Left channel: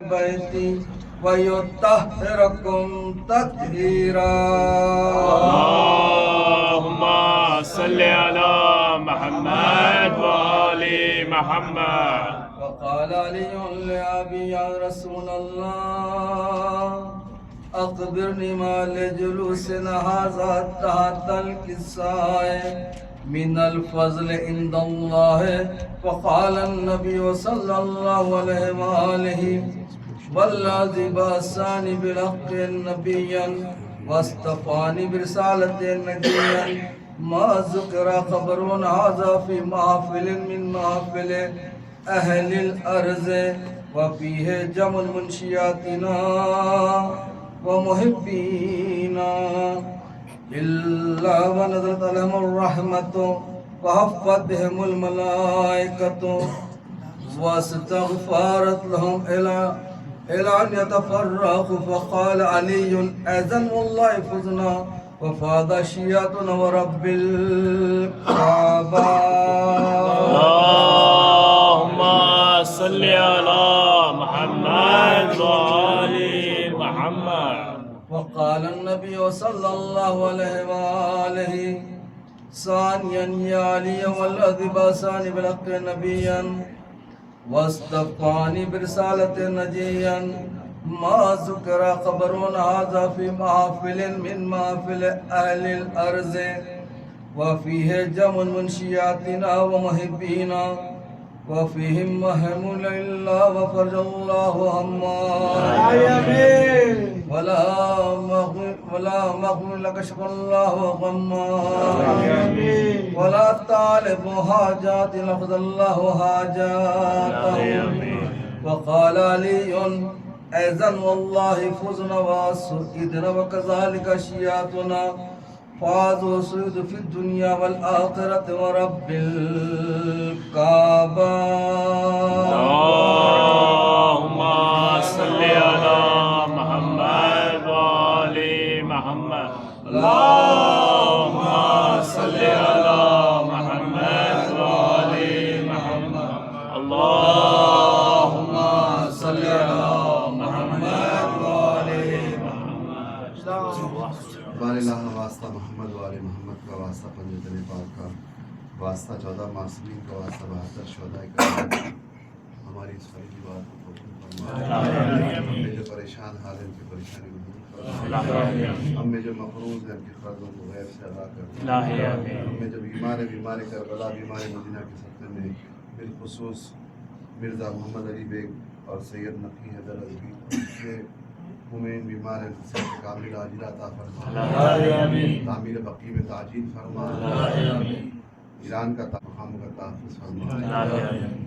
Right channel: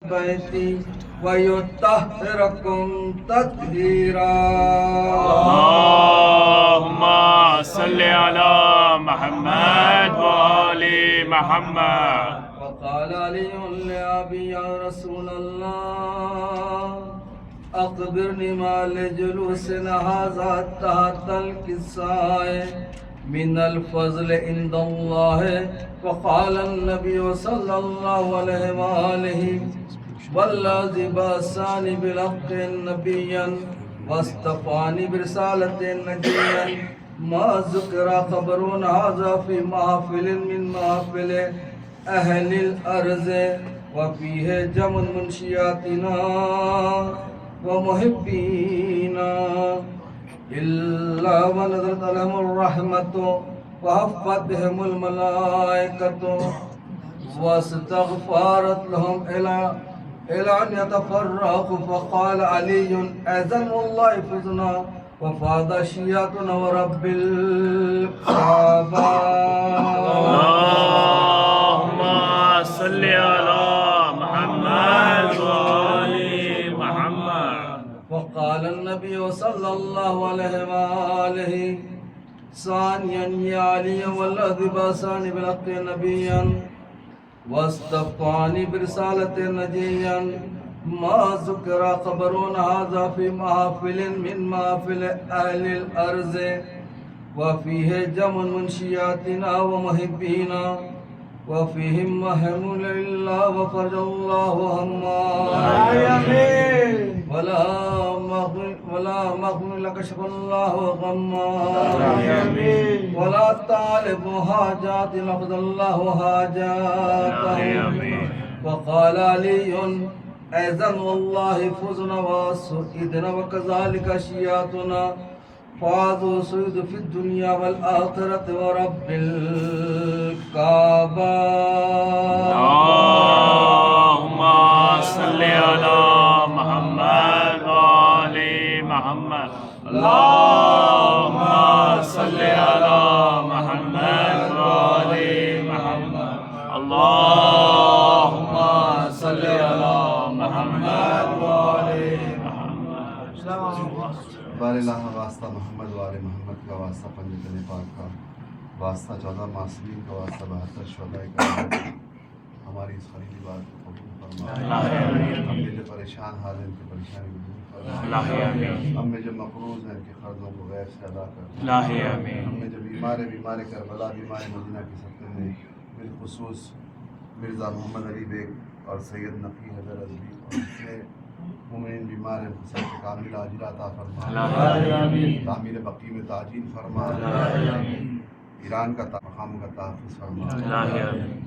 بيتي ويطهركم تطهيرا. اللهم صل على محمد وآل محمد. وقال علي لأبي يا رسول الله أخبرني ما لجلوسنا هذا تحت الكساء من الفضل عند الله. فقال النبي صلى الله عليه وآله والذي بعثني بالحق نبيا واصطفاني برسالة نجيا ما ذكر خبر هذا في محفل من محافل أهل الأرض وفيه جمع منشياتنا ومحبينا إلا ونزلت عليهم الرحمة وحفت بهم الملائكة واستغفرت لهم إلى أن يتفرقوا. فقال علي أذن الله فزنا وفاض شياتنا ورب الكعبة. اللهم صل على محمد وآل محمد. وقال النبي صلى الله عليه وآله ثانيا يا علي والذي بعثني بالحق نبيا واصطفاني برسالة نجيا ما ذكر خبر هذا في محافل من محافل أهل الأرض وفيه جمع منشياتنا ومحبينا وفيهم محمول الله وفرج الله هما ولا مغفر لك شف الله غما ولا طالب حاجات لقضى الله حاجاتهم. وقال علي أيضا والله فزنا وسئدنا وكذلك شياتنا فازوا سيد في الدنيا والآخرة ورب الكعبة. اللهم صل على محمد وآل محمد. اللهم صل على محمد وآل محمد. اللهم صل على محمد وآل محمد. बारिल्लाह वास्ता मोहम्मद वाले मोहम्मद का वास्ता पंजतन पाक का वास्ता 14 मासूमीन का वास्ता 72 शुहदाए का हमारी इस खरीदी बात को कबूल फरमा। हमें जो परेशान हाल है उनकी परेशानी को दूर फरमा। हमें जो मकरूज हैं उनके कर्जों को गैर से अदा कर। हमें जो बीमार करबला बीमार मदीना के सत्ते में बिलखुसूस मिर्ज़ा मोहम्मद अली बेग और सैयद नकी हैदर अजवी मुमिन बीमार हैं सेहत कामिल आजिला अता फरमा। तामीर बकी में ताजील फरमा। ईरान का मकाम का तहफ़्फ़ुज़ फरमा।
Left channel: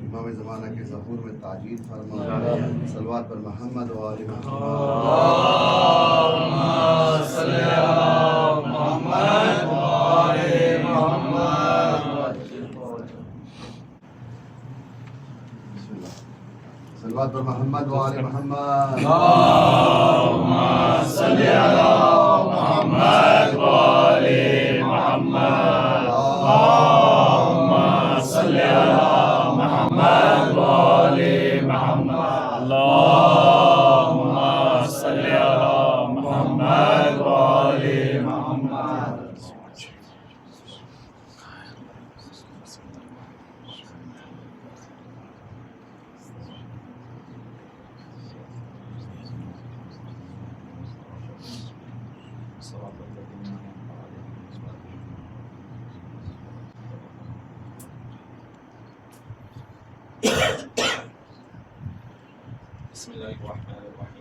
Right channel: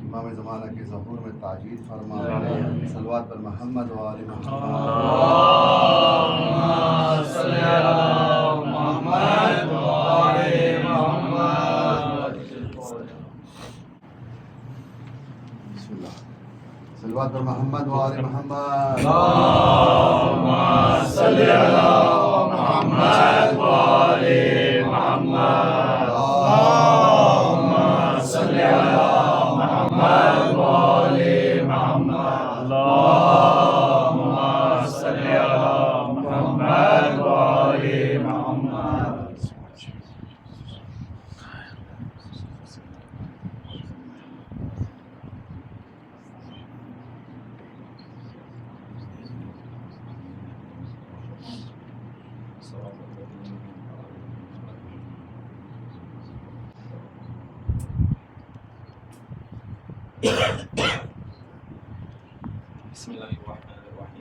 इमाम ज़माना के ज़हूर में ताजील फरमा। सलवात पर मोहम्मद व आले सलवात पर मोहम्मद व आले मोहम्मद। اللهم صل على محمد وآل محمد. اللهم صل على محمد وآل محمد. اللهم صل على محمد وآل محمد. بسم الله الرحمن الرحيم.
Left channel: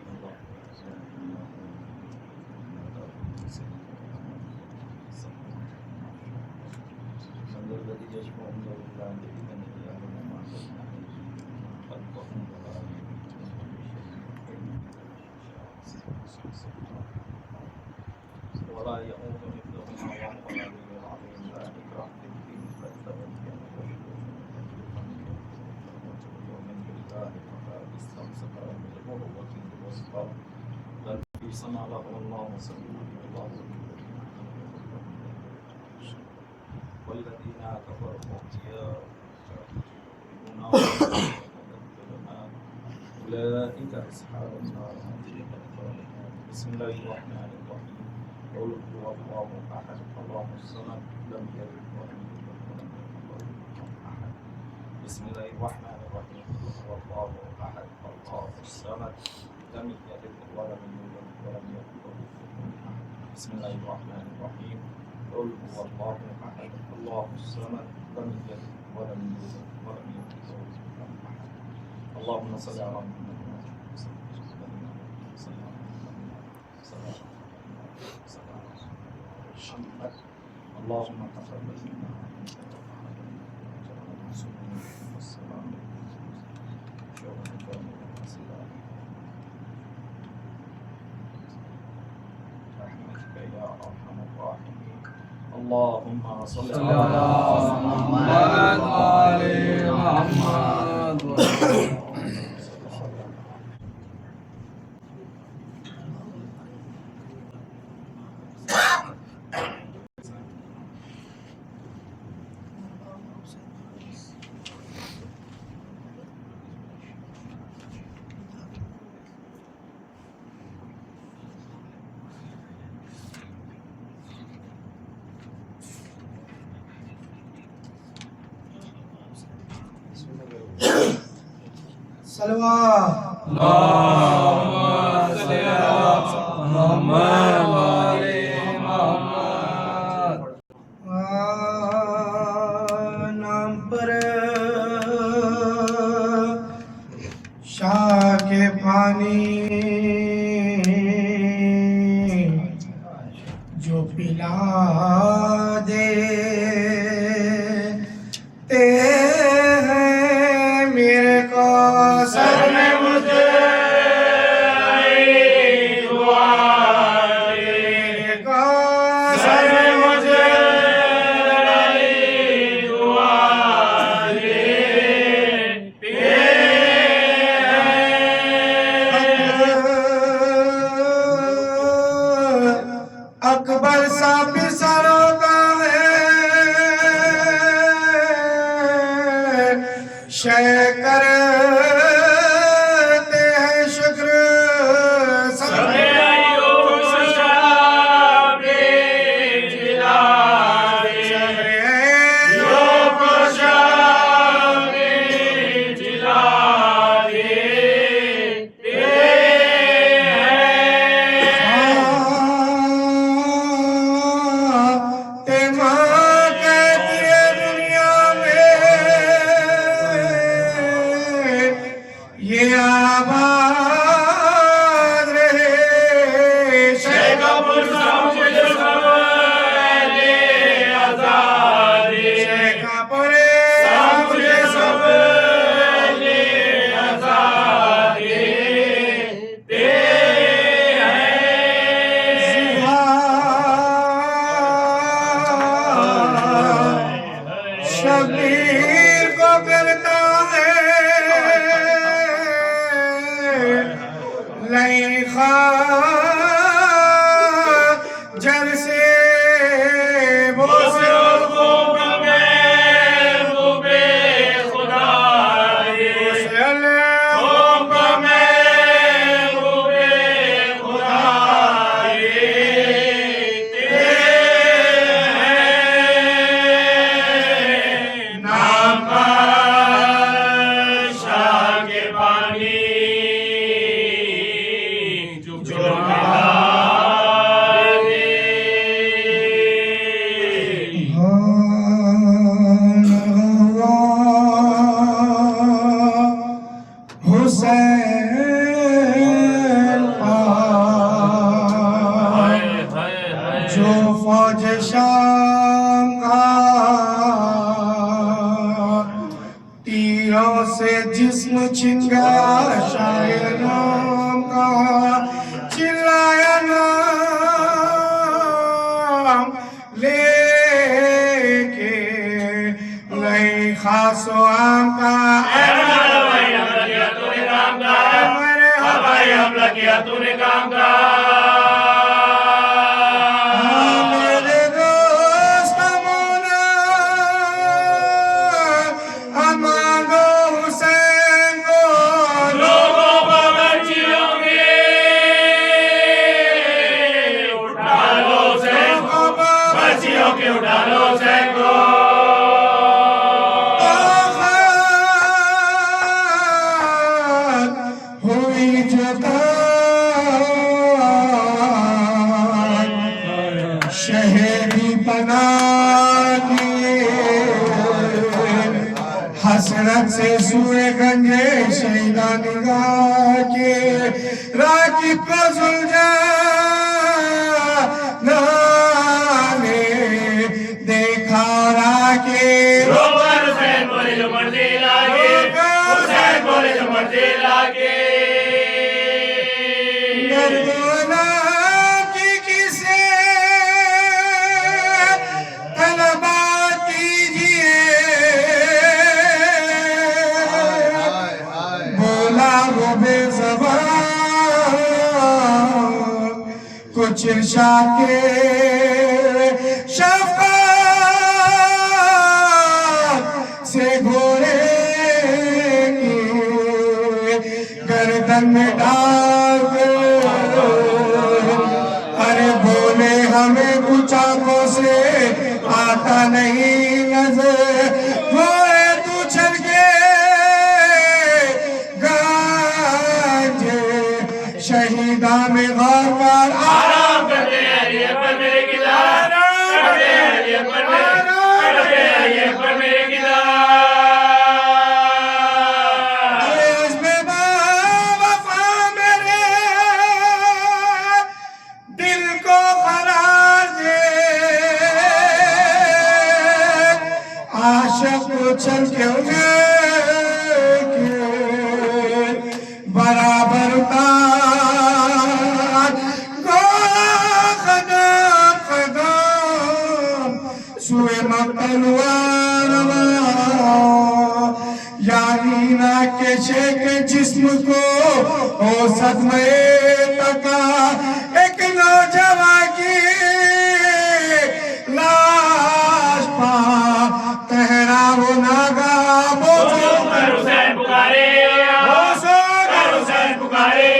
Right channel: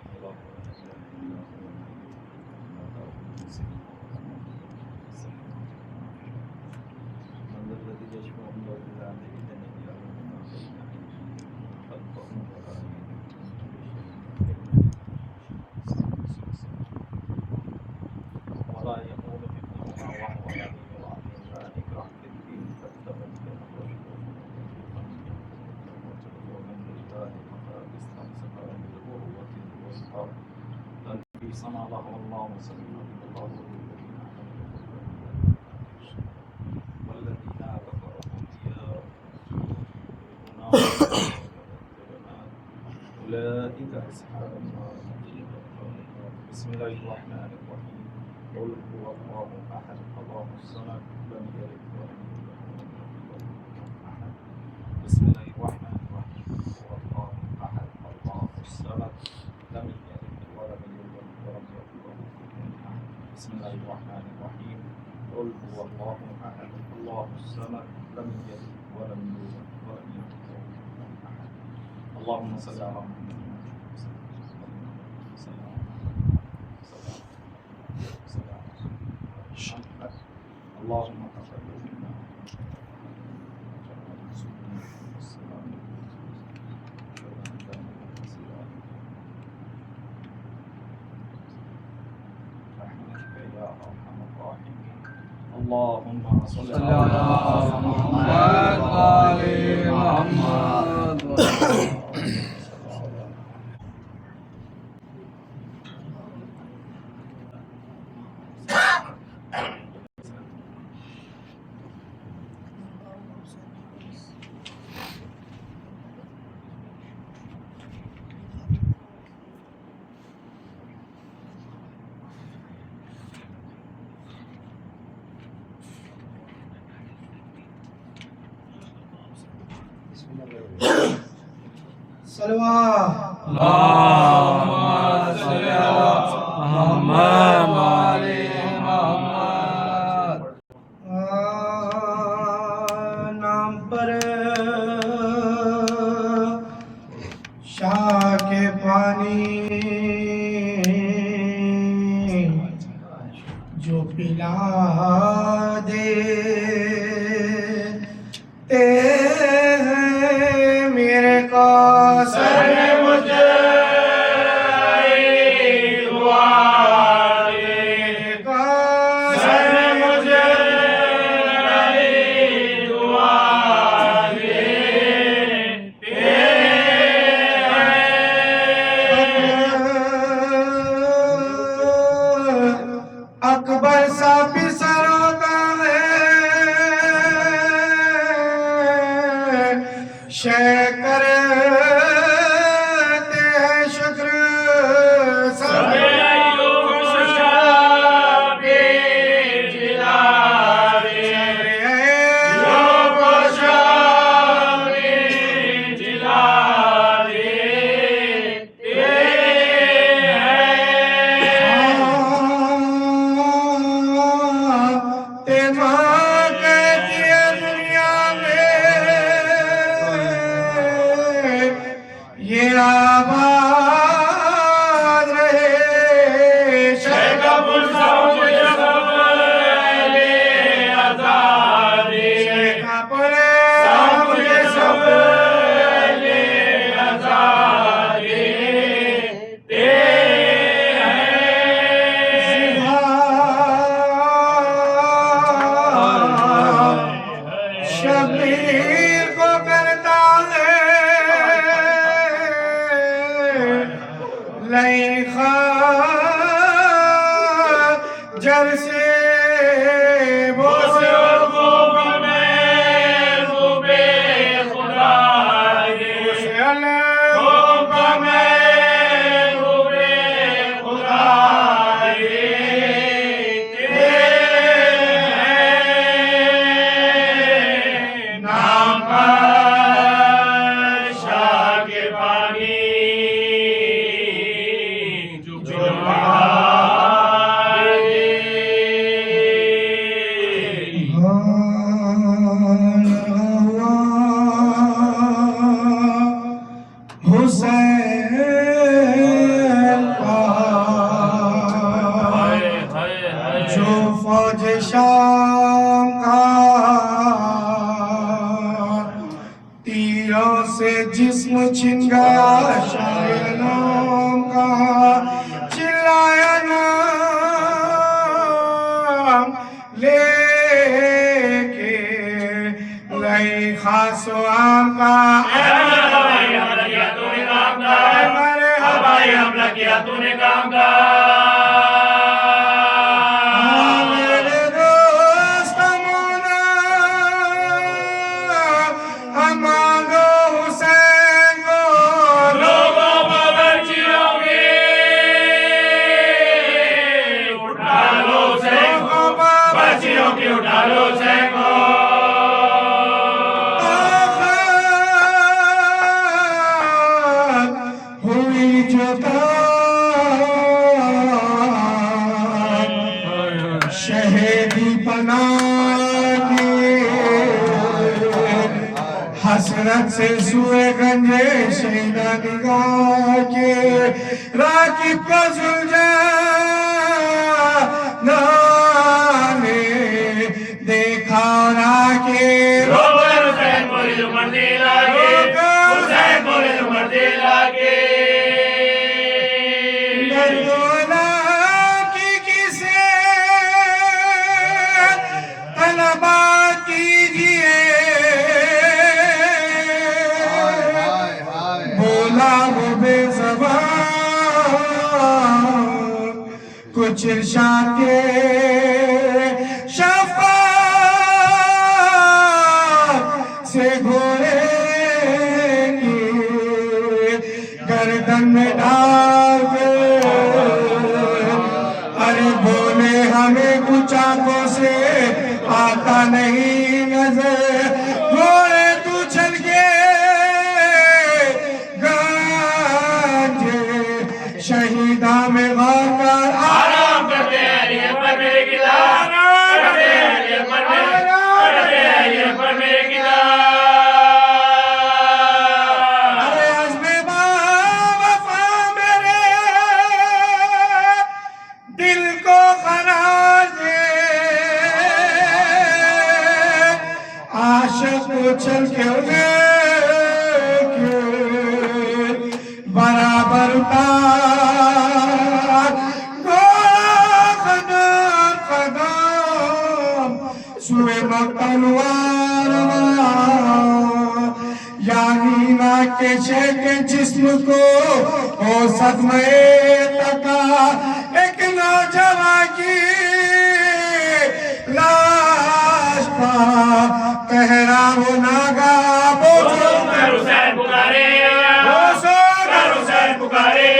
من الذي يشفع عنده إلا بإذنه يعلم ما بين أيديهم خلقهم ولا يحيطون بشيء ولا يؤوده حفظهما وهو العلي العظيم. لا إكراه في الدين قد تبين الرشد ومن بالله فقد استمسك بالعروة الوثقى لا انقسام له الله سبيله الله والذين كفروا أولياء أولئك أصحاب النار هم فيها خالدون. بسم الله الرحمن الرحيم. قل هو الله أحد الله الصمد لم يلد ولم يولد ولم يكن له كفوا أحد. بسم الله الرحمن الرحيم. هو الله أحد الله الصمد لم يلد ولم يولد ولم يكن له كفوا أحد. بسم الله الرحمن الرحيم. قل هو الله أحد الله الصمد لم يلد ولم يولد ولم يكن له كفوا أحد. اللهم صل على محمد اللهم تقبل منا انك تقبل وجعل المعصومين والسلام يوم القيامه والسلام رحمتك يا ارحم الراحمين. اللهم صل صلى على محمد وآل محمد. नाम पर शाह के पानी जो पिला दे ते हैं मेरे को सर मुझे अकबर साहब सरों का है शेख करते हैं शुक्र ये आबाद रहे शेख अब्दुल शेख परे मुझे सब शबीर को करता है लई जर से हुसैन जो फौज शाम का तीरों से जिस्म छिन गया शायर नाम का चिल्लाया नाम लेके गई खासो आम का तूने काम का मेरे दोस्त मोना मांगो हुसैन को लोगों बाबरची हुई जुदा शहीदी बना हसरत से सुए गंजे शहीदा निगाह के राकिब का ने देखा राके रोकर हुसैन बोले जो मर्जी लागे, हुसैन बोले जो मर्जी लागे। दर्दोला की किसे तलबा कीजिए बोला वो बेज़बान कुछ इरशाद के शफ़क़त से घोड़े की गर्दन में डाल के अरे बोले हमें कुछ आंखों से आता नहीं नजर घोड़े तू चल के गांजे शहीदा में गाकर आराम करते हैं अली अकबर मेरे किदार, करते हैं अली अकबर मेरे, करते हैं अली अकबर मेरे किदार। अरे अज़्मे वफ़ा मेरे दिल को करार दे आशिक उछल के उन्हें बराबर उतार कदम कदम सुए मक्तल वारवा यानी ना के शेख जिस्म को हो सदमे तका एक नौजवान की लाश पा कहरा हो नागा बोझो कर हुसैन पुकारे, बोझो कर हुसैन पुकारे।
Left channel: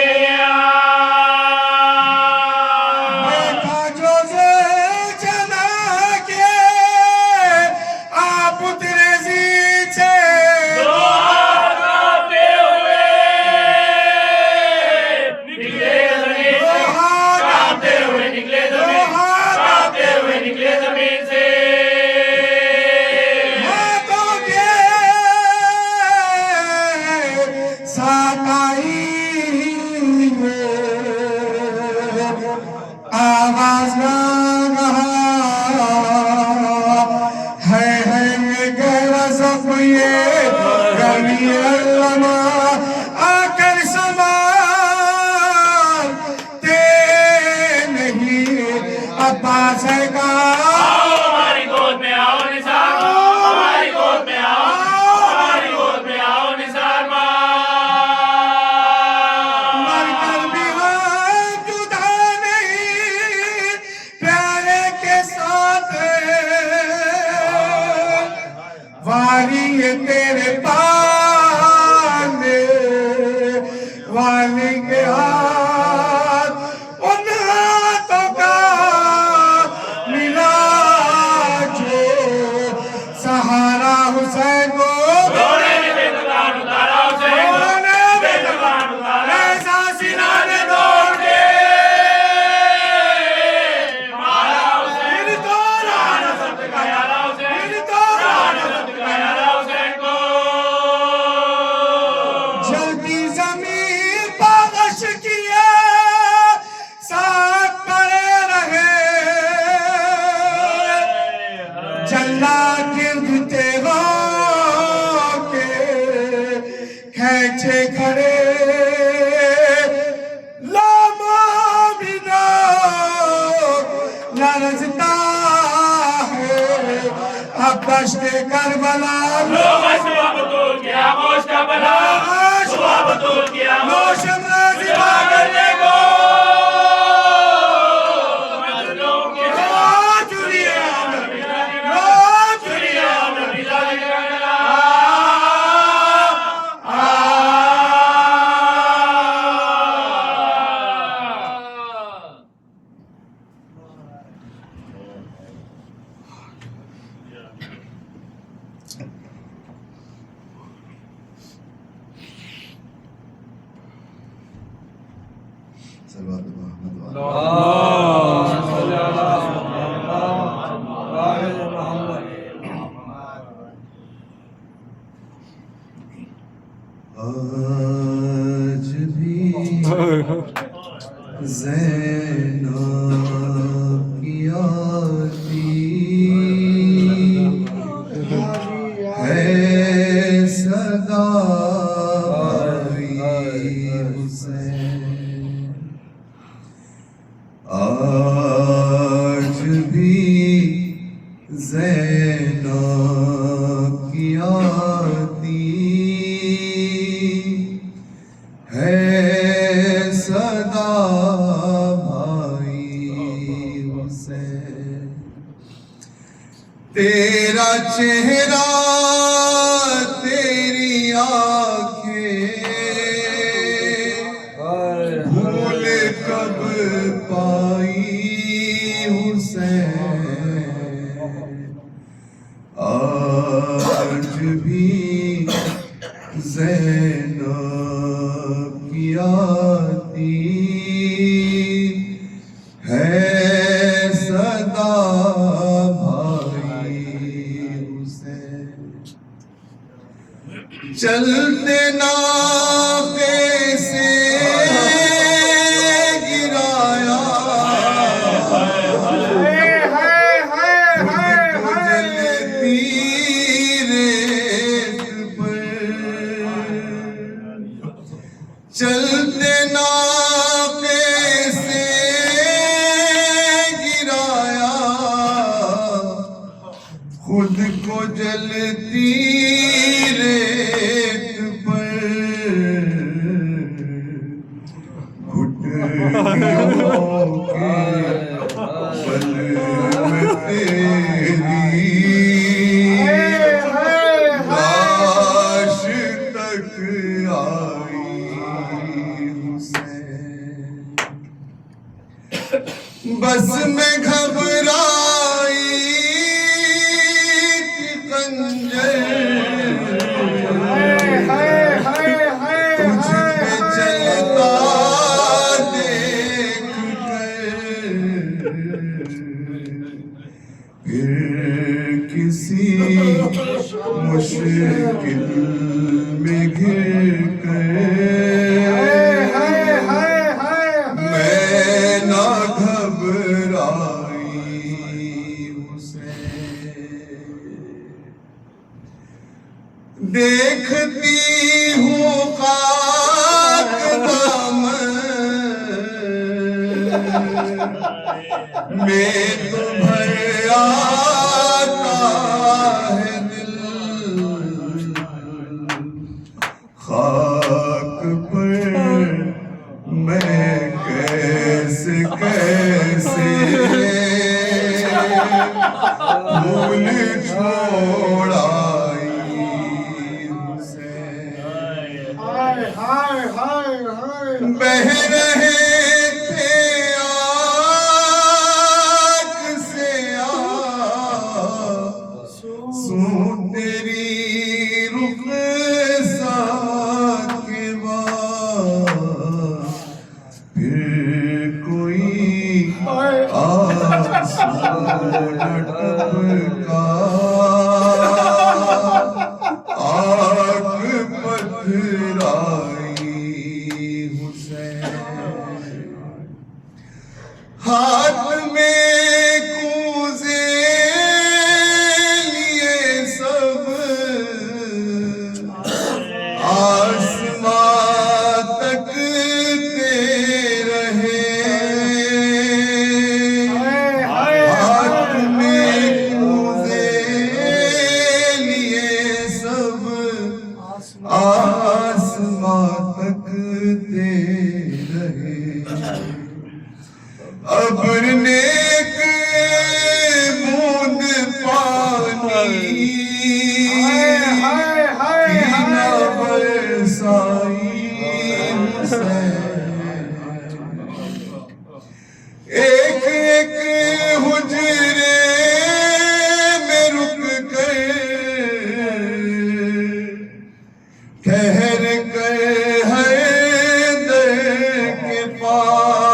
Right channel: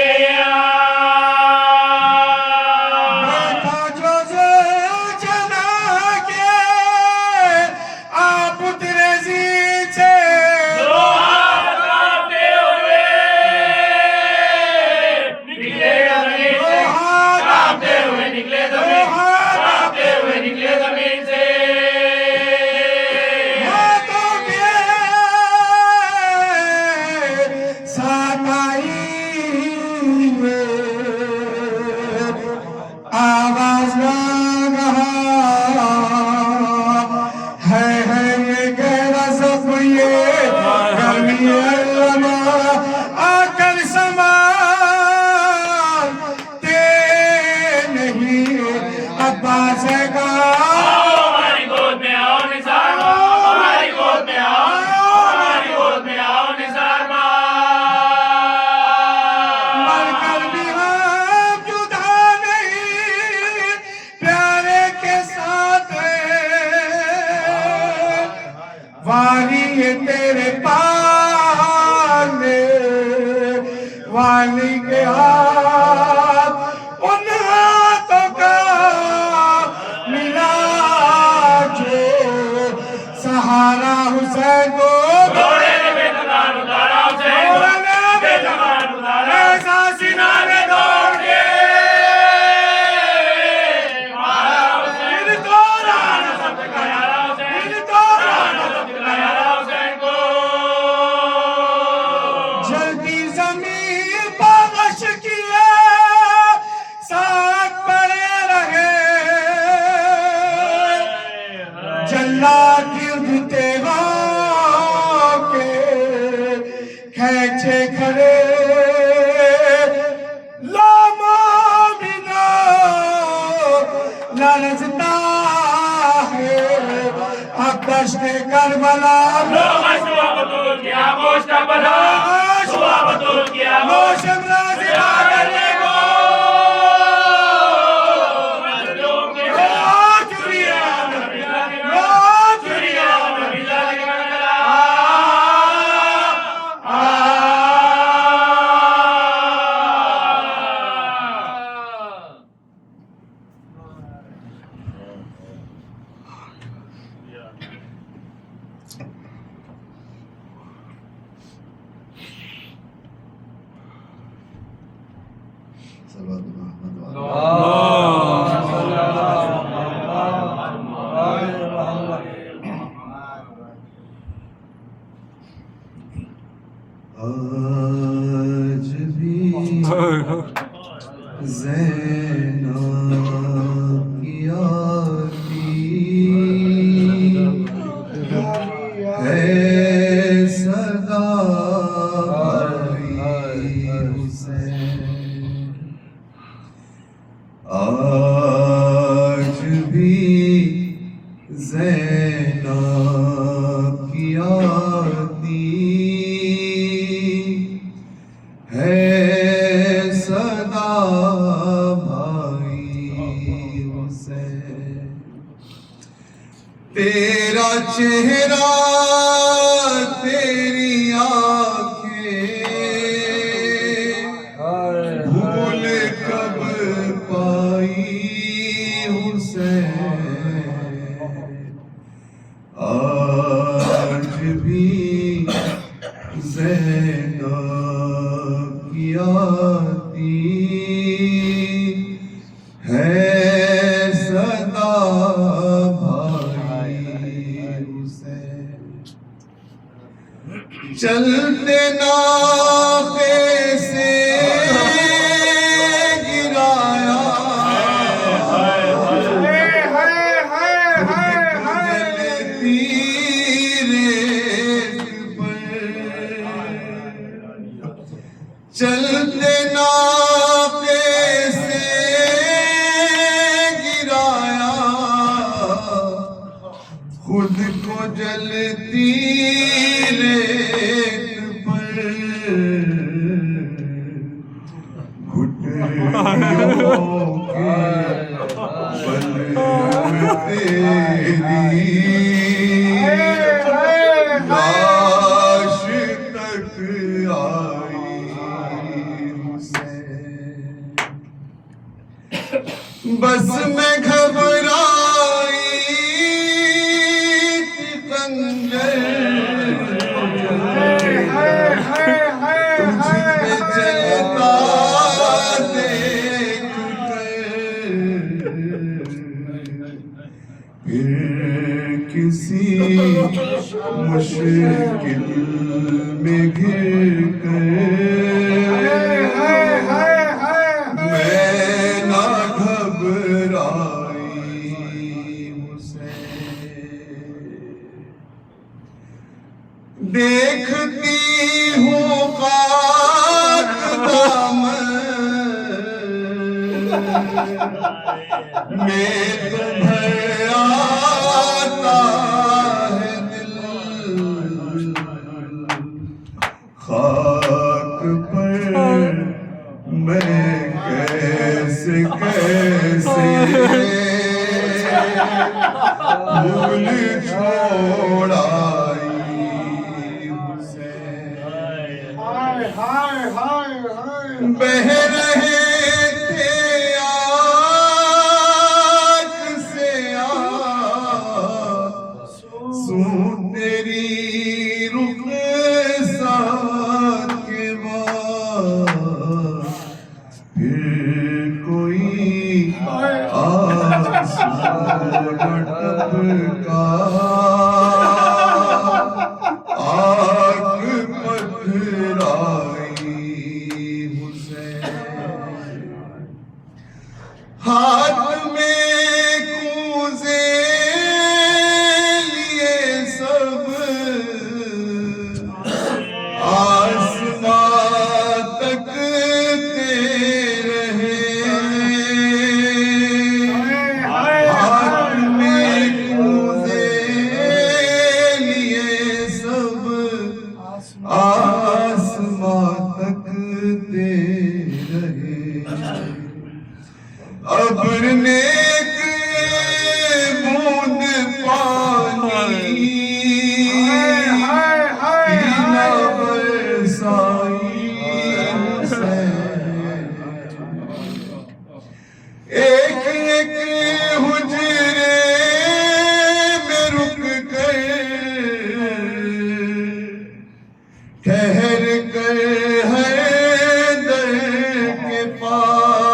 देखा जो जना के आप उतरे जी से दो हाथ कांपते हुए निकले जमीन से, कांपते हुए निकले जमीन, कांपते हुए निकले जमीन से। हाथों के साथ आई आवाज लगा है ये गहरा सब ये गर्मी अल्लामा आकर संभालते नहीं अब्बास का हमारी गोद में आओ निसार माँ, हमारी गोद में आओ, हमारी गोद में आओ निसार माँ। मरकर भी हम जुदा नहीं प्यारे के साथ वाली ये तेरे पाने वाली के हाथ उन हाथों का मिला जो सहारा हुसैन को घोड़े ने बेज़बान उतारा हुसैन को, बेज़बान उतारा। ऐसा सीना ने दौड़ के मारा हुसैन फिर तो राना सब्ज़ का यारा हुसैन, फिर तो राना सब्ज़ का यारा हुसैन को। जल्दी जमीन पागश किए साथ पड़े रहे जल्ला गिरते के खेचे खड़े लामा बिना लरजता है अब दश्ते करबला लोग शुआ बतूल की आमोश का बला, शुआ बतूल की आमोश रोशन राज़िबा करने को मजलूम के चुरिया चुरिया नबी जाने का गला। सल्लल्लाहु मोहम्मद वाले आज भी ज़ैनब की आरती है सदा भाई हुसैन। आज भी ज़ैनब की आरती है सदा भाई हुसैन। तेरा चेहरा तेरी आंखें भूल कब पाई हुसैन। आज भी ज़ैनब की आरती है सदा भाई हुसैन। चलते नाके से गिराया जलती रेत पर। चलते नाके से गिराया खुद को जलती रेत पर। घुटनों के बल में तेरी लाश तक आई हुसैन। बस में घबराई थी खंजर तुझ पे चलता देख कर। फिर किसी मुश्किल में घिर कर मैं ना घबराई हुसैन। देखती हूँ खाक दामन में तो भर आता है दिल। खाक पर मैं कैसे कैसे भूल छोड़ाई हुसैन। बह रहे थे आँख से आंसू तेरी रुखसात के बाद। फिर कोई आंसू न टपका आग पथराई हुसैन। हाथ में कूजे लिए सब आसमां तकते रहे। हाथ में कूजे लिए सब आसमां तकते रहे। अब्र नेक बूंद पानी की न बरसाई हुसैन। एक एक हुजरे में रुक कर ठहर कर हैदर के पास।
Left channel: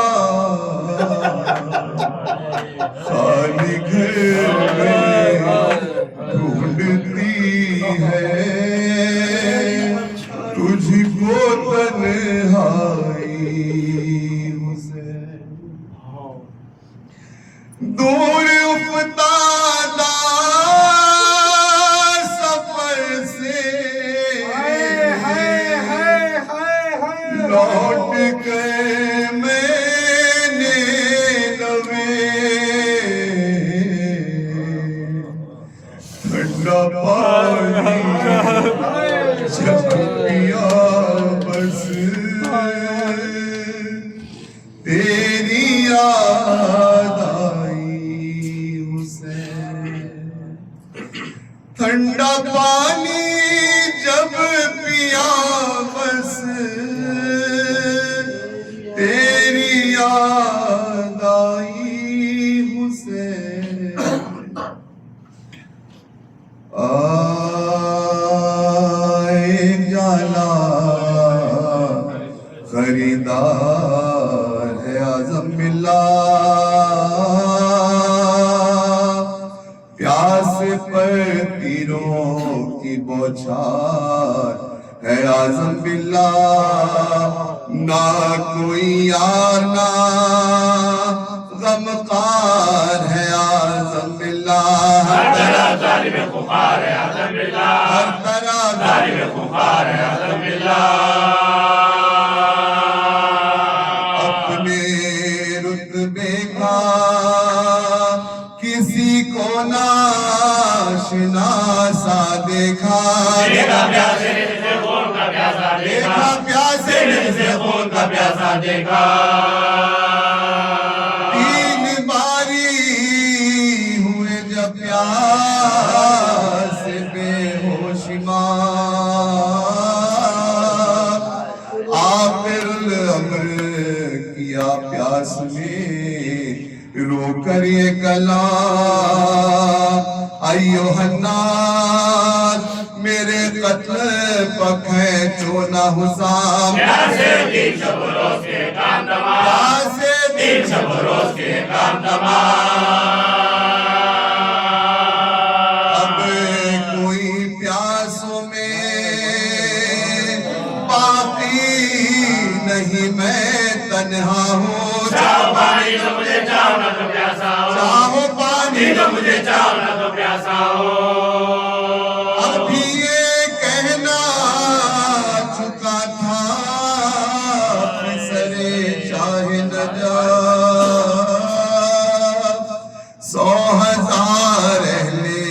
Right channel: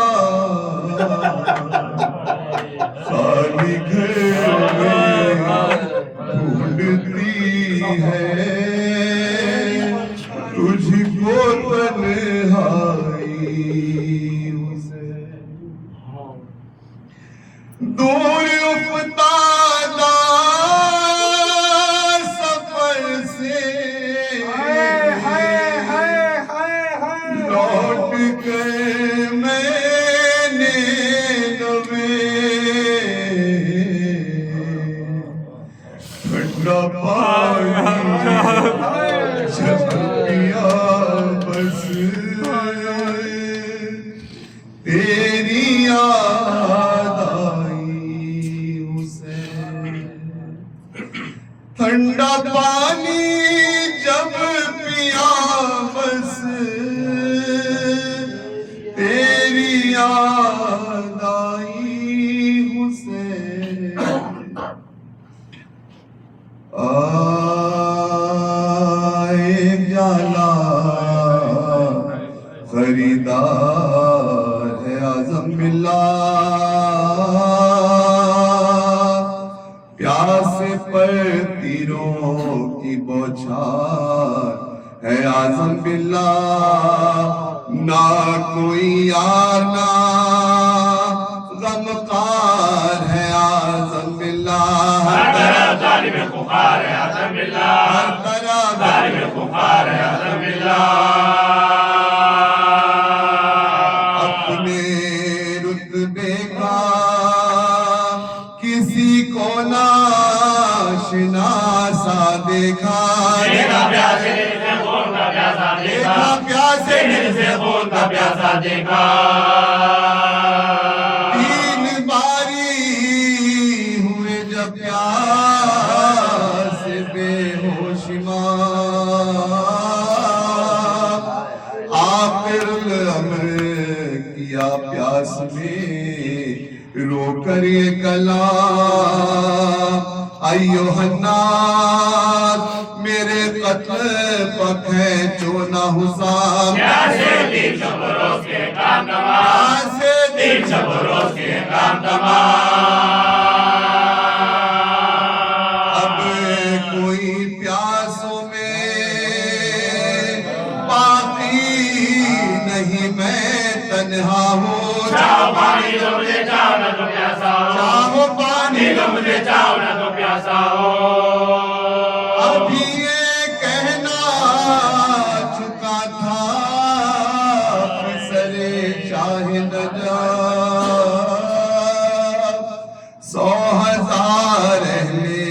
है आजम बिल्ला, प्यास पर तीरों की बौछार है आजम बिल्ला, ना कोई यार ना गमकार है आजम बिल्ला, हर तरफ जालिम खुखार है आजम बिल्ला, हर तरफ जालिम खुखार है आजम बिल्ला। अपने रुतबे का किसी को ना नाशनासा देखा, देखा प्यासे से खून का प्यासा देखा, देखा प्यासे से खून का प्यासा देखा। तीन बारी हुए जब प्यास बेहोशिमार, आखिरुल अमर किया प्यास में रोकर ये कलाम, अयो हन्नास मेरे कत्ल पखे चोना हुसाम, प्यासे तीन शब रोज के काम तमाम, प्यासे तीन शब रोज के काम तमाम। अब कोई प्यासों में बाकी नहीं, मैं तन्हा हूँ, चाहो पानी तो मुझे चाहो ना तो प्यासा हो, चाहो पानी तो मुझे चाहो ना तो प्यासा हो। अभी ये कहना चुका था फिसरे शाहिद जा, 100,000 अहले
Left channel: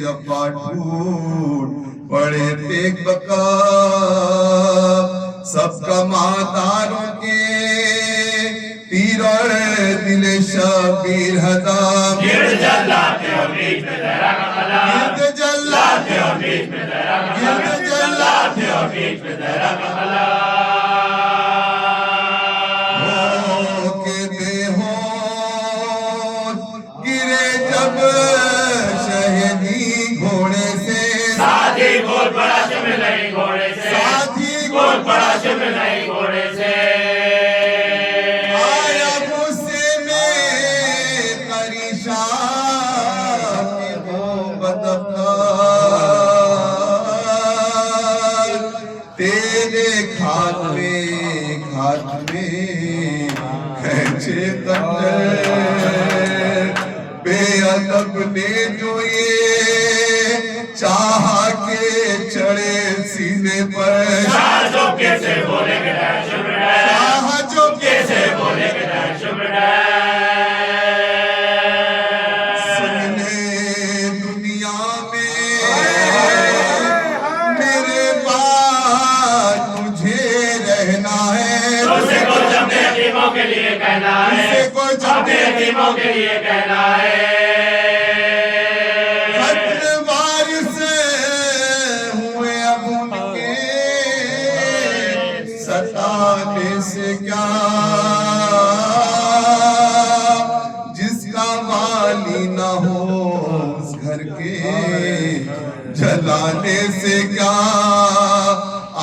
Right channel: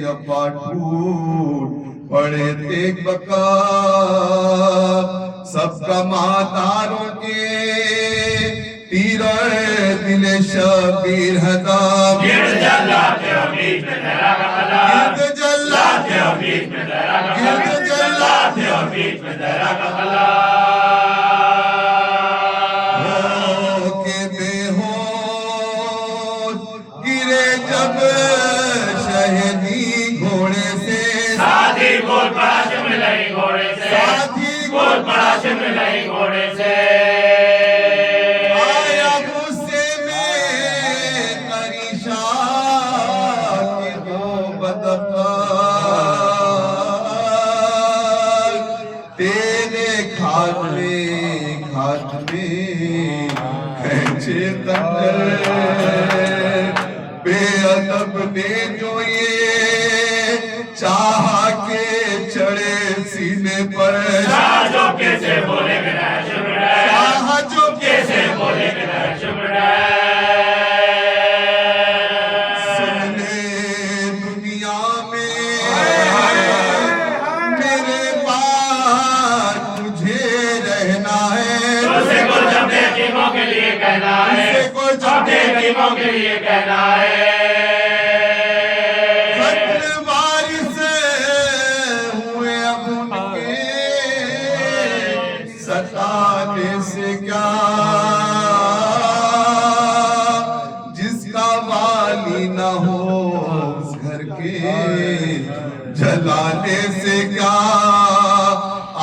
जब टूट पड़े तेग बका, सबका मातारों के तीरों दिले शबीर हदाम, गिरद जलाते हो बीच में जहरा का खला, गिरद लाते हो बीच में जहरा का खला, गिरद जलाते लाते हो बीच में जहरा का खला। के बेहोश गिरे जब शहीदी घोड़े से, साथी बोल पड़ा शिमलाई घोड़े से, साथी बोल पड़ा शिमलाई घोड़े से। आया गुस्से में करीशा के वो बदकार, तेरे खात में खींचे खंजर, बेअदब ने जो ये चाहा के चढ़े सीने पर, शाह जो कैसे बोले के दर्शन में, चाहा जो कैसे बोले के दर्शन में। सुनने दुनिया में मेरे बाद तुझे रहना है, तुझसे कुछ अपने यतीमों के लिए कहना है, तुझसे कुछ अपने यतीमों के लिए कहना है। खत्ल वारिस हुए अब उनके सताने से क्या, जिसका वाली न हो उस घर के जलाने से क्या,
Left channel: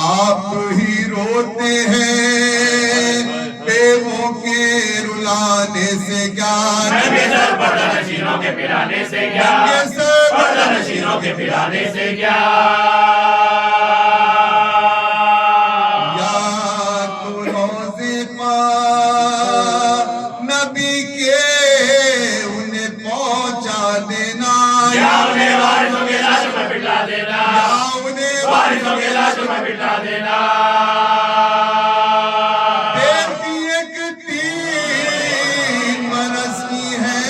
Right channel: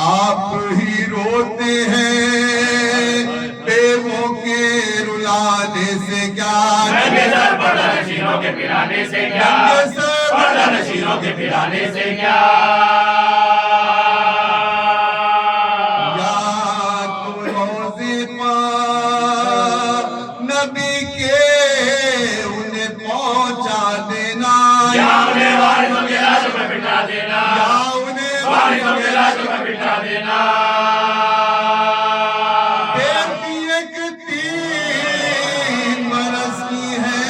आप ही रोते हैं बेवों के रुलाने से क्या, नंगे सर पर्दा नशीनों के पिलाने से क्या, नंगे सर पर्दा नशीनों के पिलाने से क्या। या तो रोज़े पर नबी के उन्हें पहुंचा देना, या उन्हें वारिसों के लाशों में बिठा देना, या उन्हें वारिसों के लाशों में बिठा देना। बेटी एक 3 बरस की है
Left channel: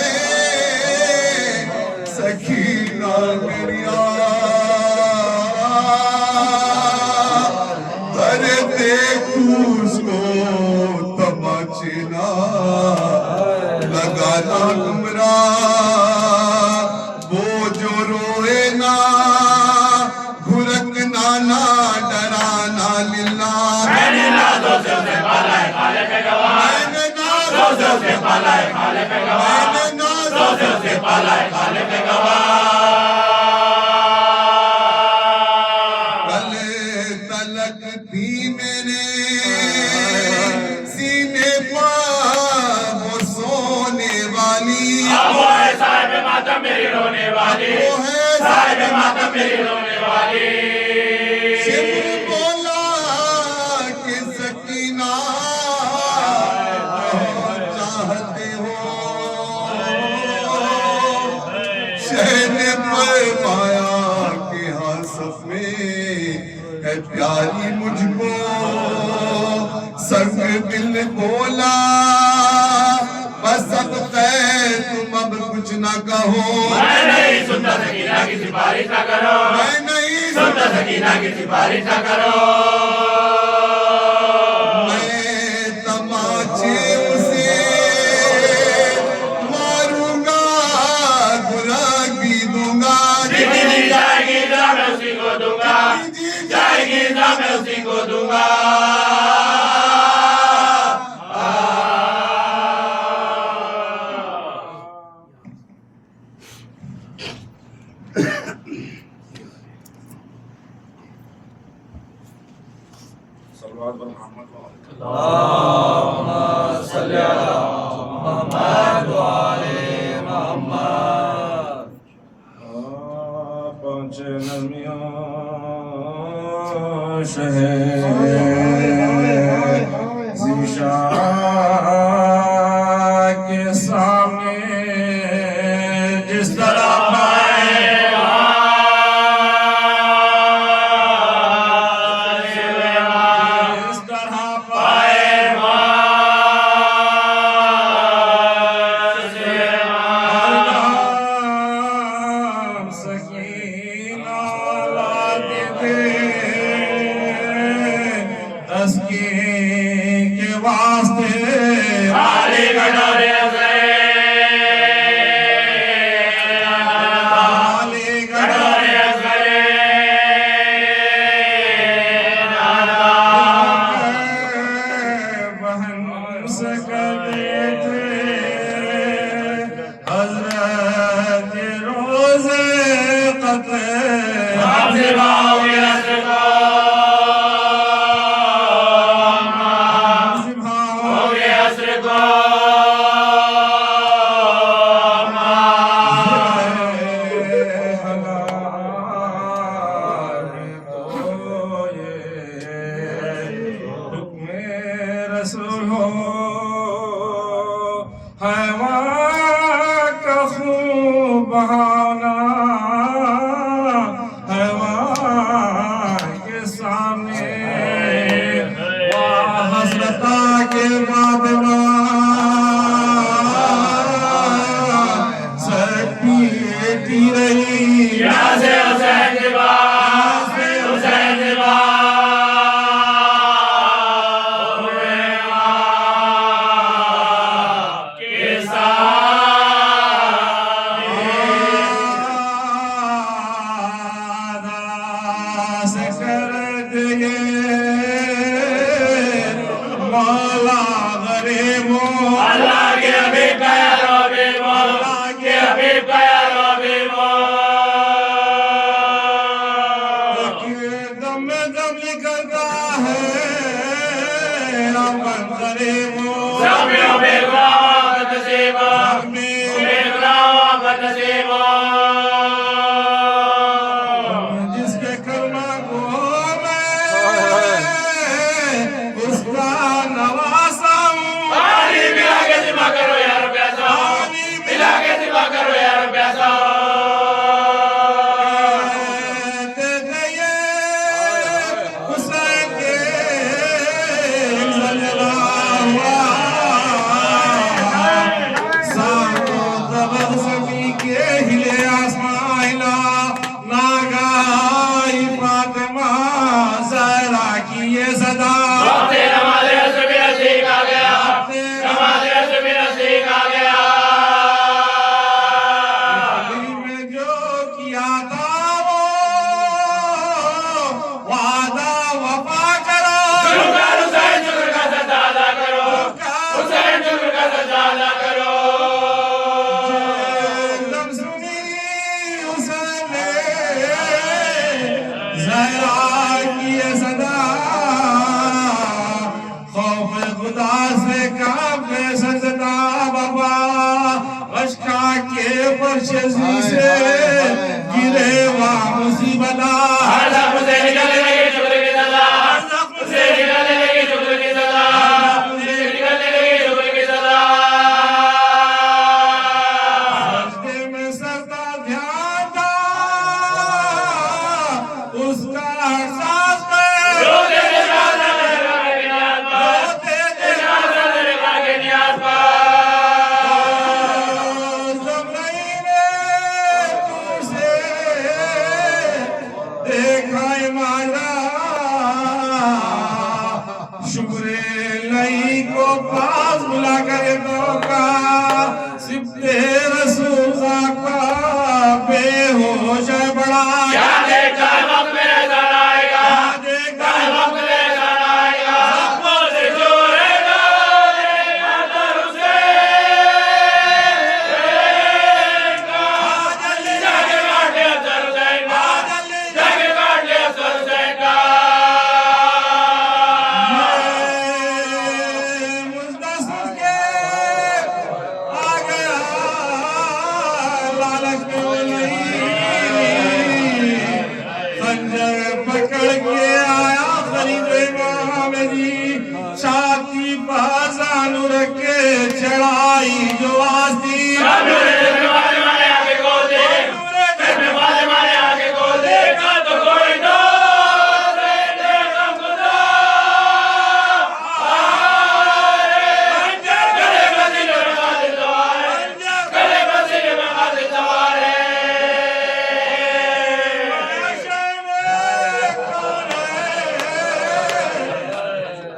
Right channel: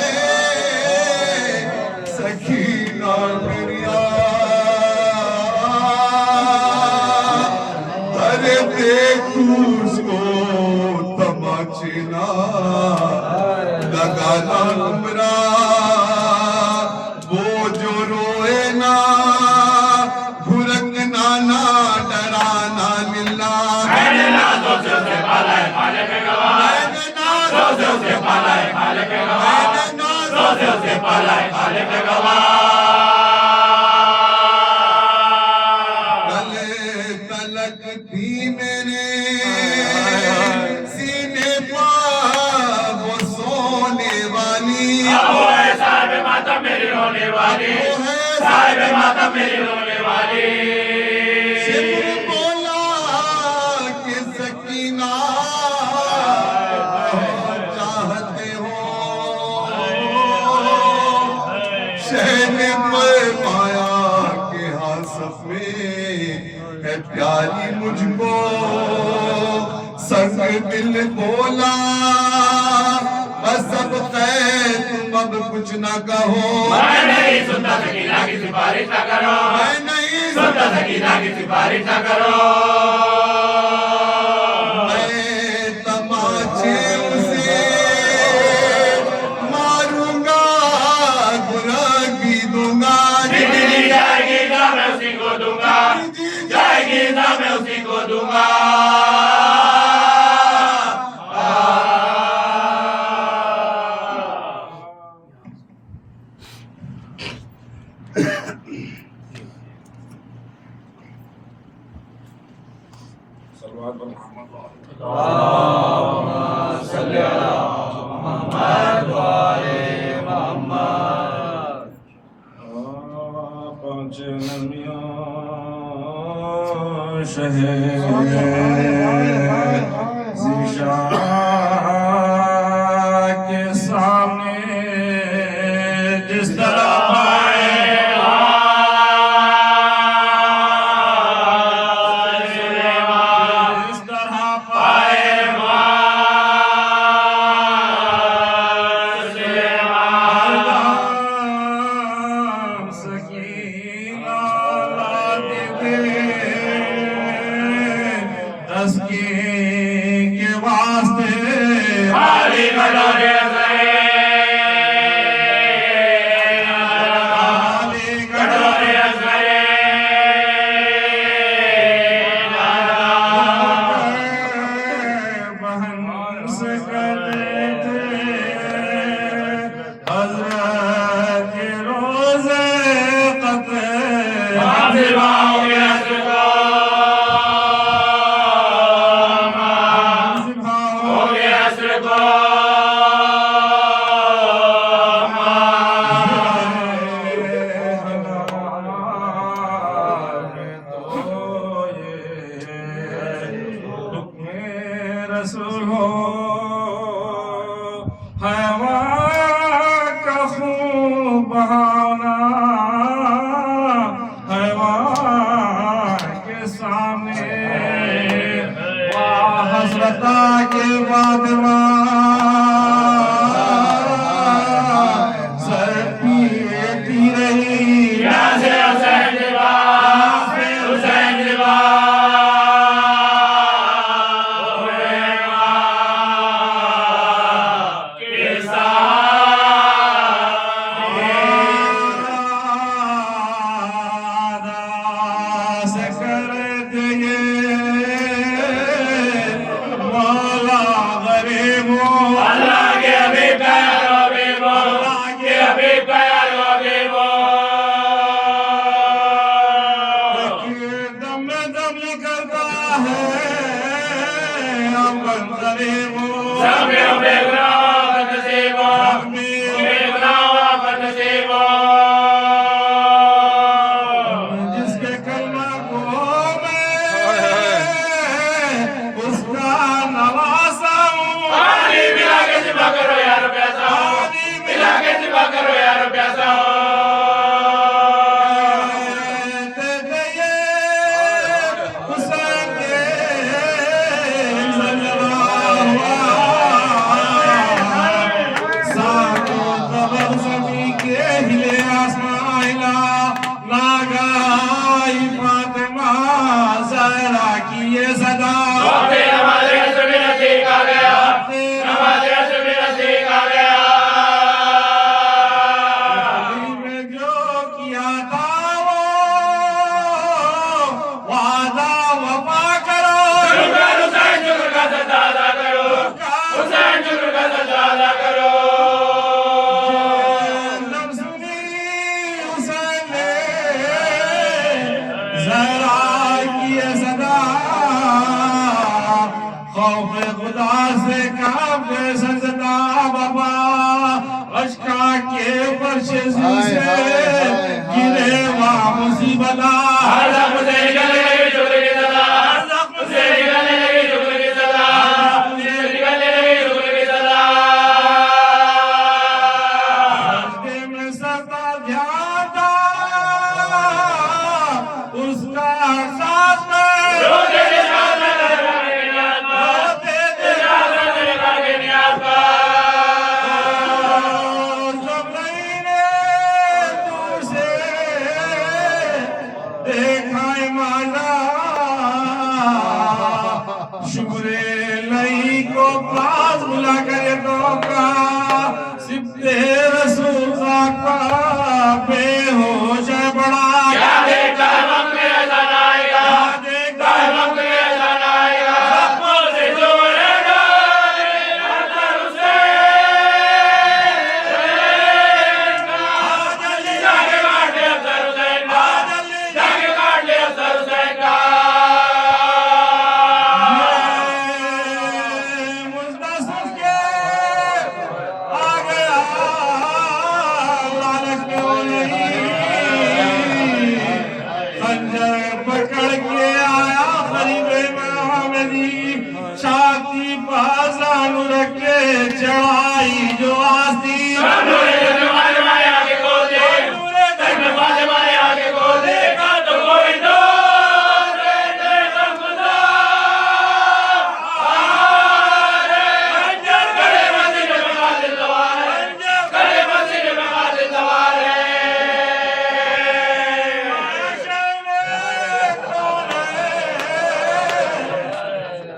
सखीना बिरिया, अरे देख उसको तमचना लगाना गुमराह, वो जो रोए ना घुरकना ना डराना लिल्ला, मैंने नाज़ों से उसे पाला है खाले पे गवाह, मैंने नाज़ों नाज़ों से उसे पाला है खाले पे गवाह, मैंने नाज़ों नाज़ों से उसे पाला है खाले पे गवाह। कल तलक थी मेरे साहिब मातम मेरी रोने वाली। शिमर बोला कि सकीना चाहते हो, शहर ने फरमाया कि हाँ सच में है प्यारी मुझको। संग दिल बोला बस अब तय तुम अब कुछ ना कहो। मैं नहीं सुनता सकीना की सिफारिश ना करो, मैं नहीं सुनता सकीना की सिफारिश ना करो। मैं तमाचे उसे मारूंगा, गुलाब भी दूंगा। जितनी जाएगी ना मैं उसी को दूंगा, जाएगी ना मैं उसी को दूंगा। सल्लल्लाहु अलैहि मोहम्मद सल्ली अला मुहम्मद व आले मुहम्मद। पहुंचे नमियों शहर ज़ीशान के सामने जिस तरह के वास्ते खाली कटोरे बहन से कहते थे हज़रत रोज़े क़त्ल रसूल हो हैवान का खून बहाना, हैवान के सामने वाह हसरता के फातिमा सर पीती रही। मौला गरीब अल्लाह के हबीब का यार हबीब, अल्लाह के हबीब का यार हबीब। दम दम निकलता है अपन गरीब सब बेगराब नसीब, बेगराब नसीब। जिसके कलमा को मैं उसका नवासा हूँ। पानी मिला के जिबा करो यार प्यासा, मिला के जिबा करो यार प्यासा। कहते ये हुसैन के सल्लल्लाहु को पास बुलाकर ये धोखा सिब्ते रसूल का बेहोश है बड़ा क्या देखा वक्त में ऐसा आएगा, देखा वक्त में ऐसा आएगा, जख्मों से जोड़ेगा अतर उसे जाके काट ले अतर हुसैन का, जाके काट ले अतर हुसैन का। मुझदा सुन के आ गया लालच में वो नहीं खंजर पकड़ के आया खरीदो इमाम जी छाती पासानु रख के चढ़ाई जो आस्ती नूरे दरवाजे मारे आगे खोल दे, दरवाजे मारे आगे खोल दे, का तो कोई दोस्त देखा खुदा गले मस्जिद में गाज़ी सवार है, गले मस्जिद में गाज़ी सवार है।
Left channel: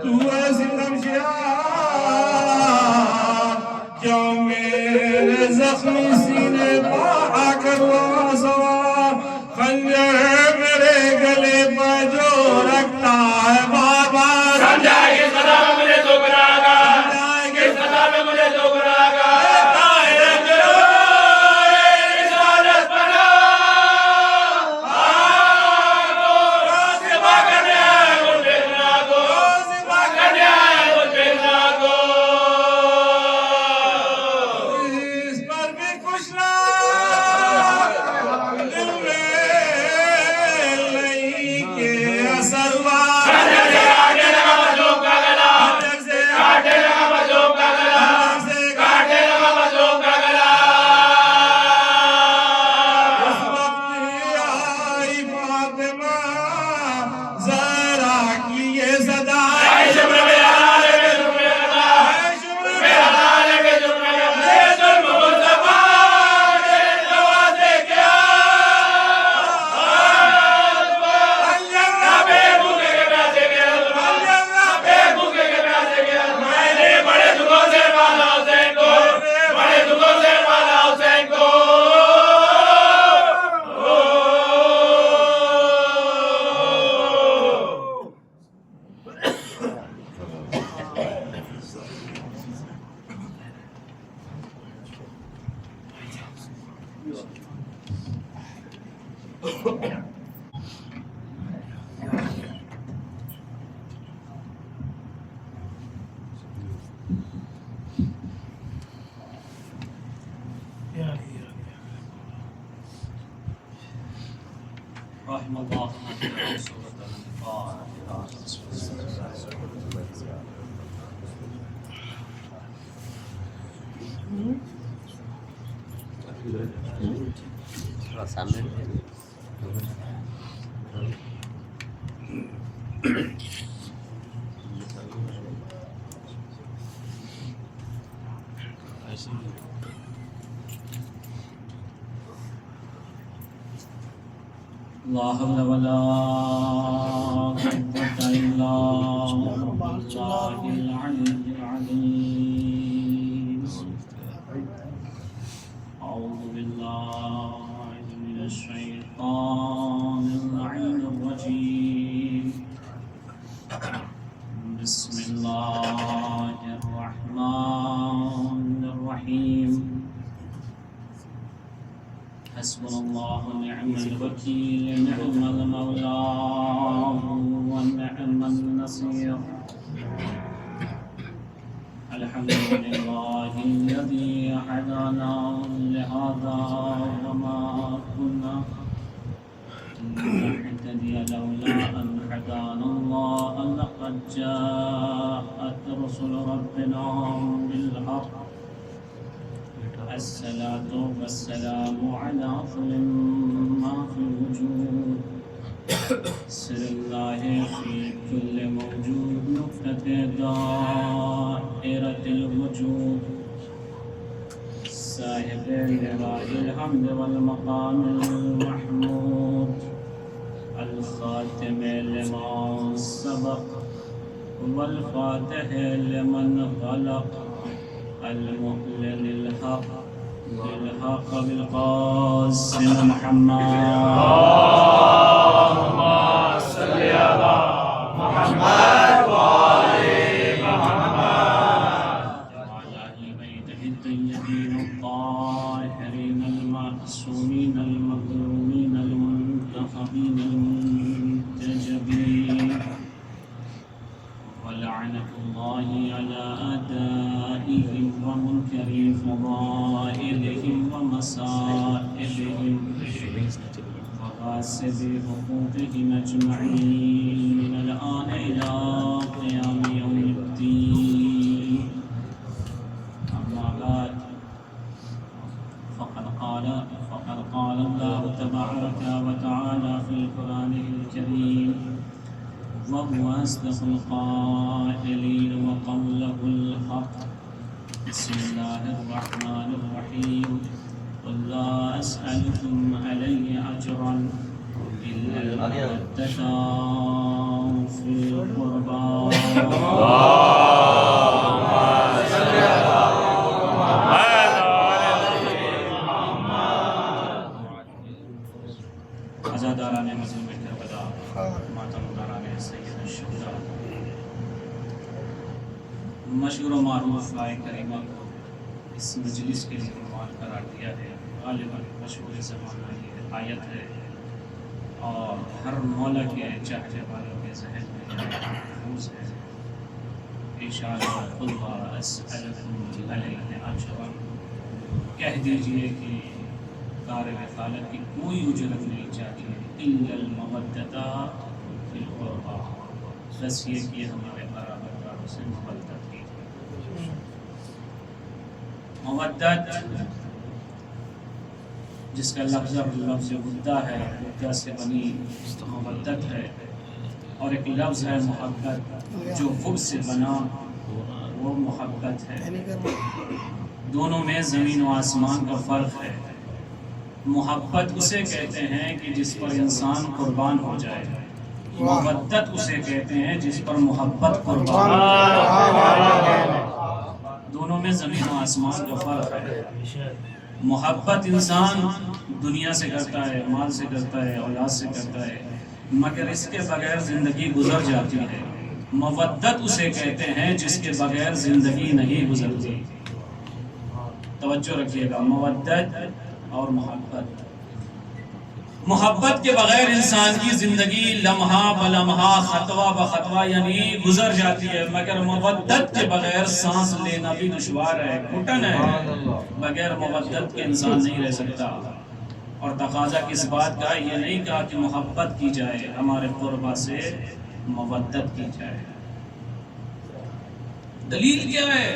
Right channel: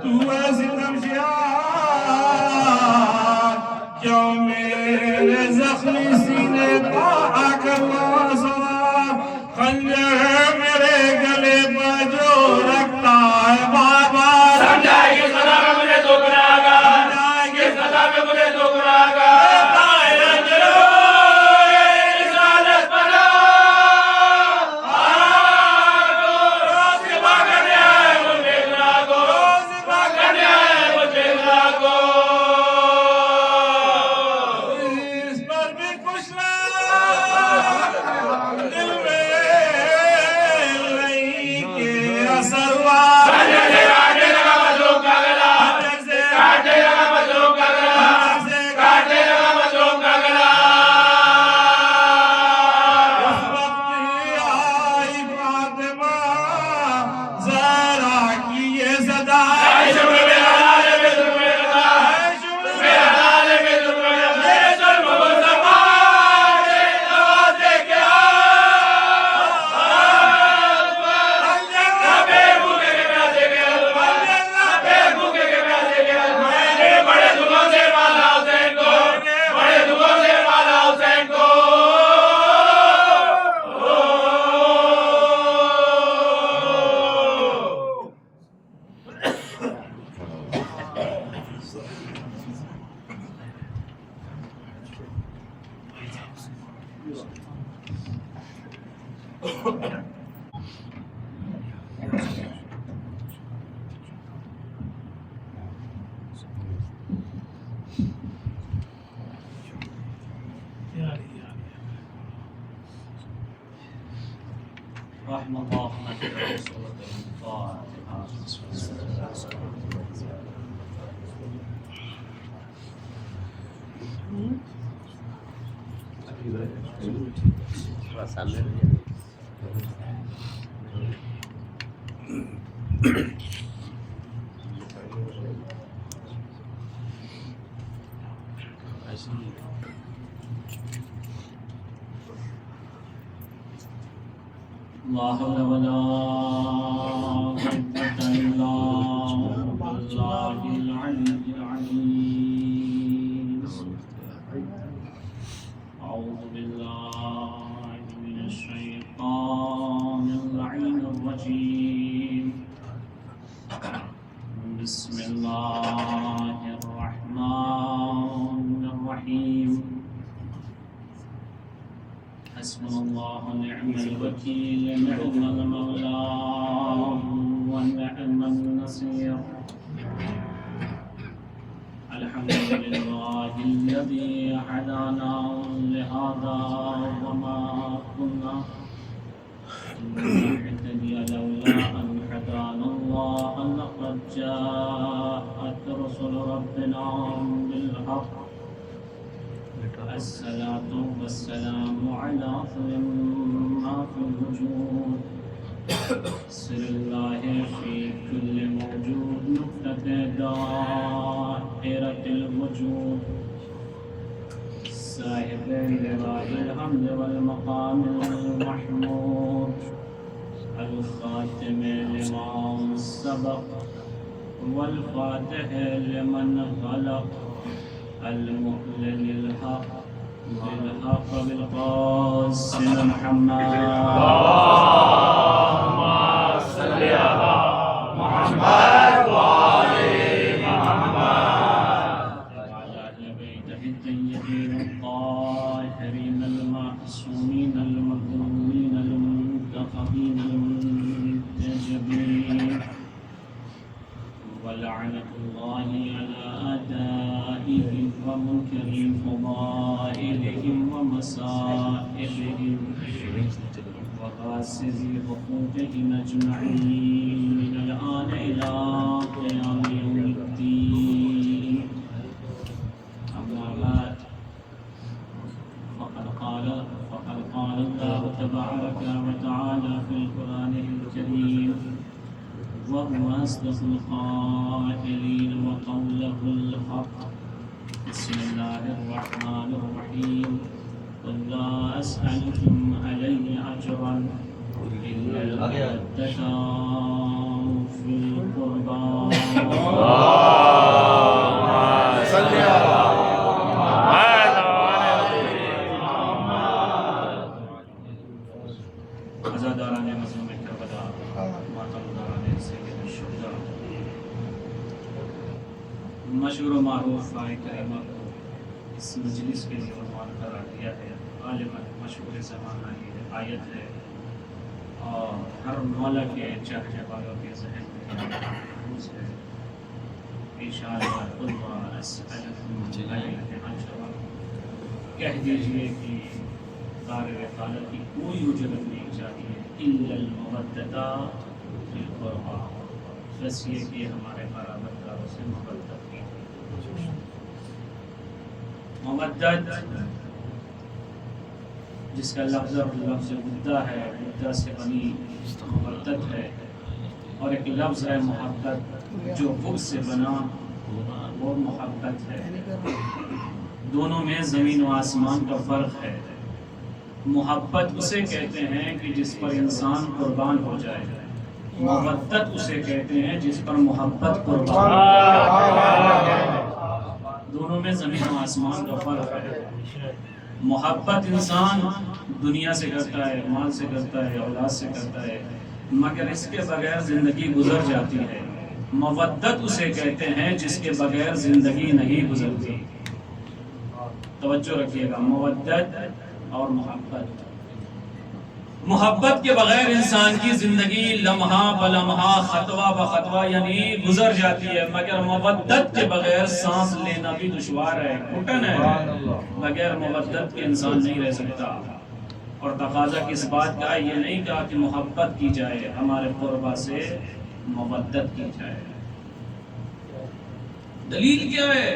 तू ऐसी तमशिया क्यों मेरे जख्मी सीने पर आकर हुआ सवार खंजर मेरे गले पर जो रखता है बार बार समझा कि सदा में मुझे दुख रहेगा, कि सदा में मुझे दुख रहेगा। रिसालत पना को सिवा करने आए मुझ बेगना को, सिवा करने आए मुझ बेगना को। इस पर भी कुछ ना दिल में नहीं के असर हुआ खंजर से काटने लगा मजलूम का गला, खंजर से काटने लगा मजलूम का गला, काटने लगा मजलूम का गला। उस वक्त आई फातिमा ज़हरा की ये सदा शुक्र मेरा लाल के जुल्म में गदा, मेरा लाल के जुल्म में गदा, ये जुल्म मुस्तफा के नवाज़े क्या बेभूखे के प्यासे के बेभूखे के प्यासे के मैंने बड़े दुखों से माला हुसैन को, बड़े दुखों से माला हुसैन को। رحم الله سورة الفاتحة. لا حول ولا قوة إلا بالله العلي العظيم. أعوذ بالله من الشيطان اللعين الرجيم. بسم الله الرحمن الرحيم. حسبنا الله ونعم الوكيل، نعم المولى ونعم النصير. الحمد لله الذي هدانا لهذا وما كنا لنهتدي لولا أن هدانا الله. لقد جاءت رسل ربنا بالحق. الصلاة والسلام على أفضل ما في الوجود، سر الله في كل موجود، نقطة دائرة الوجود، صاحب لواء الحمد والمقام المحمود، الخاتم لما سبق वल-फातिह लिमन ग़लक़ अल-मुहल्लिल लिल-हक़ बिल-हक़ बिल-क़ासिम मुहम्मद حقوقهم أجمعين من الآن إلى قيام يوم الدين أما بعد فقد قال الله تبارك وتعالى في القرآن الكريم وهو أصدق القائلين وقوله الحق بسم الله الرحمن الرحيم قل لا أسألكم عليه أجرا إلا المودة في القربى अज़ादारान मज़लूम करबला मातमदारान सय्यद शुहदा मशहूर मारूफ राय करीमा को इस मजलिस के लिए उन्वान करार दिया है। गालिबन मशहूर ज़माना ये आयत है और हर मौला के चाहने वालों के जहन में महफूज है। इशारा खुद कह दीजिए कि कार वकालत की कोई उजरत नहीं चाहिए इल्लल मवद्दता फिल क़ुरबा, बस ये कि हमारे बराबरदारों से मवद्दत कीजिए। मवद्दत जिसका लफ्ज़ वुद्दा है, वुद्दा से बनी मवद्दत है, और एक लफ्ज़ है मोहब्बत जो वुद से बना वो मोहब्बत है। दोनों में ज़मीन व आसमान का फ़र्क है। मोहब्बत उसे कहते हैं कि जिस पर इंसान कुर्बान हो जाए, मवद्दत उसे कहते हैं जिस पर मोहब्बत कुर्बान हो जाए। दोनों में ज़मीन व आसमान का फ़र्क है। मोहब्बत इंसान दुनिया से करता है, माल से करता है, औलाद से करता है, मगर इसके बगैर ज़िंदगी गुजर जाती है। मवद्दत उसे कहते हैं जिसके बगैर ज़िंदगी नहीं गुजरती। तवज्जो रखिएगा, मवद्दत और मोहब्बत। मोहब्बत के बगैर इंसान की ज़िंदगी लम्हा ब लम्हा, खतवा ब खतवा यानी गुजर जाती है, मगर मवद्दत के बगैर सांस लेना भी दुश्वार है, घुटन है। बगैर मवद्दत के इंसान नहीं रह सकता। और तकाजा किस बात का, ये नहीं कहा कि मोहब्बत की जाए, हमारे क़ुरबा से मवद्दत की जाए। दलील क्या है?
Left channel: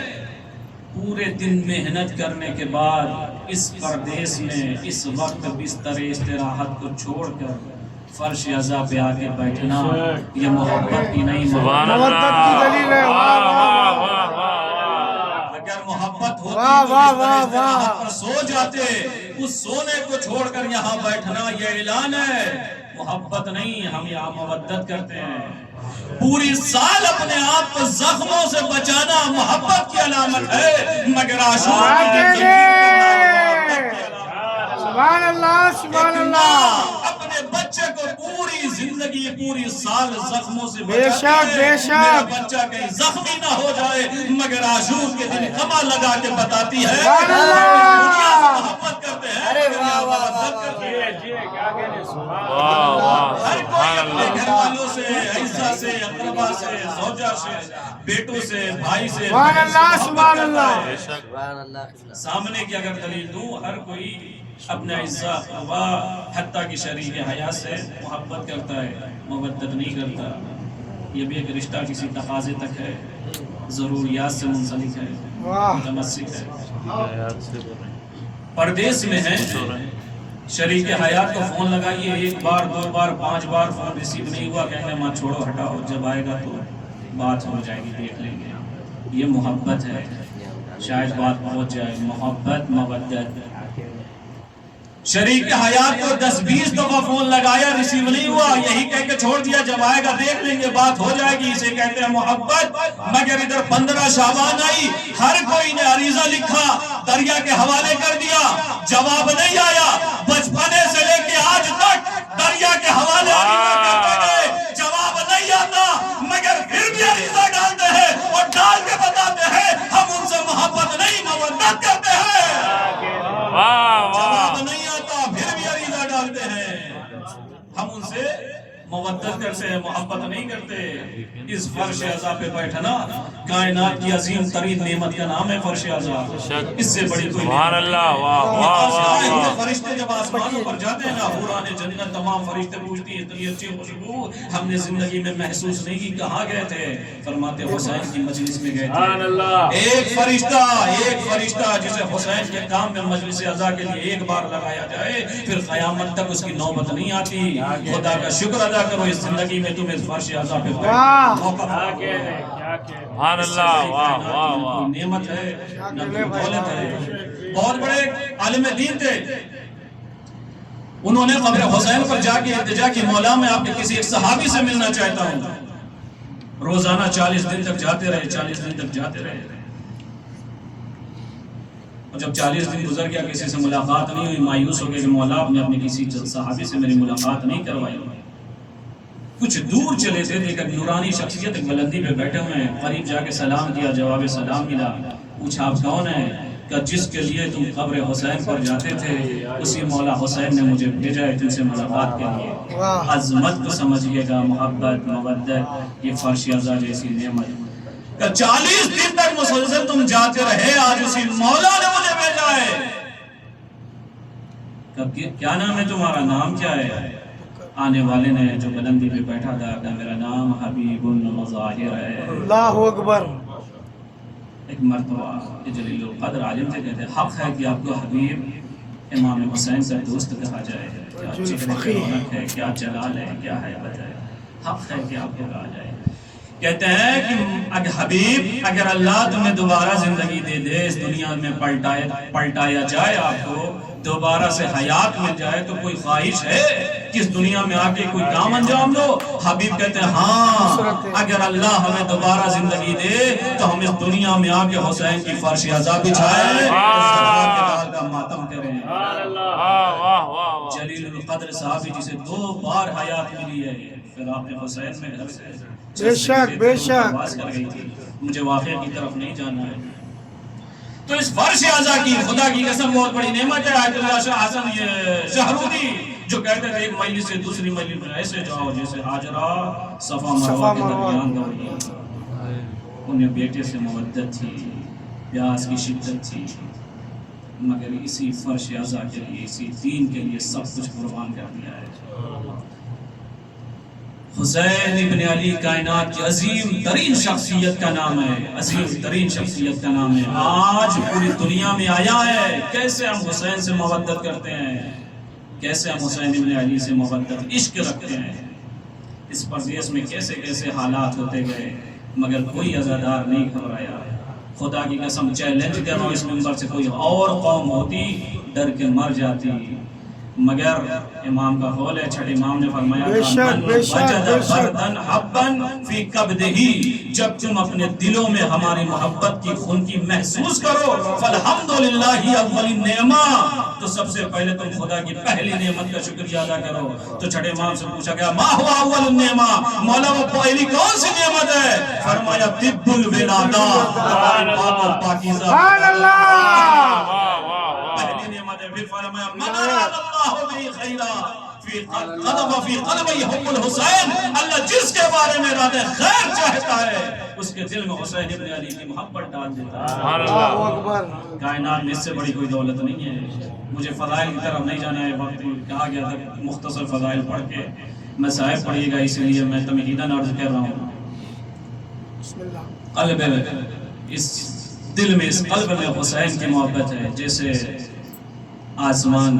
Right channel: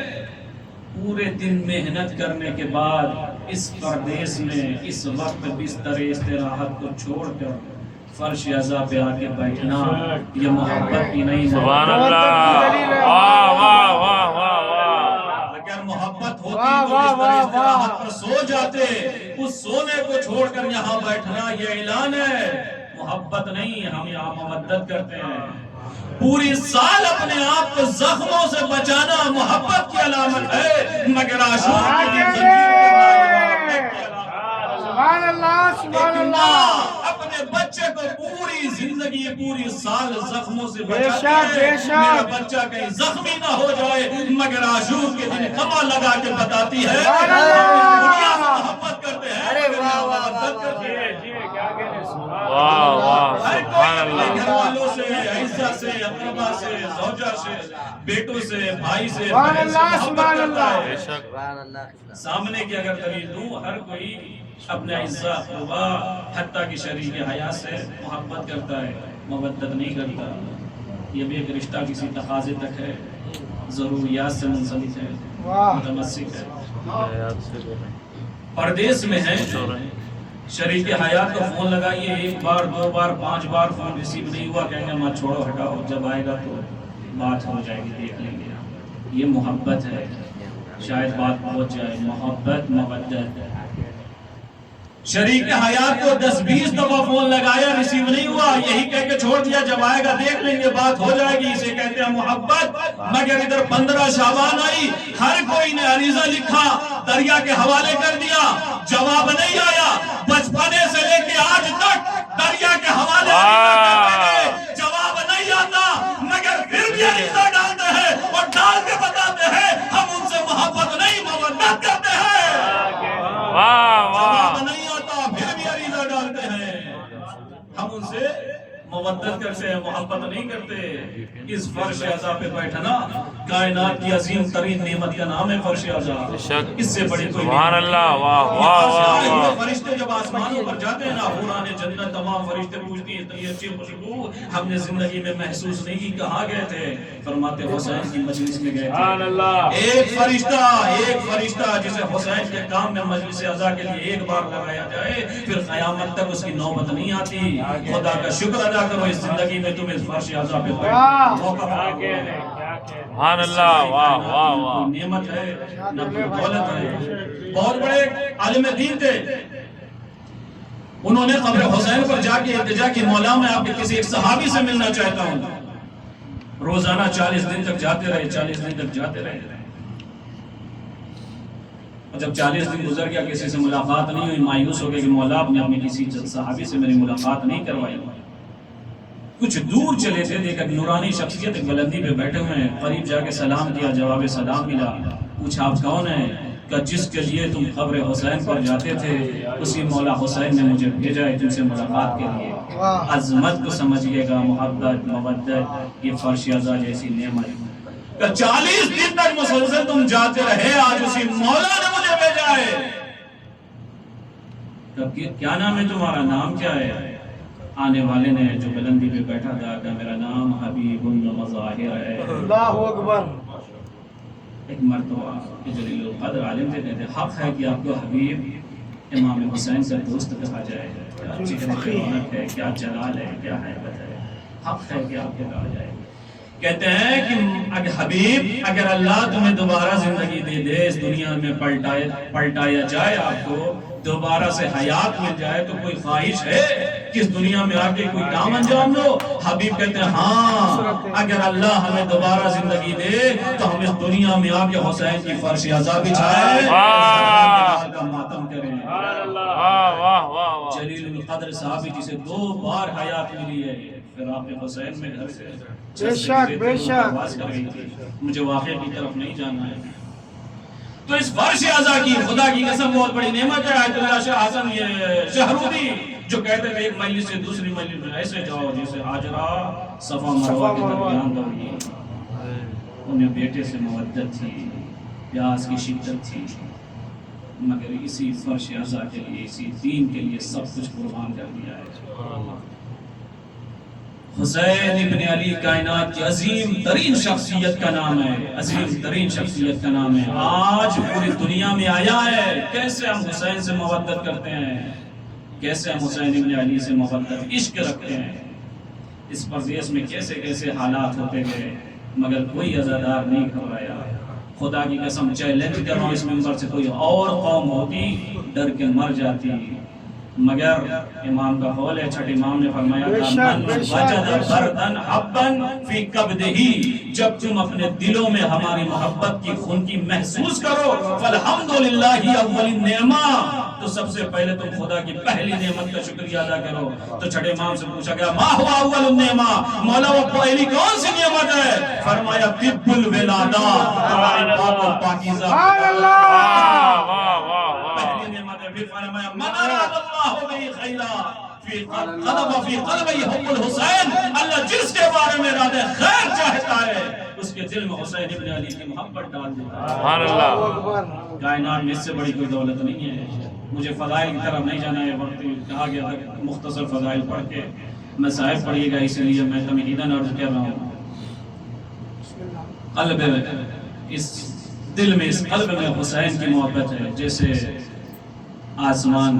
पूरे दिन मेहनत करने के बाद इस परदेश में इस वक्त बिस्तर इस्तिराहत को छोड़कर फर्श अज़ा पे आके बैठना, ये मोहब्बत की नहीं, सुभान अल्लाह। अगर मोहब्बत होती तो बिस्तर इस्तिराहत पर सो जाते। उस सोने को छोड़कर यहाँ बैठना ये ऐलान है, मोहब्बत नहीं। हम यहाँ मवद्दत करते हैं। पूरी साल अपने आप को जख्मों से बचाना मोहब्बत की अलामत है, मगर आशूर अपने बच्चे को पूरी जिंदगी पूरी साल जख्मों से बचाते हैं। मेरा बच्चा कहीं जख्मी ना हो जाए, मगर आशूर के दिन खमा लगा के बताती है दुनिया से मोहब्बत करते हैं, मोहब्बत करते हैं। हर कोई अपने घर वालों से, अइज़ा से, अक़रबा से, ज़ौजा से, बेटों से, भाई से मोहब्बत करता है। सामने की अगर दलील दूं, हर कोई अपने अइज़ा, अक़रबा, हत्ता की शरीक हया से मोहब्बत करता है, मवद्दत नहीं करता। ये भी एक रिश्ता किसी तकाज़े तक है, ज़रूरियात से मुंसलिक है, मुतमस्सिक है। परदेश में है, शरीक हयात को फ़ोन लगाइए, 1 बार 2 बार 5 बार फ़ोन रिसीव नहीं हुआ, कहेंगे मत छोड़ो, हटाओ, जब आएगा तो बात हो जाएगी, देख लेंगे। ये मोहब्बत है, शायद बात पहुँच जाए। मोहब्बत, मवद्दत शरीक हयात को 10-20 दफा फोन लगाया, रिसीव नहीं हुआ, यही कह के छोड़ दिया जब आएगा देख लेंगे, बात हो जाएगी। इसे कहते हैं मोहब्बत। मगर इधर 15 शाबान आई, हर कोई ने अरीजा लिखा, दरिया के हवाले कर दिया, जवाब नहीं आया। बचपने से लेके आज तक दरिया के हवाले करते गए, जवाब नहीं आता, मगर फिर भी अरीजा डालते हैं और डाल के बताते हैं हम उनसे मोहब्बत नहीं मवद्दत करते हैं। जवाब नहीं आता, फिर भी अरीजा डालते हैं हम उनसे मवद्दत करते हैं, मोहब्बत नहीं करते। इस फर्श अज़ा पे बैठना कायनात की अजीम तरीन नेमत का नाम है फर्श अज़ा। इससे बड़ी कोई सुभान अल्लाह, वाह वाह वाह वाह। फरिश्ते जब आसमानों पर जाते हैं ना, हुराने जन्नत तमाम फरिश्ते पूछती हैं इतनी अच्छी खुशबू हमने जिंदगी में महसूस नहीं की, कहाँ गए थे? फरमाते हुसैन की मजलिस में गए थे। एक फरिश्ता जिसे हुसैन के काम में मजलिस अज़ा के लिए एक बार लगाया जाए, फिर क़यामत तक उसकी नौबत नहीं आती। खुदा का शुक्र अदा करो इस जिंदगी में तुम्हें इस फर्श अज़ा पे मौका सुभान अल्लाह, वाह वाह वाह। नेमत है न कोई दौलत है। बहुत बड़े आलिम दीन थे, उन्होंने कब्र हुसैन पर जाके इल्तिजा की, मौला मैं आपके किसी एक सहाबी से मिलना चाहता हूँ। रोजाना 40 दिन तक जाते रहे, 40 दिन तक जाते रहे। और जब 40 दिन गुजर गया, किसी से मुलाकात नहीं हुई, मायूस हो गए कि मौला आपने अपनी किसी सहाबी से मेरी मुलाकात नहीं करवाई। कुछ दूर चले थे, देखा नूरानी शख्सियत एक बुलंदी पे बैठे हुए हैं, करीब जाके सलाम किया, जवाब सलाम मिला। पूछा आप कौन है? कि जिसके लिए तुम कब्र हुसैन पर जाते थे उसी मौला हुसैन ने मुझे भेजा है तुमसे मुलाकात के लिए। अजमत को समझिएगा, मोहब्बत मोहब्बत ये फर्श अज़ा जैसी नेमत। 40 दिन तक मुसलसल तुम जाते रहे, आज उसी मौला ने मुझे भेजा है। क्या नाम है तुम्हारा? नाम क्या है? आने वाले ने जो बुलंदी पे बैठा था कि मेरा नाम हबीबुल मज़ाहिर है। अल्लाहु अकबर। एक मर्तबा जलील क़द्र आलिम थे, कहते हक है कि आपको हबीब इमाम हुसैन का दोस्त कहा जाए। क्या चेहरे पे रौनक है, क्या जलाल है, क्या है बताए। हक है कि आपको कहा जाए। कहते हैं कि अगर हबीब, अगर अल्लाह तुम्हें दोबारा जिंदगी दे दे, इस दुनिया में पलटाया जाए, आपको दोबारा से हयात मिल जाए, तो कोई ख्वाहिश है कि इस दुनिया में आके कोई काम अंजाम दो? हबीब कहते हैं हाँ, अगर अल्लाह हमें दोबारा जिंदगी दे तो हम इस दुनिया में आके हुसैन की फर्श अज़ा बिछाएं, का मातम करें। जलील क़द्र साहबी जिसे 2 बार हयात मिली है, फिर आपने हुसैन में घर से बेशक कर गई थी। मुझे वाक़या की तरफ नहीं जाना है। तो इस फर्श अज़ा की खुदा की कसम बहुत बड़ी नेमत है। आयतुल्लाह शाह हसन ये शहरूदी जो कहते थे एक मजलिस से दूसरी मजलिस में ऐसे जाओ जैसे हाजरा सफा मरवा के दरमियान दौड़ी। उन्हें बेटे से मवद्दत थी, प्यास की शिद्दत थी, मगर इसी फर्श अज़ा के लिए, इसी दीन के लिए सब कुछ कुर्बान कर दिया है। हुसैन इब्न अली कायनात की अजीम तरीन शख्सियत का नाम है, अजीम तरीन शख्सियत का नाम है। आज पूरी दुनिया में आया है कैसे हम हुसैन से मोहब्बत करते हैं, कैसे हम हुसैन इब्न अली से मोहब्बत इश्क रखते हैं। इस प्रदेश में कैसे कैसे हालात होते गए, मगर कोई अज़ादार नहीं घबराया। खुदा की कसम चैलेंज कर रहा हूँ, इस मिंबर से कोई और कौम होती डर के मर जाती, मगर इमाम का कौल है, छठे इमाम ने फरमाया जब तुम अपने दिलों में हमारी मोहब्बत की खुनकी महसूस करो, फल्हम्दुलिल्लाहि अव्वलिन नेमा, तो सबसे पहले तुम खुदा की पहली नेमत का शुक्रिया अदा करो। तो छठे इमाम से पूछा गया मा हुवा अव्वलुन नेमा, मौला वो पहली कौन सी नेमत है? फरमाया तिब्बुल विलादा, पाकीज़ा। पहली नेमत है। फिर फरमाया अल्लाह जिसके बारे में इरादे खैर चाहता है उसके दिल में हुसैन इब्न अली की मोहब्बत डाल देता है। कायनात में इससे बड़ी कोई दौलत नहीं है। मुझे फज़ाइल की तरफ नहीं जाना है, वक्त कहा गया था मुख्तसर फज़ाइल पढ़ के मैं साहिब पढ़िएगा, इसलिए मैं तमहीदन अर्ज कर रहा हूँ। कल्ब, इस दिल में, इस कल्ब में हुसैन की मोहब्बत है। जैसे आसमान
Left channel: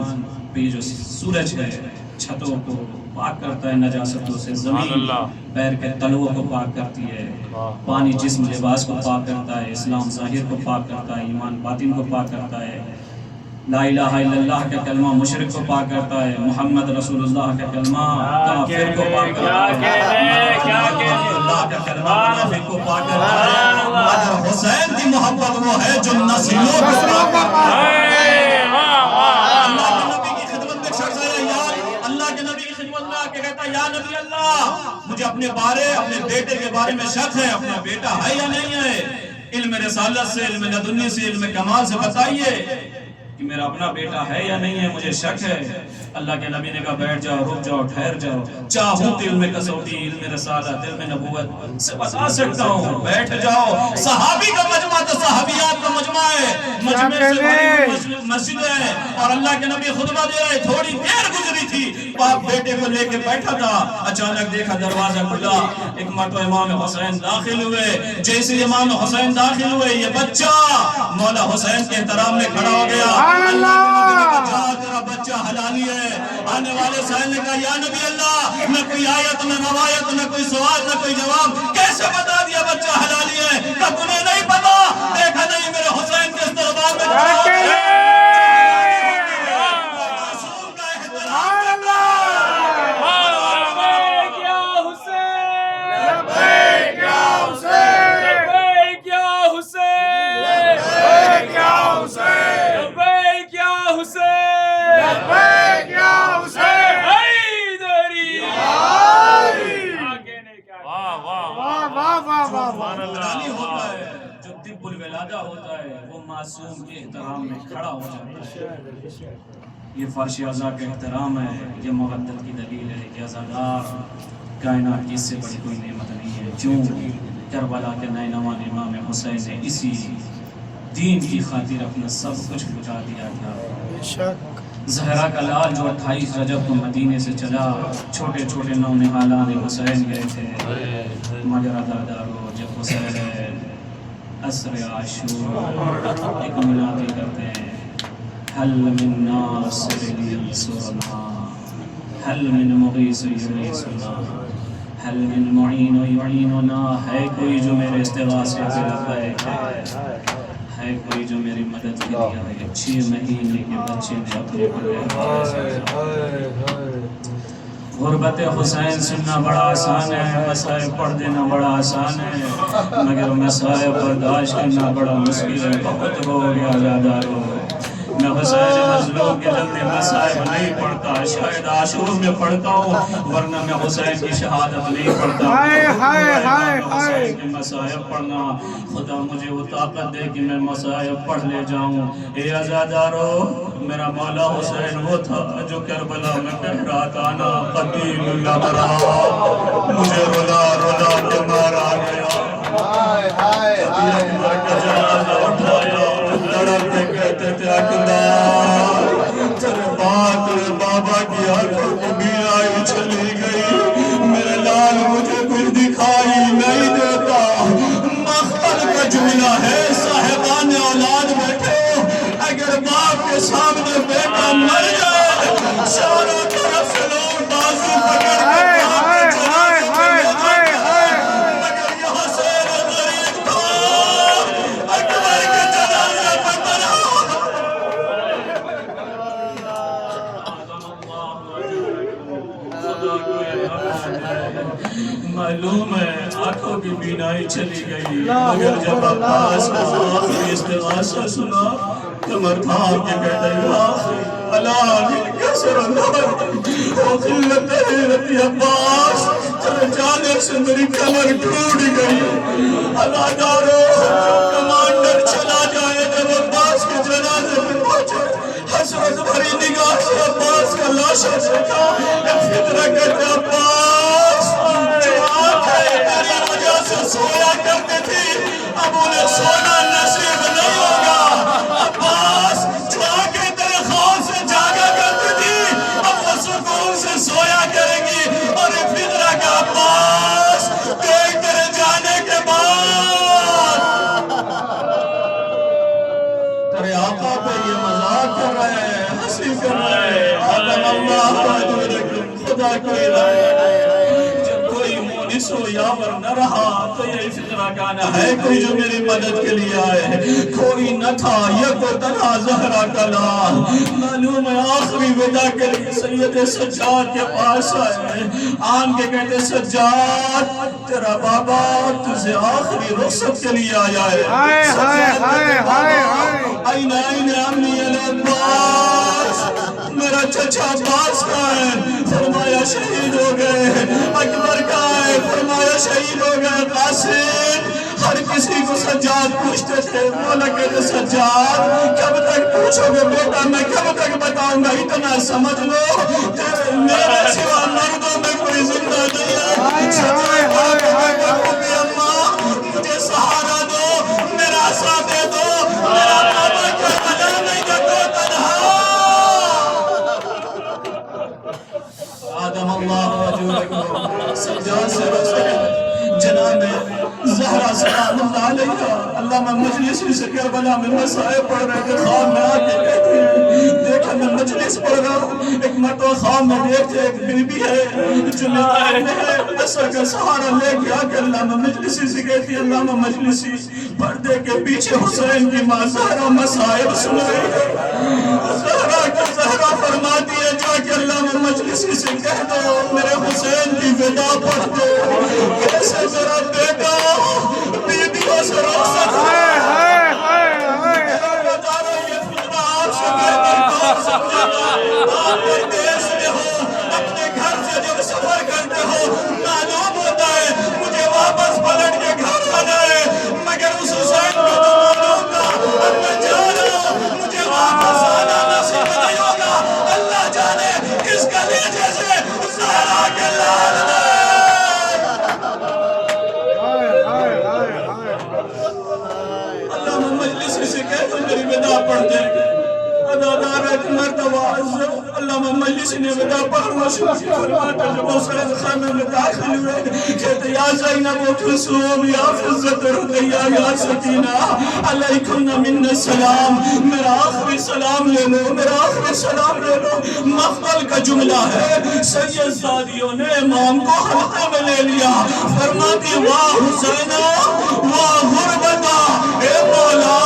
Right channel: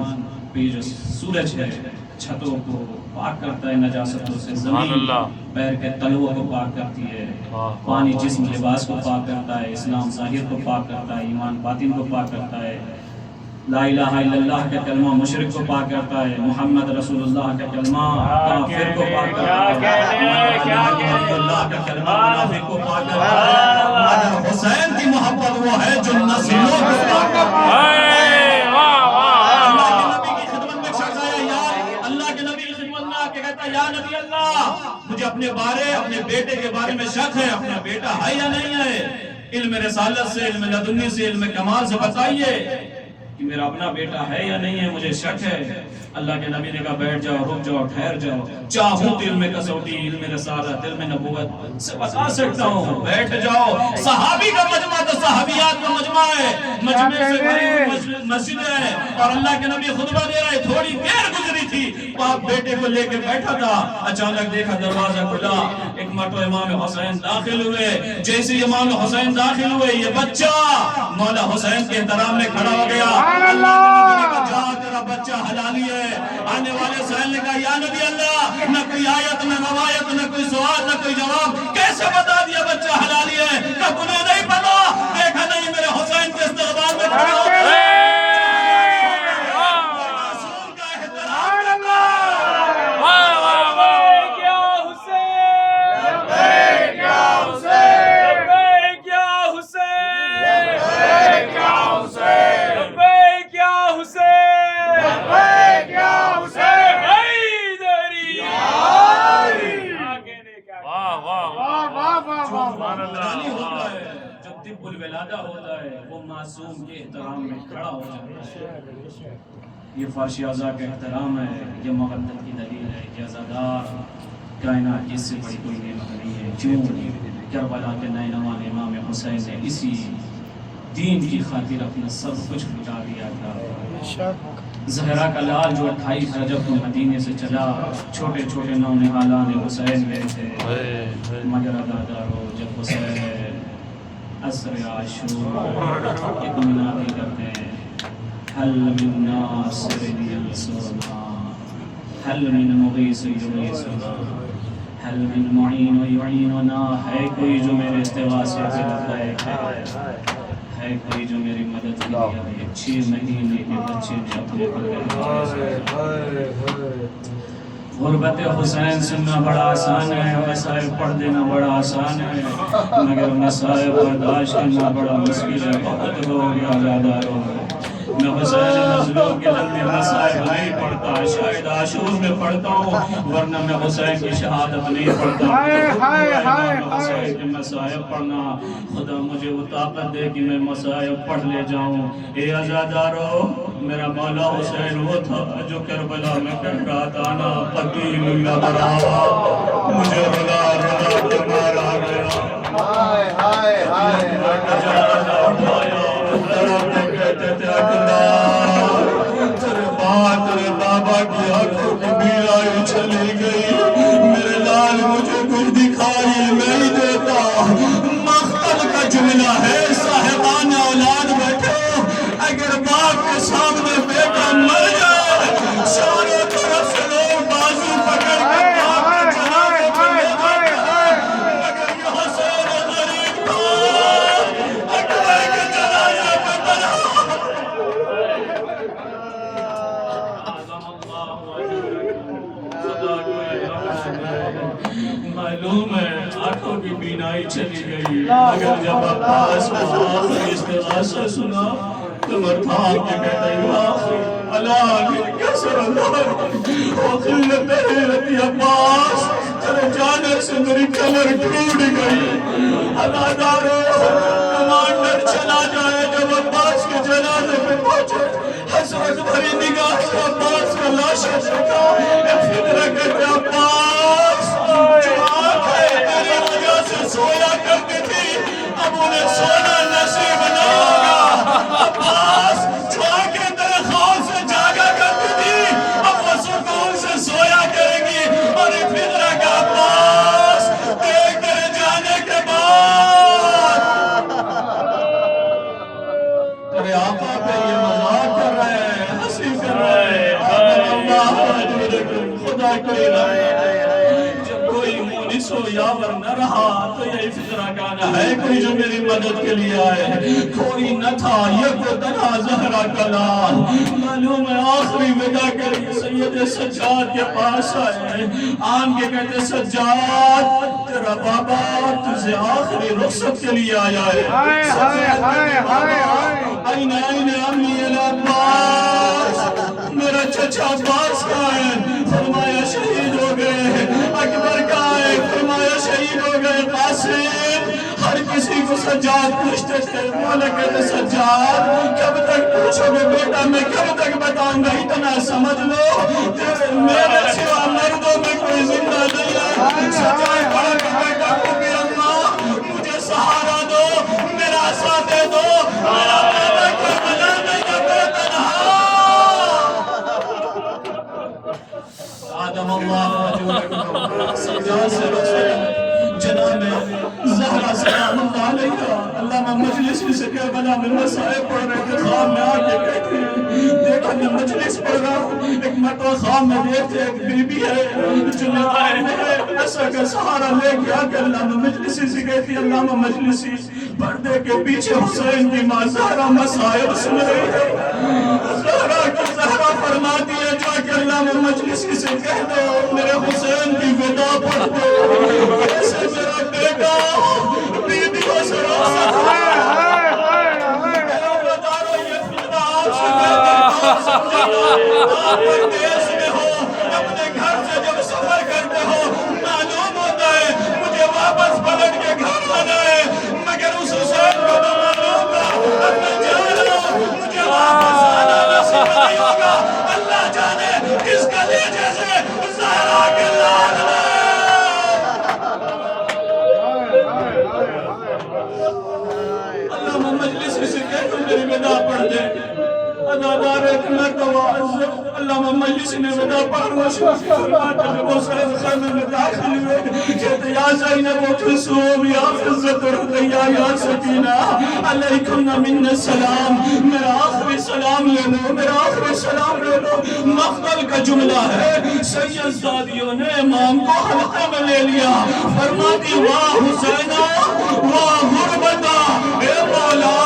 पे जो सूरज है छतों को पाक करता है नजासतों से, ज़मीन पैर के तलवों को पाक करती है, पानी जिस्म लिबास को पाक करता है, इस्लाम ज़ाहिर को पाक करता है, ईमान बातिन को पाक करता है। ला इलाहा इल्लल्लाह का कलमा मुशरिक को पाक करता है, मोहम्मद रसूलुल्लाह का कलमा काफिर को पाक करता है, अल्लाह का कलमा मुनाफिक को पाक करता है। मगर हुसैन की मोहब्बत वो है जो नस्लों को पाक करता है। अल्लाह के नबी की खिदमत में शख्स आया, यार अल्लाह के नबी की खिदमत में आके कहता है, या नबी अल्लाह, मुझे अपने बेटे के बारे में शक है, अपना बेटा है या नहीं है, इल्म रिसालत से, इल्म लदुन्नी से, इल्म कमाल से बताइए कि मेरा अपना बेटा है या नहीं है, मुझे शक है। अल्लाह के नबी ने कहा, बैठ जाओ, रुक जाओ, ठहर जाओ, चाहूं तो इल्म कसौटी, इल्म रिसालत, इल्म नबुवत से बता सकता हूं, बैठ जाओ। सहाबी का मजमा तो सहाबियात का मजमा है, मजमे से भरी मस्जिद है, और अल्लाह के नबी खुतबा दे रहे, थोड़ी देर गुजरी थी, बाप बेटे को लेके बैठा था, अचानक देखा दरवाजा खुला, एक मर्तबा इमाम हुसैन दाखिल हुए। जैसे इमाम हुसैन दाखिल हुए, ये बच्चा मौला हुसैन के एहतराम में खड़ा हो गया। अल्लाह के नबी ने कहा, जा तेरा बच्चा हलाली है। आने वाले साहिल ने कहा, या नबी अल्लाह, न कोई आयत, न रवायत, न कोई सवाल, न कोई जवाब, कैसे बता दिया बच्चा हलाली है? कहा तुम्हें नहीं पता, देखा नहीं मेरे हुसैन के दरबार में खड़ा हो गया। होता है वो मासूम के एहतराम में खड़ा हो जाता है। ये फर्श अज़ा का एहतराम है, ये मवद्दत की दलील है, ये अज़ादार कायनात की इससे बड़ी कोई नेमत नहीं है। क्यों करबला के नैनवान इमाम हुसैन ने इसी दीन की खातिर अपना सब कुछ लुटा दिया था। ज़हरा का लाल जो 28 रजब को मदीने से चला, छोटे छोटे नौनिहालान हुसैन गए थे, मगर अदादारो जब हुसैन असर आशूर एक मिलाती करते हैं, हल मिन नासिरिन यंसुरना, हल मिन मुगीस युगीसुना, हल मिन मुईन युईनुना, है कोई जो मेरे इस्तिग़ासे पे लबैक है कोई जो मेरी मदद के लिए है। 6 महीने के बच्चे ने अपने गुरबत हुसैन सुनना बड़ा आसान है, मसाइब पढ़ देना बड़ा आसान है, मगर मसाइब बर्दाश्त करना बड़ा मुश्किल है। बहुत हो गया ज़्यादा हो, मैं हुसैन मज़लूम के लम्बे मसाइब नहीं पढ़ता, शायद आशूर में पढ़ता हूँ, वरना मैं हुसैन की शहादत नहीं पढ़ता। हुसैन के मसाइब पढ़ना, खुदा मुझे वो ताकत दे कि मैं मसाइब पढ़ ले जाऊँ। ए आज़ादारो, मेरा मौला हुसैन वो था जो करबला में कह रहा था, ना क़तीलुल्लाह बरा, मुझे रुला रुला के मारा गया। हाय हाय हाय जनाज़ा उठाया, लड़के कहते थे अकबर, तेरे बाबा की आंखों में बीराई चली गई, मेरे लाल मुझे कुछ दिखाई नहीं देता। मख्तल का जुमला है, साहिबान औलाद बैठे, अगर बाप के सामने बेटा मर जाए, चारों तरफ से लोग बाजू पकड़ के बाप के जनाजे पे ले जाते हैं, मगर ये हुसैन गरीब था, अकबर के जनाजे पे बना। मालूम है आंखों की बीनाई चली गई, मगर जब अब्बास को आखिरी इस्तिग़ासा सुना, कमर थाम के कहता है, अला कसर अब्बास, तेरे जाने से मेरी कमर टूट गई। अलादारो, कमांडर चला जाए, जब अब्बास के जनाजे पे पहुंचे, हसरत भरी निगाह से अब्बास का लाशा देखा, फिक्र कहते अब्बास तेरी वजह से सोया करती थी, अब उन्हें सोना नसीब नहीं होगा। अब्बास जो आंखें तेरे ख्वाब से जागा करती थी, अब वो सुकून से सोया करेंगी। और फिक्र का अब्बास देख तेरे जाने के बाद तेरे आका पे ये मजाक कर रहे हैं, हंसी कर रहे हैं। खुदा की सो यावर न रहा तो यही फिक्रा गाना है कोई जो मेरी मदद के लिए आए। कोई न था ये को तना ज़हरा का लाल, मालूम है आखिरी विदा के लिए सैयद सज्जाद के पास आए। आन के कहते सज्जाद तेरा बाबा तुझे आखिरी रुखसत के लिए आया है। मेरा चचा अब्बास का है, फरमाया शहीद हो गए। अकबर का है, फरमाया शहीद हो गए। कासिम हर किसी को सज्जाद पूछते थे। मौला कहते सज्जाद कब तक पूछोगे बेटा, मैं कब तक बताऊंगा, इतना समझ लो तेरे मेरे सिवा मर्दों में कोई जिंदा नहीं है। सज्जाद बड़ा बेटा कहते अम्मा मुझे सहारा दो, मेरा साथ दे दो, मेरा बाबा करबला में जगो तन्हा। आदम अल्लाह सज्जाद से जनाब ज़हरा सलामुल्लाह अलैहा अल्लामा मजलिस से करबला में मसाइब पढ़ रहे थे। ख्वाब में आके कहते हैं देखा मैं मजलिस पढ़ रहा हूँ, एक मरतबा ख्वाब में देखते एक बीबी है जो निगाहें है असर का सहारा लेके आके अल्लामा मजलिसी से कहती है अल्लामा मजलिसी पर्दे के पीछे हुसैन की माँ ज़हरा मसाइब सुन रही है। ज़हरा फरमाती है जाके अल्लामा मजलिसी से कह दो मेरे हुसैन की विदा पढ़ दो। कैसे मेरा बेटा बीवियों से रुखसत है। बता रहा ये फितना आपसे बेहतर समझेगा। आप परदेश में हो, अपने घर से जब सफर करते हो मालूम होता है मुझे वापस पलट के घर आना है, मगर उस हुसैन को तो मालूम था अब मैं जा रहा हूँ मुझे वापस आना नसीब नहीं होगा। अल्लाह जाने किस कलेजे से ज़हरा के लाल ने अल्लामा मजलिसी से कह दो मेरी विदा पढ़ दे। अदादार एक मर्तबा अल्लामा मजलिसी ने विदा पढ़ना शुरू किया। जब वो खाने में दाखिल हुए कहते या ज़ैनब व कुलसूम या फ़िज़्ज़त रुक़ैया या सकीना अलैकुम मिन्ना सलाम। मेरा आखिरी सलाम ले लो, मेरा आखिरी सलाम ले लो। मक़बल का जुमला है। सैयद सादियों ने इमाम को हल्के में ले लिया। फरमाती वाह हुसैना वाह गुरबता, ए मौला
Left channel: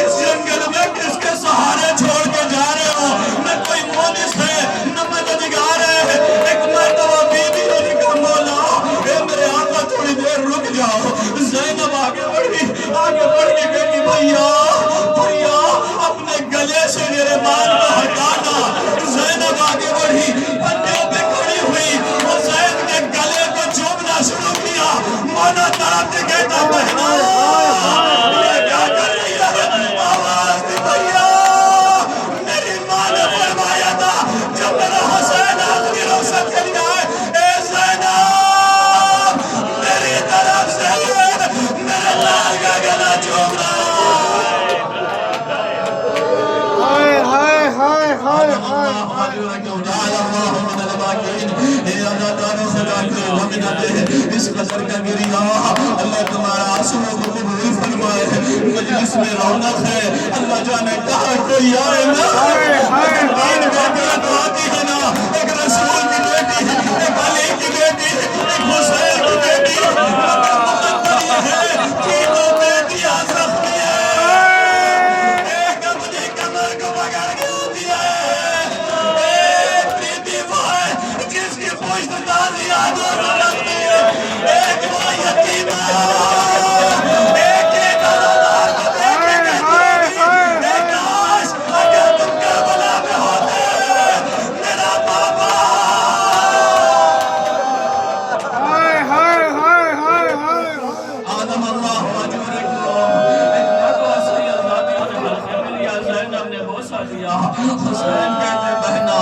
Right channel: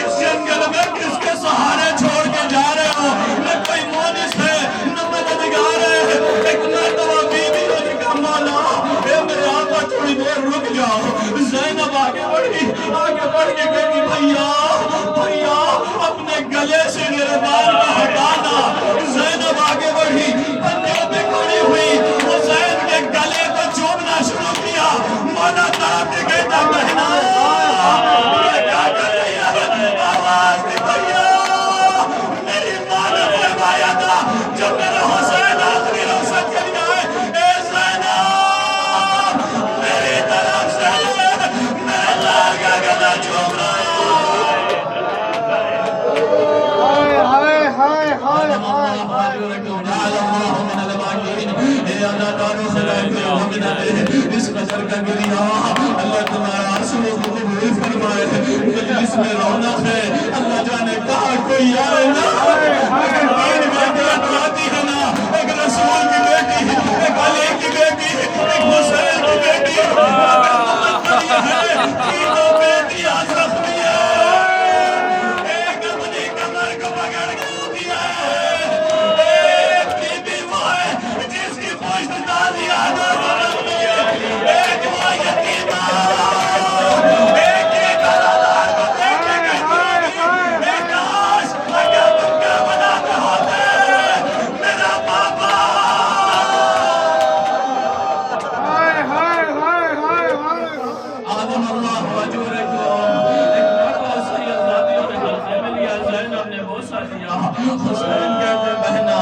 इस जंगल में किसके सहारे छोड़ के जा रहे हो? न कोई मोनिस है न मददगार है। एक मर्तबा बीबी ने कहा मौला ए मेरे आका थोड़ी देर रुक जाओ। ज़ैनब आगे बढ़ी, आगे बढ़ के कहती भैया भैया अपने गले से मेरे बाल को हटाना। ज़ैनब आगे बढ़ी, पंजों पे खड़ी हुई, हुसैन के गले को चूमना शुरू किया। मौला तरफ से कहता बहना ये क्या कर रही है? आवाज दी भैया मेरी माँ ने फरमाया था जब मेरा हुसैन आखिरी रुखसत के लिए आए ए ज़ैनब मेरी तरफ से मेरे लाल का गला चूम रहा है। इस गज़ल का गिरिया अल्लाह तुम्हारा आंसुओं को कबूल फरमाए। मजलिस में रौनक है, अल्लाह जाने कहाँ कोई आए ना। तीन बेटियां तो आती है ना, एक रसूल की बेटी, एक अली की बेटी, एक हुसैन की बेटी। तीनों बेटियां जख्मी है, एक अपनी कमर को पकड़ के आती है। एक बीबी वो है जिसकी पुश्त दादी यादों में रखती है। एक वो यतीमा, एक अदादार को देख के कहती होगी एक काश अगर तुम करबला में होते मेरा पापा। आदम अल्लाह हुसैन कहते बहना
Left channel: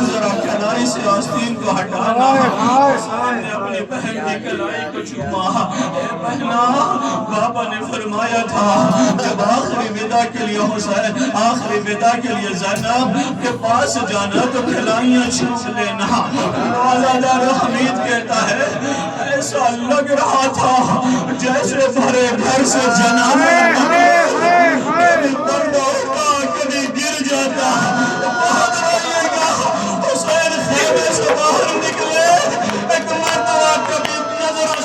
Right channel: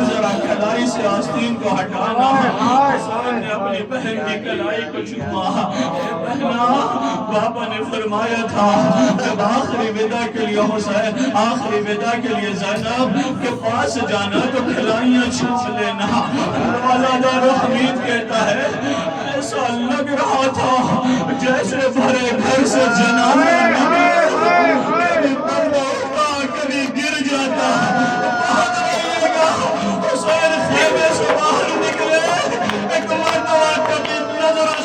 जरा कलाई से आस्तीन को हटाना। हुसैन ने अपनी बहन की कलाई को चूमा। बहना पापा ने फरमाया था जब आखिरी विदा के लिए हुसैन आखिरी विदा के लिए ज़ैनब के पास जाना तो कलाइयाँ चूम लेना। अल्लाह हमीद कहता है ऐसा लग रहा था जैसे भरे घर से जनाजा कभी गिर जाता। बहुत रोइएगा हुसैन खेमे से बाहर निकले। एक मर्तबा कभी नजर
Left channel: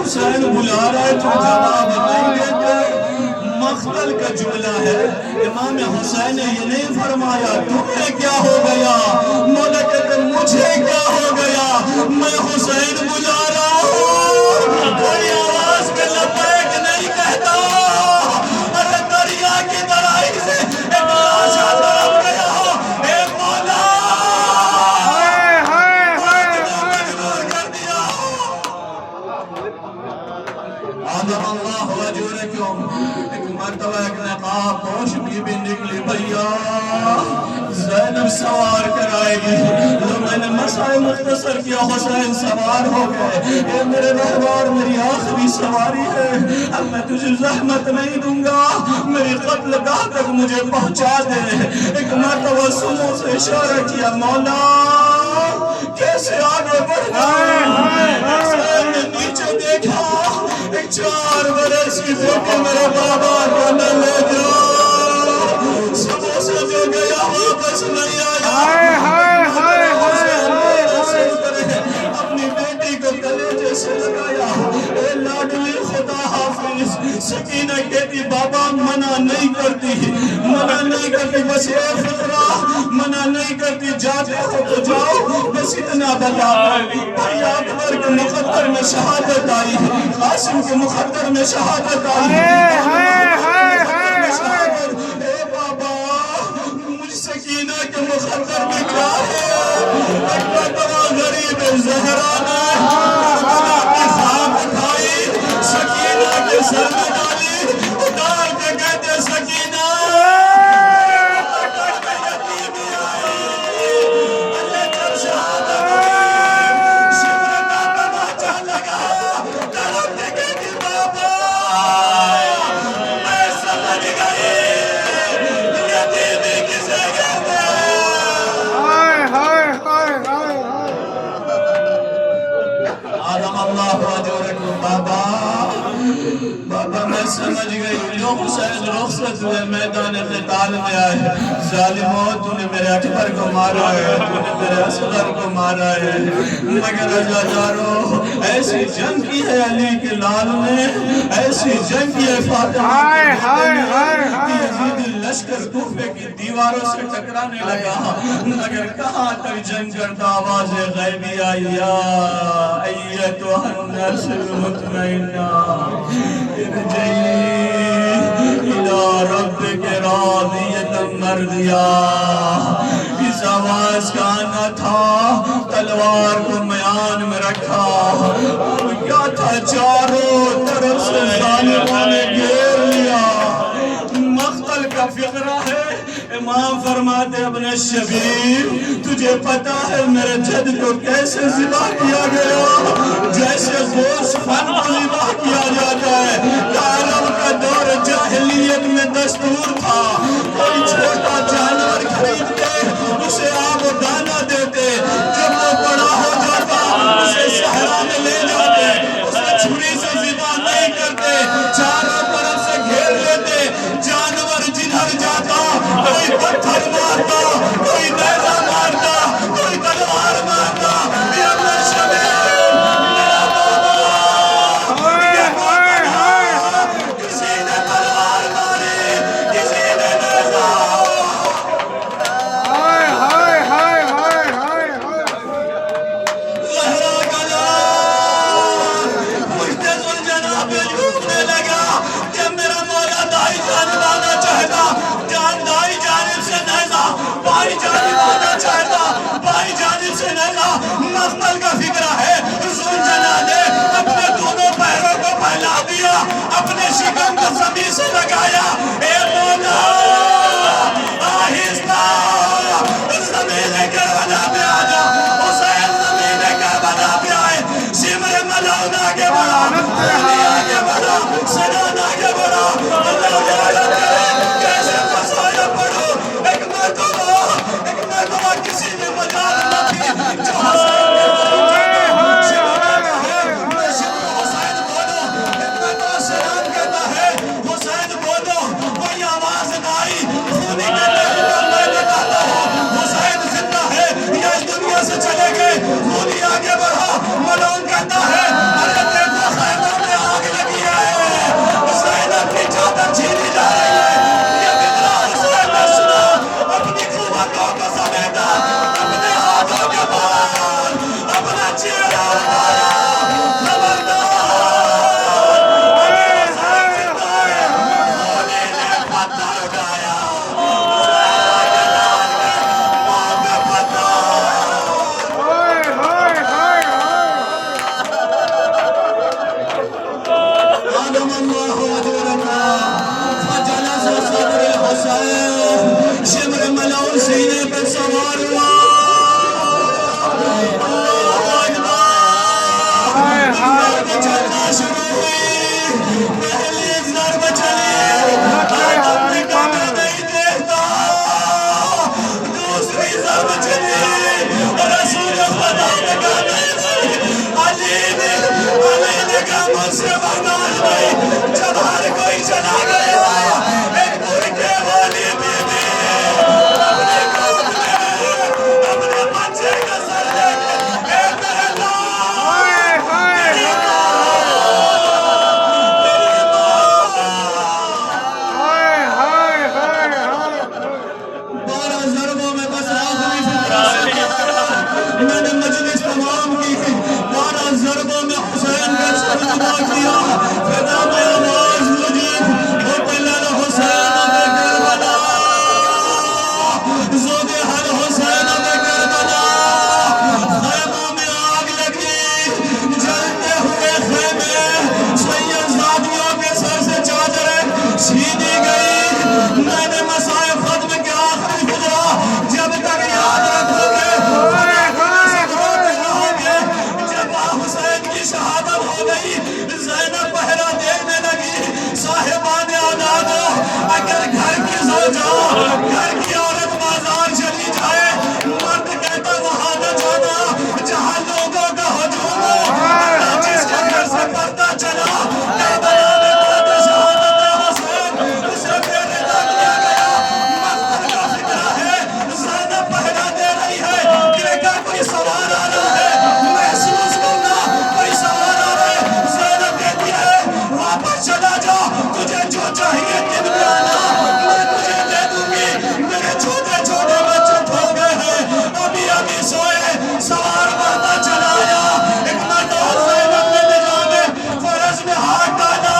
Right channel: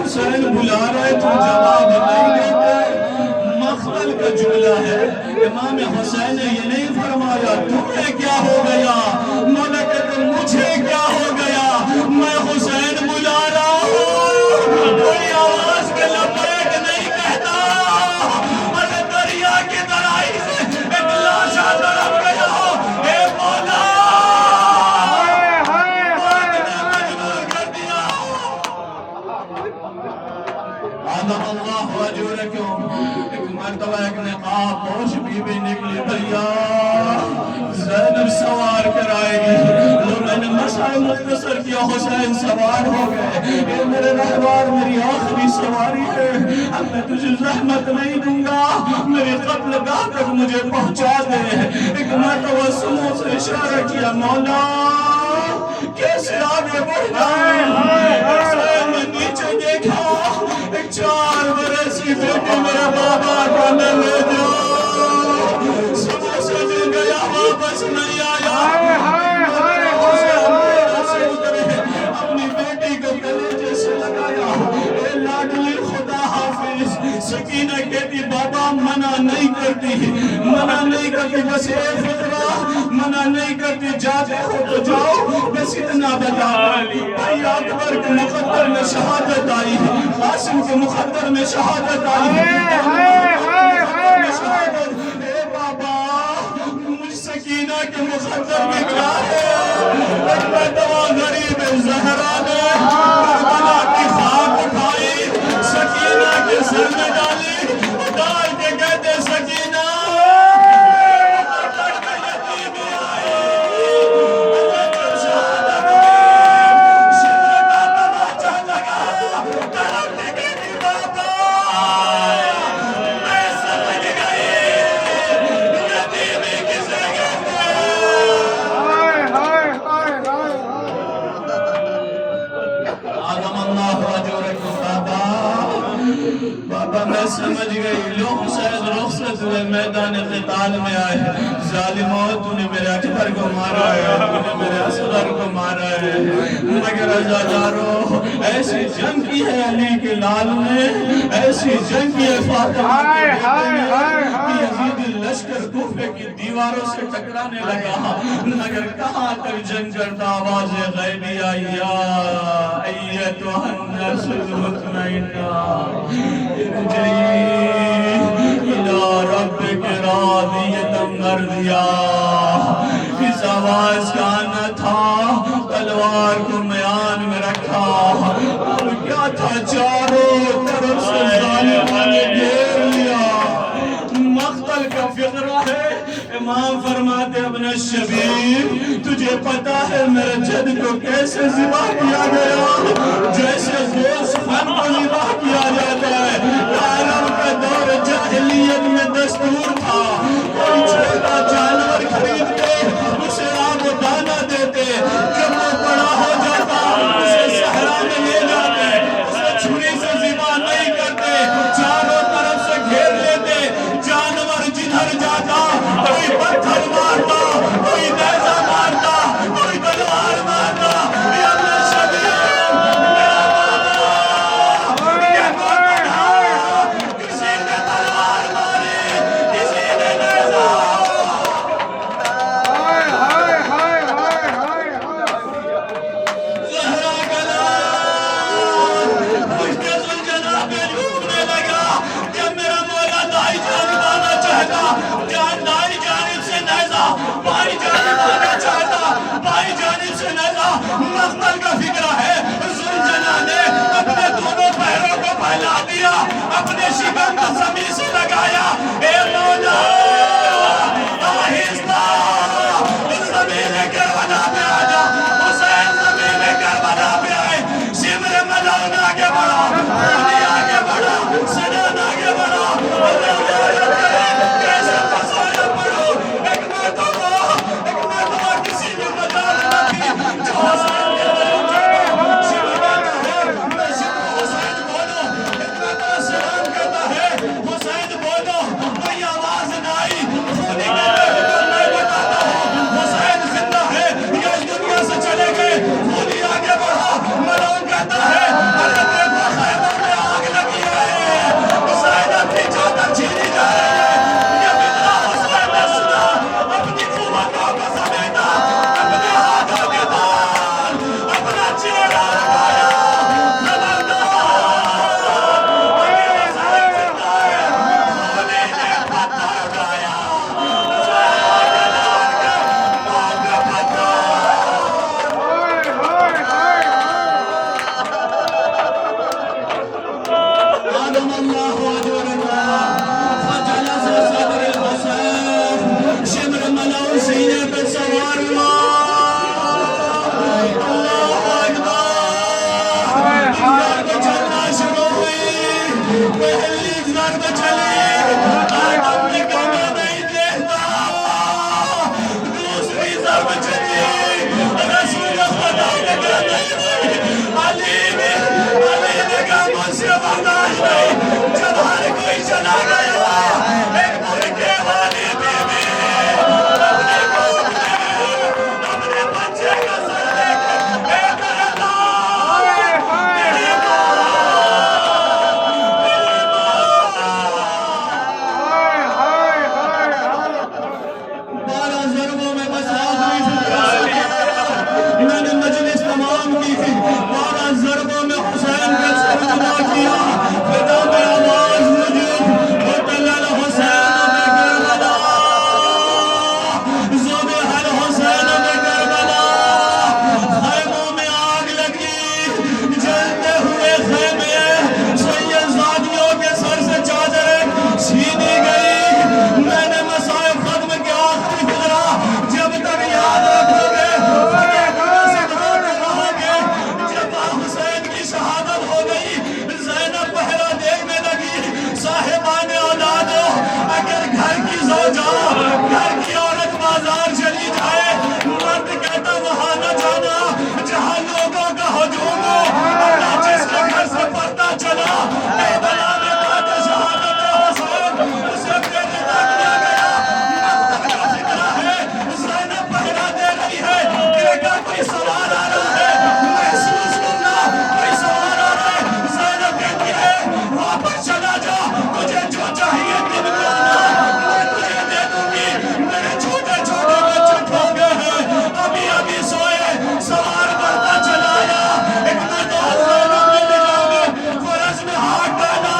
हुसैन बुला रहे तुम जवाब नहीं देते। मख्तल का जुमला है, इमाम हुसैन ने ये नहीं फरमाया तुम्हें क्या हो गया, मौला कहते मुझे क्या हो गया, मैं हुसैन बुला रहा हूँ। कोई आवाज के लबैक नहीं कहता, अरे दरिया की तराई से एक लाशा तड़प गया हो, ए मौला मजबूर कर दिया। आदम अल्लाह वजूरकुम। एक मर्तबा एक नकाब पोश बीबी निकली, भैया ज़ैनब सवार कराएगी। तो मैंने मसाए मुख्तसर किया, हुसैन सवार हो गए। ये मेरे रहबार मेरी आखिरी सवारी है, अब मैं तुझे ज़हमत नहीं दूंगा, मेरी कत्लगाह तक मुझे पहुंचा दे। एक मर्तबा सुनो से इशारा किया, मौला कैसे आगे बढ़ना है। हुसैन ने नीचे देखा, एक 4 बरस की बेटी मेरे बाबा को न ले जाओ, सुबह से जो गया वापस नहीं आया। अपनी बेटी को कलेजे से लगाया, ए लाडली खुदा हाफिज। सकीना कहती बाबा मना नहीं करती, मना नहीं करती, बस ये फिक्रा मना नहीं करती, जाते हो तो जाओ, बस इतना बता। भाई अकबर के मुकद्दर में शहादत आई, कासिम के मुकद्दर में शहादत आई। बाबा मुझ सकीना के मुकद्दर में क्या है। एक मर्तबा गरीब ज़हरा ने करबला की खाक उठाई, सकीना के सर में डाली, उतार के कहते सकीना यतीमी आई, जब शहादत शिफ्र का तमाचा लगा, तड़प के कहती बाबा मैं समझ गई यतीमी किसे कहते हैं। आदम अल्लाह वजूरकुम। बाबा बाबा मैं समझ गई, लो हुसैन रुखसत हुए मैदान क़िताल में आए। ज़ालिमो तूने मेरे अकबर को मारा है, तूने मेरे असगर को मारा है, मगर अज़ादारो ऐसी जंग की है अली के लाल ने, ऐसी जंग की है फातिमा के बेटे ने कि यजीदी लश्कर कूफे की दीवारों से टकराने लगा, मगर कहाँ तक जंग करता आवाज़ गैबी आई, या अय्यतुहन नफ्सुल मुतमइन्ना इरजिई इला रब्बिकी रादियतन मर्दिया। इस आवाज का आना था, तलवार को म्यान में रखा, और क्या था चारों तरफ से ज़ालिमों ने घेर लिया। मख्तल का फिक्रा है, इमाम फरमाते अपने शबीर तुझे पता है मेरे जद को कैसे ज़िबा किया गया, जैसे गोश्त फन को ज़िबा किया जाता है। अरब का दौर जाहिलियत में दस्तूर था, कोई छोटा जानवर खरीदते उसे आब दाना देते, जब वो बड़ा हो जाता उसे सहरा में ले जाते, उसे छुरी से ज़िबा नहीं करते, चारों तरफ से घेर लेते, जानवर जिधर जाता कोई पत्थर मारता, कोई नेज़ा मारता, कोई तलवार मारता। ये अपना शबीर मेरा बाबा, ये किसी ने तलवार मारी, किसी ने नेज़ा। ज़हरा का लाल मुझसे सुलझना पे झूमने लगा, जब मेरा मौला दाई जानिब आना चाहता, दाई जानिब से नेज़ा, बाई जानिब आना चाहता, बाई जानिब से नेज़ा। मख्तल का फिक्रा है, सुलझना ने अपने दोनों पैरों को फैला दिया, अपने शिकम को ज़मीन से लगाया, ए मौला आहिस्ता ज़मीन करबला पे आ जा। हुसैन ज़मीन करबला पे आए, शिमर मलौन आगे बढ़ा, कुर्दी आगे बढ़ा, सजन आगे बढ़ा, अल्लाह कैसे फसाया पड़ो। एक मर्तबा किसी ने मजाल न थी जो हुसैन के मलौन कहता शिमर कहता है, मैं शिमर हुसैन बोलो, एक मर्तबा सलाम कहता है हुसैन बोलो, कोई आवाज न आई, खूनी कहते हैं तो मैं बताता हूँ हुसैन जिंदा है या इस दुनिया से चले गए। खूनी आगे बढ़ा, मलौन कहता है अरे देखो खैबर चेहरा उठाया, खबरदार, अभी हुसैन जिंदा है। अली ने पत्थर उठाया, हुसैन के लाल के मुंह पे पत्थर। आदम अल्लाह अजरना फजलस सदर हुसैन शिमर मलौर सीने पे सवार हुआ। ज़रब चलना शुरू हुई, पहली ज़रब चली, आदम ने कहा मैं नहीं देखता। दूसरी ज़रब चली, रसूल खुदा ने कहा नहीं। अली ने कहा मुझसे बर्दाश्त नहीं। जब हर कोई चला गया, एक बुरके वाली बीवी अपने गोद में अपने बच्चे का सर लेके मेरे बारह ज़रबों में बस आखिरी फिक्रा से मैंने मजलिस तमाम की। 12 ज़रबों में हुसैन का सर जुदा किया। फिदा में आवाज मुझे मुतलल हुसैन में करबला, ज़ोबे हर हुसैन में करबला। खैमों में आग लगी, जलते हुए खैमे सैयदजादियों के सर से चादरें छीनी गई। मैंने मसाइब खत्म किया आखिरी फिक्रा, जब तक याद रखोगे जब हुसैन की शहादत हो गई, ज़ैनब पहरा देखने लगी। साहिबाने औलादो, अगर घर की ज़ौजा, घर की औरत बाजार चली जाए, मर्द कहता वहां न जाना जहां लोगों का हुजूम हो। अल्लाह जिसके घर से पर्दा चला, करबला में बाद शहादत हुसैन उसे बेरिदा किया गया। मख्तर का फिक्रा है, ज़ैनब पहरा दे रही है, देखा कोई सवार आ रहा है, महसूस करना कोई सवार आ रहा है। ज़ैनब कहती है वापस चला जा, तुझे जो चाहिए दिन में आना, मैं तुझे दे दूंगी। मेरे छोटे छोटे बच्चे खो गए हैं, अभी अभी सोए। सवार मरता चलाया, एक मर्द और ज़ैनब ने निगाह में फरस में हाथ डाला,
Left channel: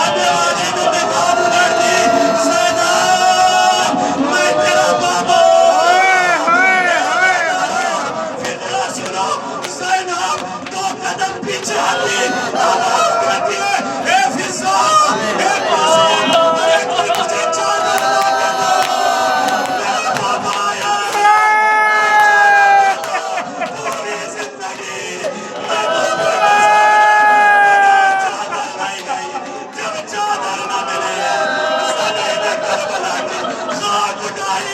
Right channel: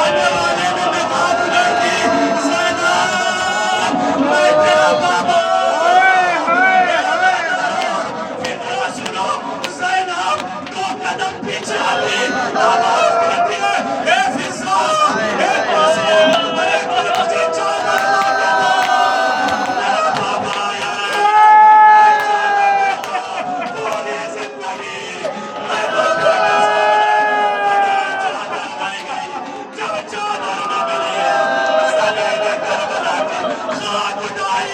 आने वाले ने निगाह उधर दी। ज़ैनब मैं तेरा बाबा। फिक्रा सुनो, ज़ैनब 2 कदम पीछे हटी, आवाज करती है ए फिज़ा, ए मासूम, अरे कोई मुझे चादर ला के दो, मेरा बाबा आया है। पूरी जिंदगी मैं तो चादर नहीं गई, जब चादर न मिली सने ने करबला की खाक उठाई।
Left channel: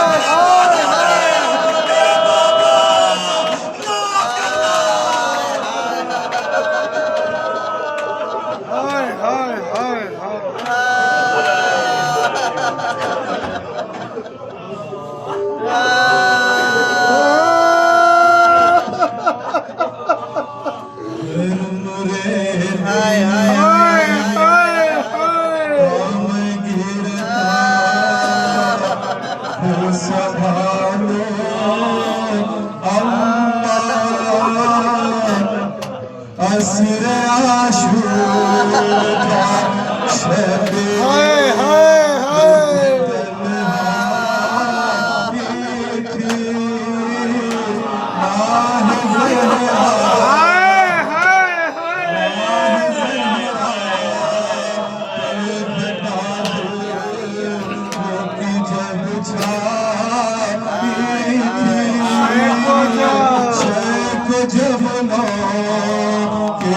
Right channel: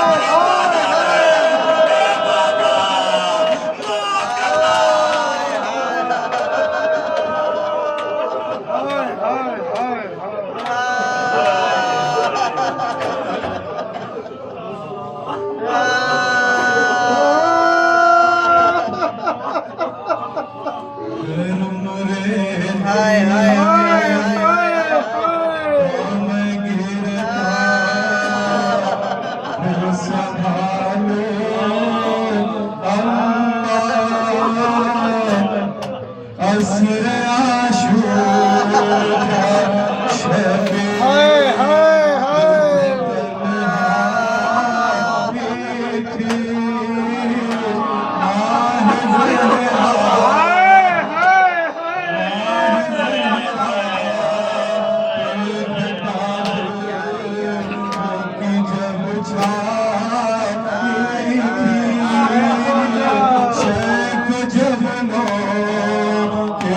अपने वादा में मेरे बाबा माफ करना। जब नो के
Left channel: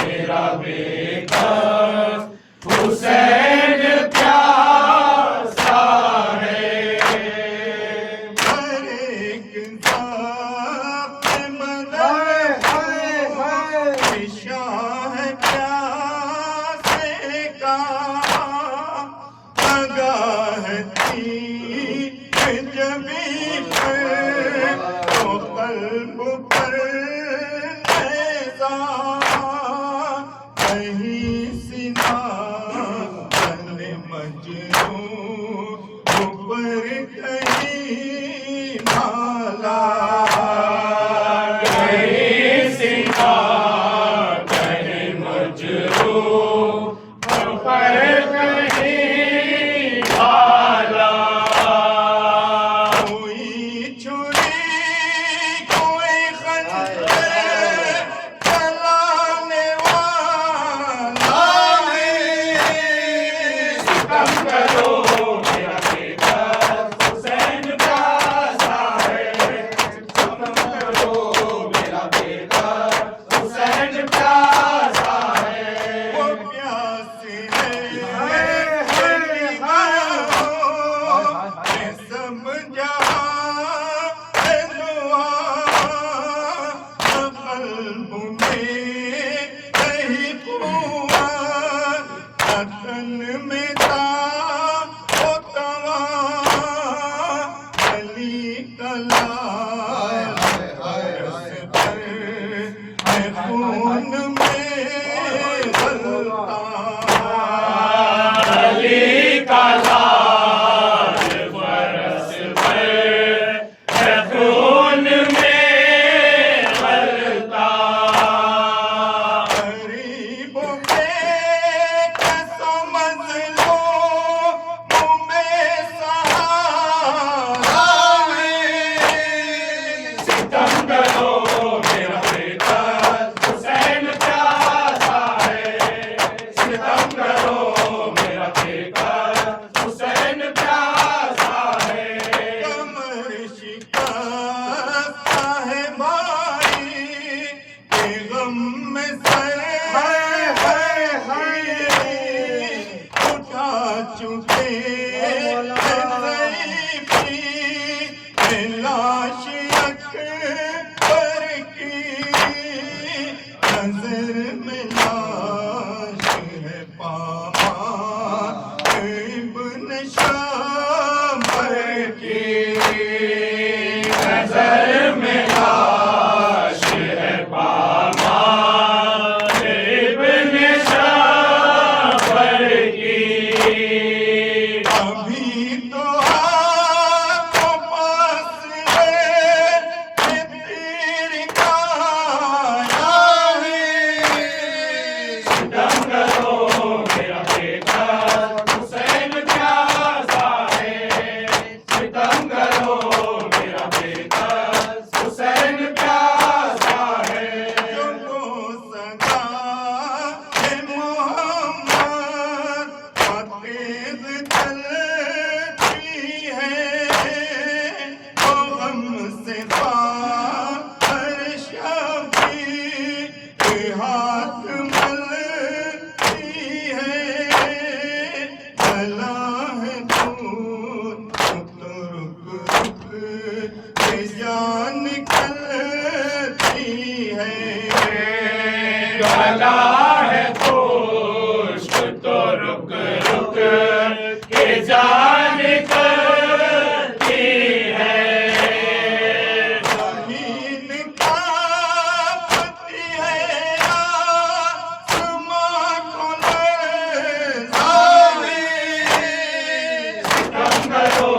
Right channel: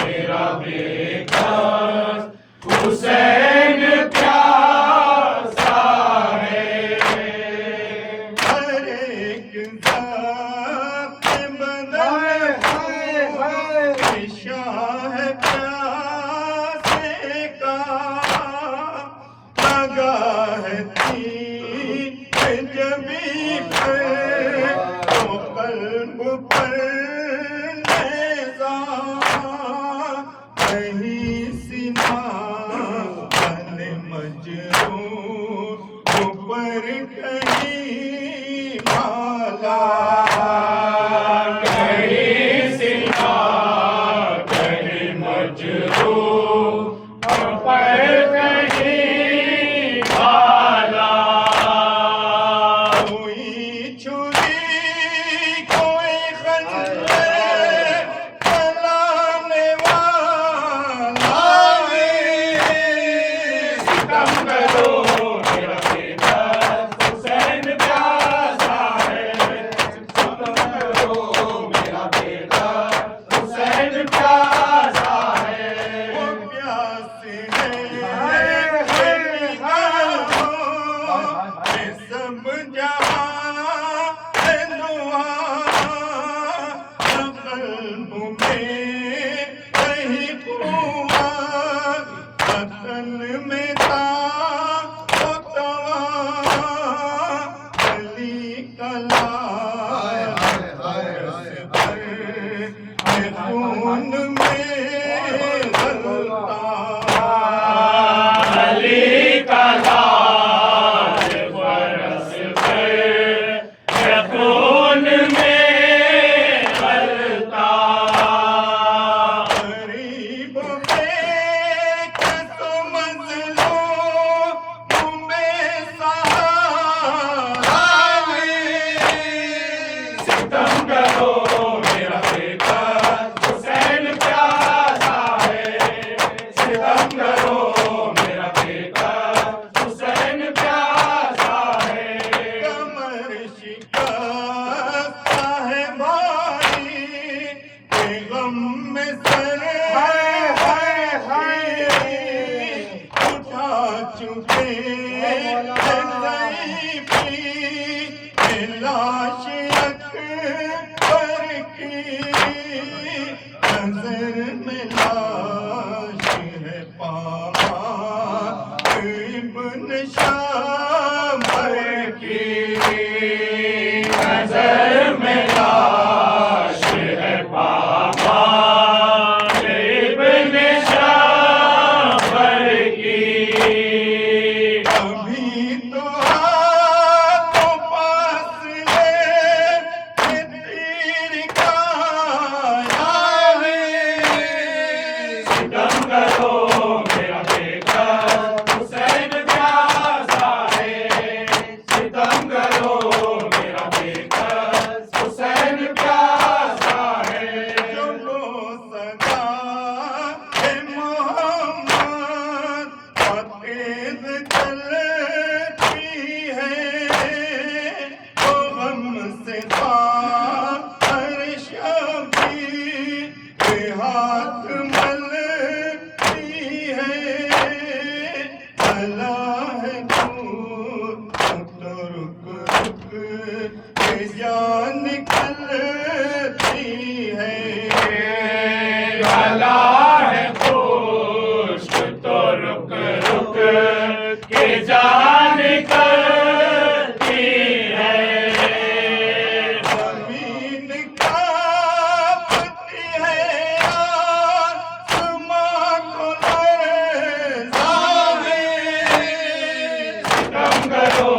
मजरूह पर कहीं भाला कहीं सीता कहीं मजरूह पर कहीं भाला कोई छुरी कोई खंजर चलाने वाला है सितम करो मेरा बेटा हुसैन प्यासा है सितम करो मेरा बेटा हुसैन प्यासा है वो प्यासे है सब जहां है दुआ कल्ब में कहीं कुआ वतन में था वो तवा गली कला खून में गलता अली का लाल बरस पर है खून में गलता गरीबों के कसो मंज़लो तुम्हें सहारा है सितम करो मेरा बेटा हुसैन प्यासा है सितम करो मेरा बेटा हुसैन प्यासा है कमर शिकस्त है भाई के गम में सर उठा चुके लाश अकबर की नजर में लाश है पापा इब्न शामर की नजर में लाश है पापा इब्न शामर की अभी तो हाथों पास है तीर का है सितम करो मेरा बेटा हुसैन प्यासा है सितम करो मेरा बेटा हुसैन प्यासा है जो सदा है मोहम्मद तेज चलती है तो हमसे हर शबी हाथ मलती है चला है दूर तो रुक रुक के जान निकलती है भला है पुष्प तो रुक रुक के जान करती है जमीन कांपती है आसमां को लरज़ा है सितम करो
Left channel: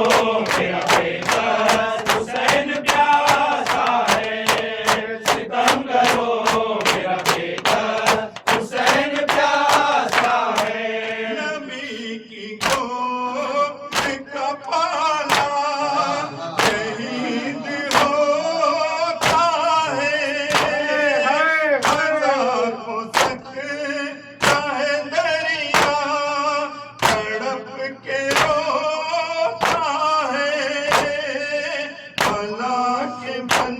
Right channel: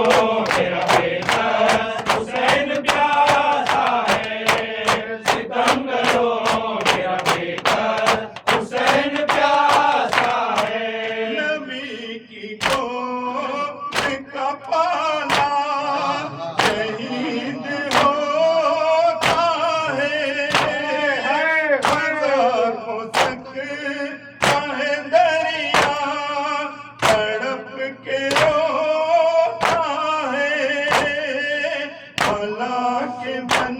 मेरा बेटा हुसैन प्यासा है सितम करो मेरा बेटा हुसैन प्यासा है नबी की गोद का पाला शहीद होता है हजार हो सकता है दरिया तड़प के रोता है भला के मन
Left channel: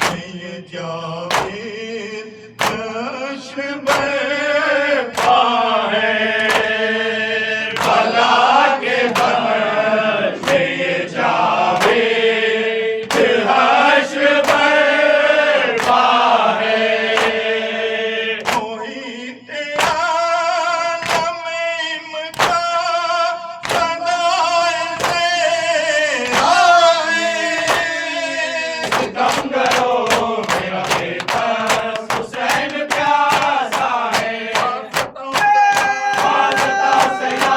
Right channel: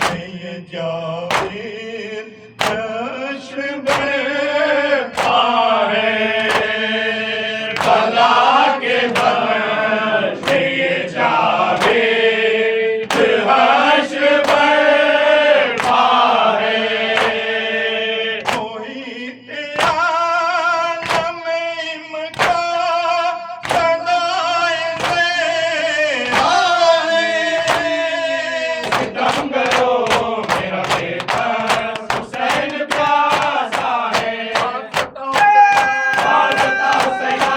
में ये जावेद जश्न बरपा है भला के बन ये जावेद हश्र बरपा है मोहित आलम इमका सदाए से आहे सितम करो मेरा बेटा हुसैन प्यासा है वास्ता से या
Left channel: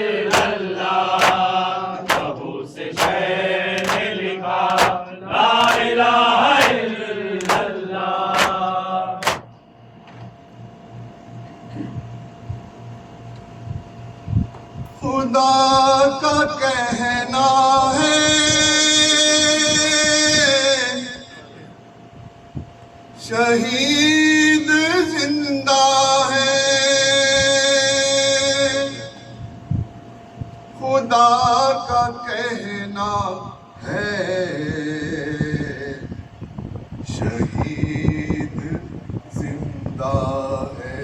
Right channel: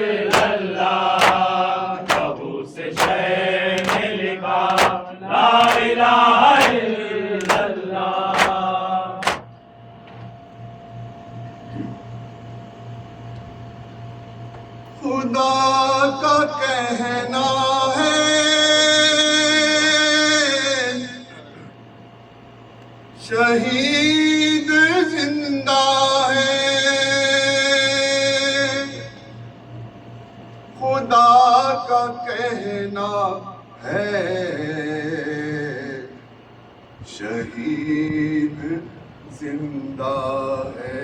खुदा का कहना है शहीद जिंदा है, खुदा का कहना है शहीद जिंदा है,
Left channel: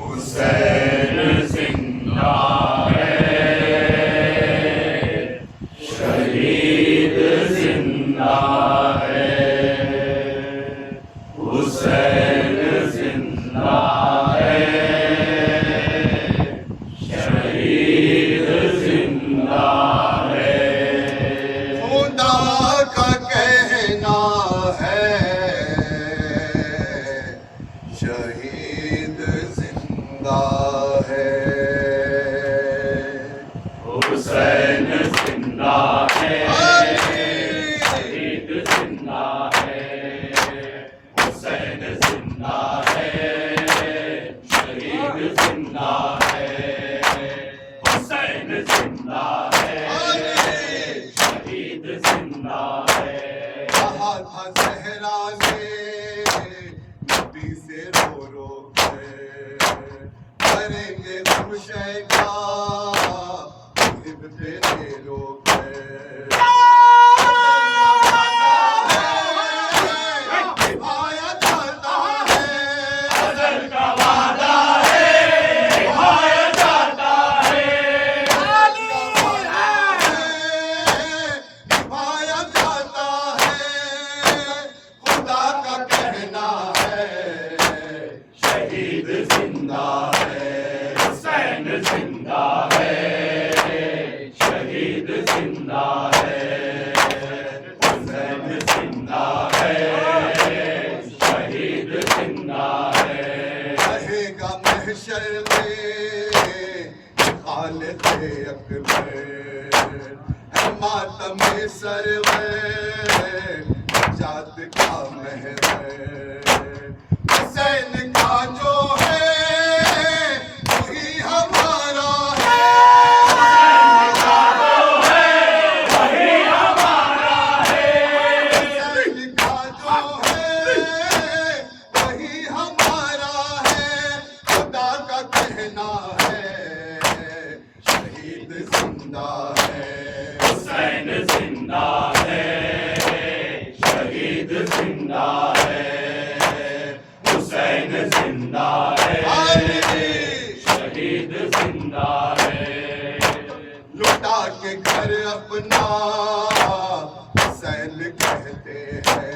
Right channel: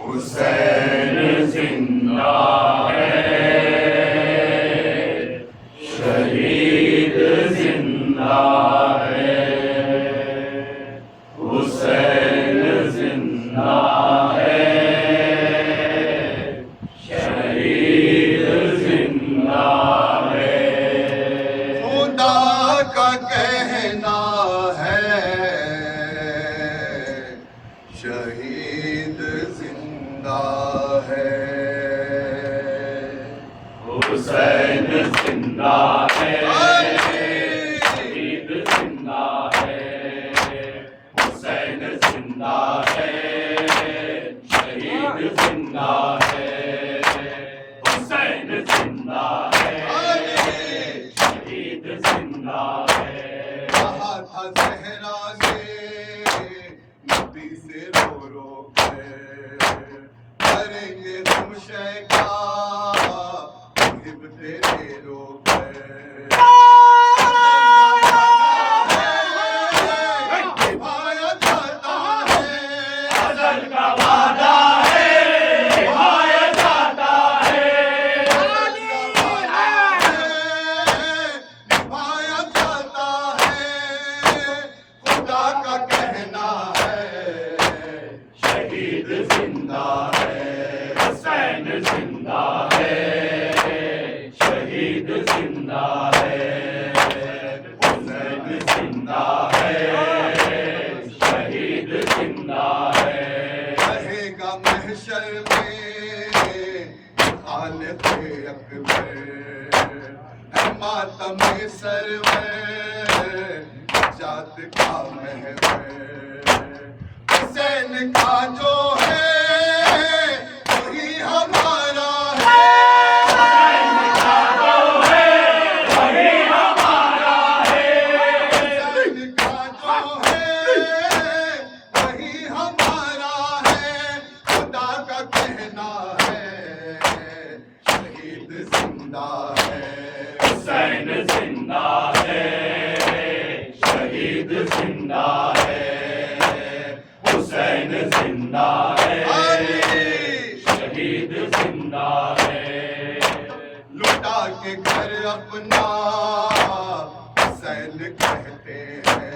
हुसैन जिंदा है, शहीद जिंदा है, हुसैन जिंदा है, शहीद जिंदा है, खुदा का कहना है शहीद जिंदा है, हुसैन जिंदा है, शहीद जिंदा है, हुसैन जिंदा है, शहीद जिंदा है, हुसैन जिंदा है, शहीद जिंदा है। कहा था ज़हरा ने नबी से रो रो कर करेंगे हम शैका मुहिब तेरे लोग निभाया जाता है, अज़ल का वादा है निभाया जाता है, अज़ल का वादा है निभाया जाता है, खुदा का कहना है शहीद जिंदा है, हुसैन जिंदा है, शहीद जिंदा है, हुसैन जिंदा है, शहीद जिंदा है, रहेगा महशर में खालिद अकबर है मातम सरवर जात का महवर, हुसैन का जो है वही हमारा है, हुसैन का जो है वही हमारा है, हुसैन का जो है वही हमारा है, खुदा का कहना है शहीद जिंदा है, हुसैन जिंदा है, शहीद जिंदा है, हुसैन जिंदा है, शहीद जिंदा है, लुटा के घर अपना हुसैन कहते हैं,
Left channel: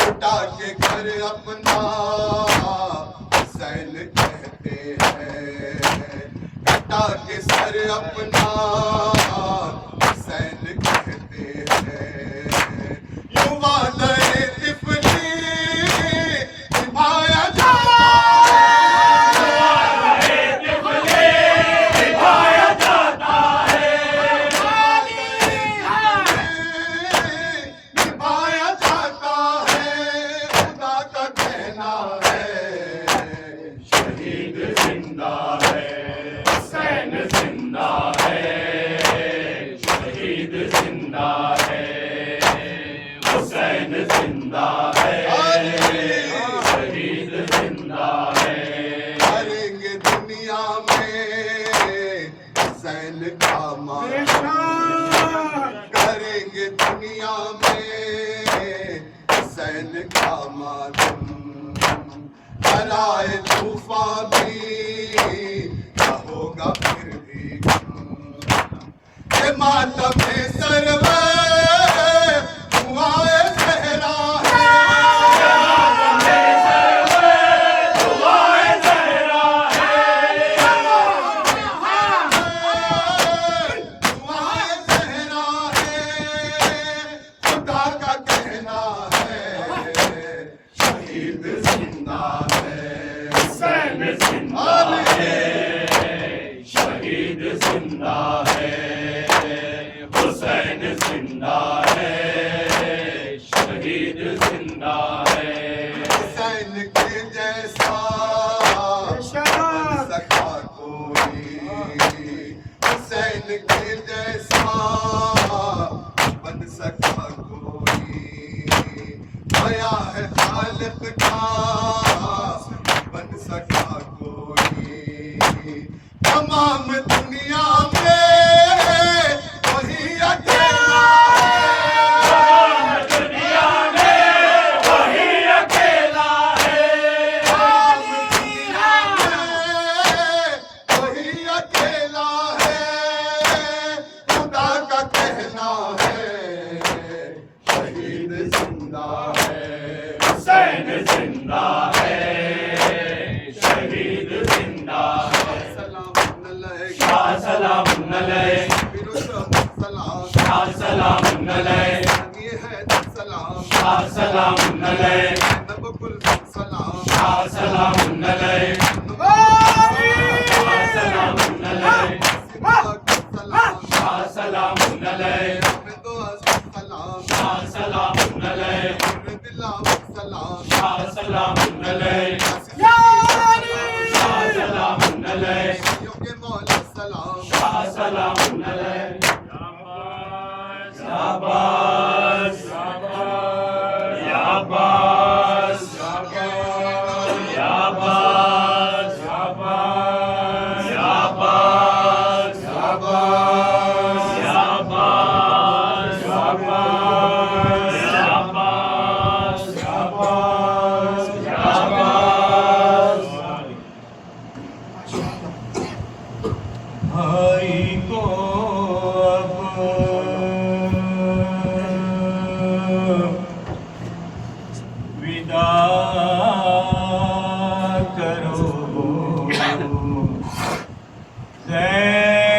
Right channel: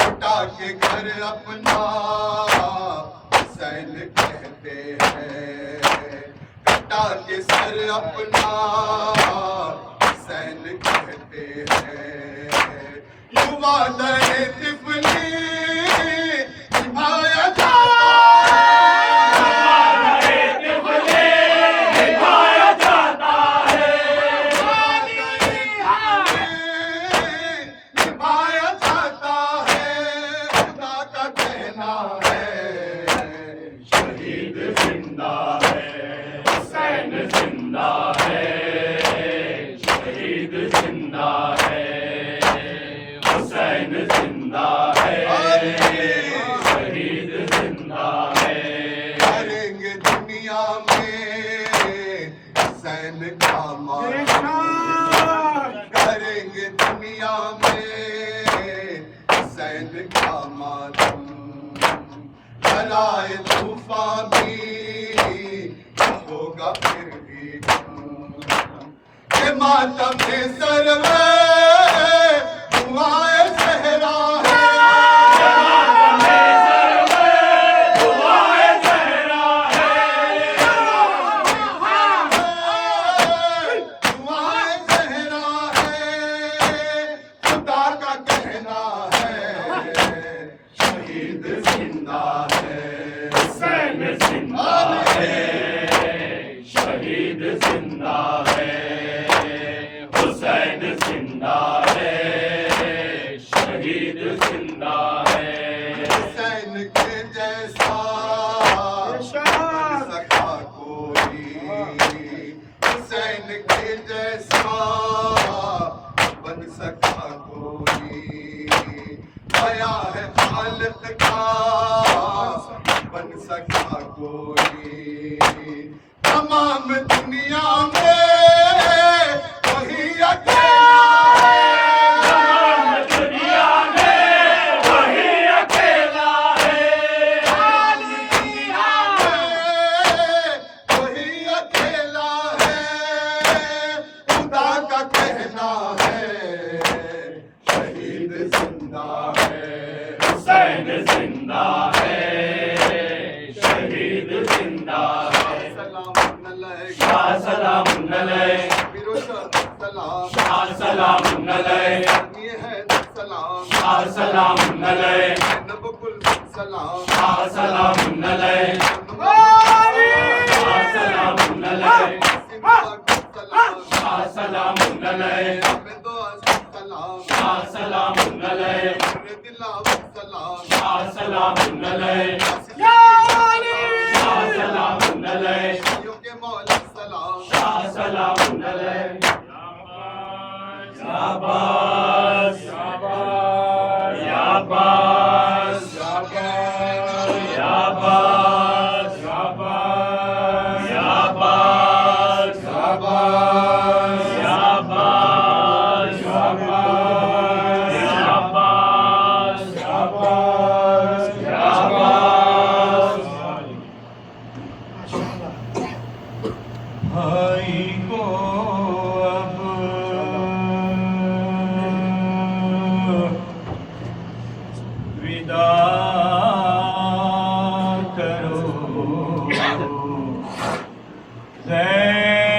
लुटा के घर अपना हुसैन कहते हैं, कटा के सर अपना हुसैन कहते हैं, युवा दरे तिफली निभाया जाता है, युवा दरे तिफली निभाया जाता है, निभाया जाता है, खुदा का कहना है शहीद जिंदा है, हुसैन जिंदा है, शहीद जिंदा है, हुसैन जिंदा है, शहीद जिंदा है, करेंगे दुनिया में हुसैन का मातम, करेंगे दुनिया में हुसैन का मातम, कराए तूफान भी न होगा फिर भी ये मातम सरवर दुआए ज़हरा है, दुआए ज़हरा है, दुआए ज़हरा है, खुदा का कहना है शहीद जिंदा है, हुसैन जिंदा है, शहीद जिंदा है, हुसैन जिंदा है, शहीद जिंदा है, हुसैन के जैसा सखा कोई के जैसा बन सका कोई, आया है खालिक का बन सका कोई। तमाम दुनिया में वही अकेला है, तमाम दुनिया में वही अकेला है, तमाम दुनिया में वही अकेला है। खुदा का कहना है शहीद जिंदा है, हुसैन जिंदा है, शहीद जिंदा है। सलाम अलैक शाह सलाम अलैक, फिरोज़ सलाम, शाह सलाम अलैक, ये है सलाम, शाह सलाम अलैक, नबकुल सलाम, शाह सलाम अलैक, शाह सलाम अलैक, सलाम, शाह सलाम अलैक, सलाम, शाह सलाम अलैक, दिलाव सलाम, शाह सलाम अलैक, शाह सलाम अलैक, योगे मौला सलाम, शाह सलाम अलैक। शाबाश शाबाश शाबाश शाबाश शाबाश शाबाश शाबाश शाबाश शाबाश शाबाश शाबाश। भाई को अब विदा करो, ज़ैनब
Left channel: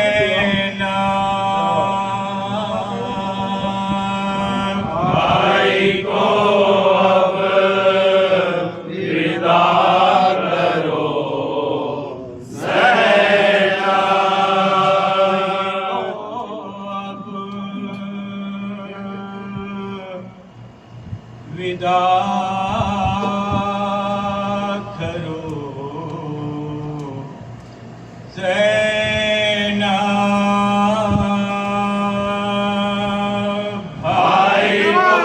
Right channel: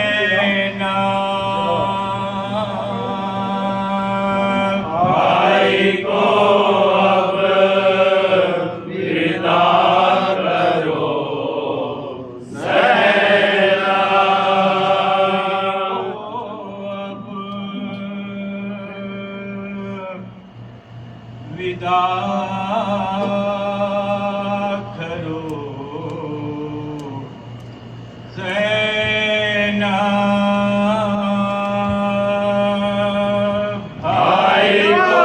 भाई को अब विदा करो, विदा करो, ज़ैनब भाई को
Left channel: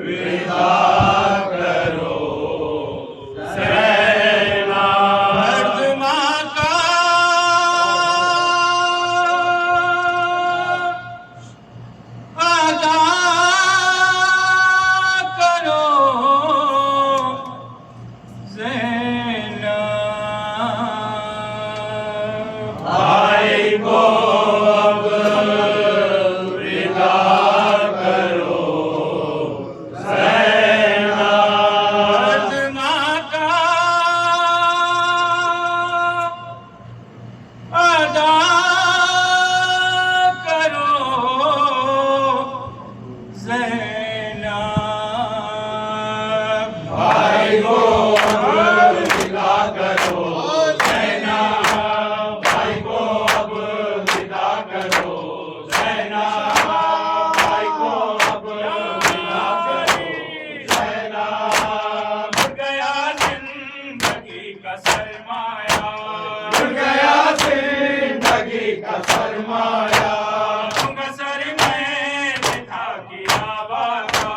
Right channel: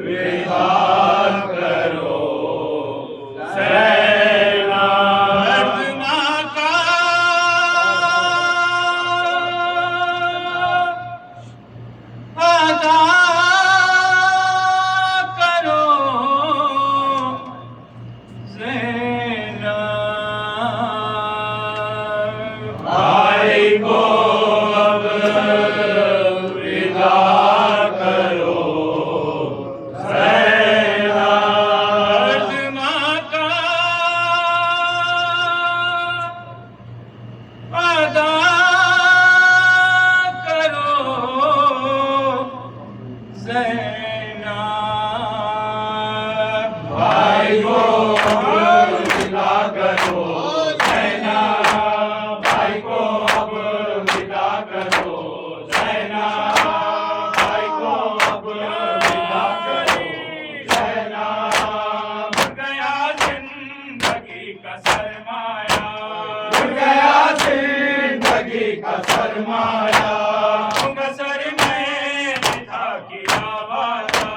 विदा करो, ज़ैनब माँ का अदा करो, ज़ैनब भाई को अब विदा करो, ज़ैनब माँ का अदा करो, ज़ैनब भाई को अब विदा करो, ज़ैनब भाई को अब विदा करो, ज़ैनब भाई को अब विदा करो, ज़ैनब उड़ गया जिंदगी का सरमाया, उड़ गया जिंदगी का सरमाया, तुम सर में था गिरा वादा,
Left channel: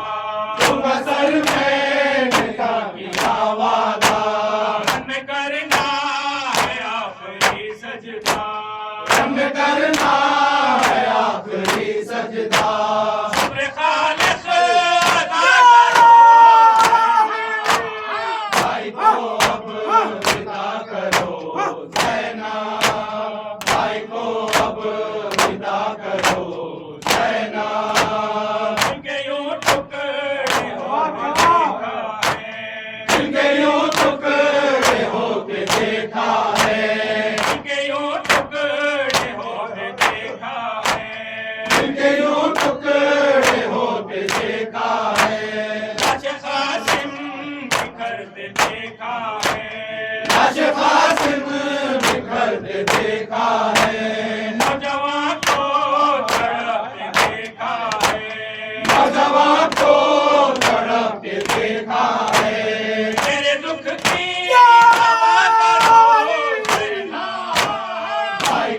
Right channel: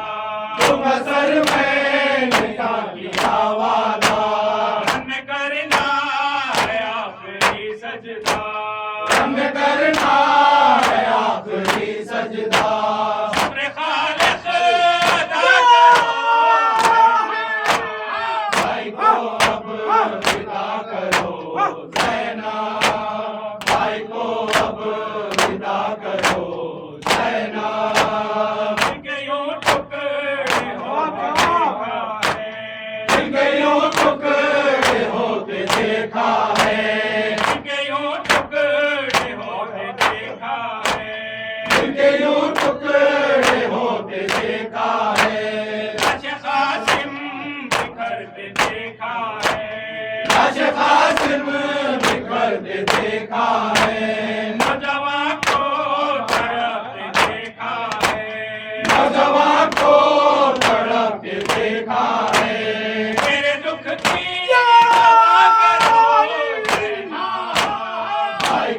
तुम सर में था गिरा वादा, हमें करना है आखिरी सजदा, हमें करना है आखिरी सजदा, शुक्र खालिक अदा करो, भाई को अब विदा करो, ज़ैनब भाई को अब विदा करो, ज़ैनब जिनके यूं टुकड़े होते देखा है, जिनके यूं टुकड़े होते देखा है, जिनके यूं टुकड़े होते देखा है, जिनके यूं टुकड़े होते देखा है, लाश कासिम बिखरते देखा है, लाश कासिम बिखरते देखा है, नौजवान को तड़पते देखा है, नौजवान को तड़पते देखा है, मेरे दुख की दवा करो, ज़ैनब भाई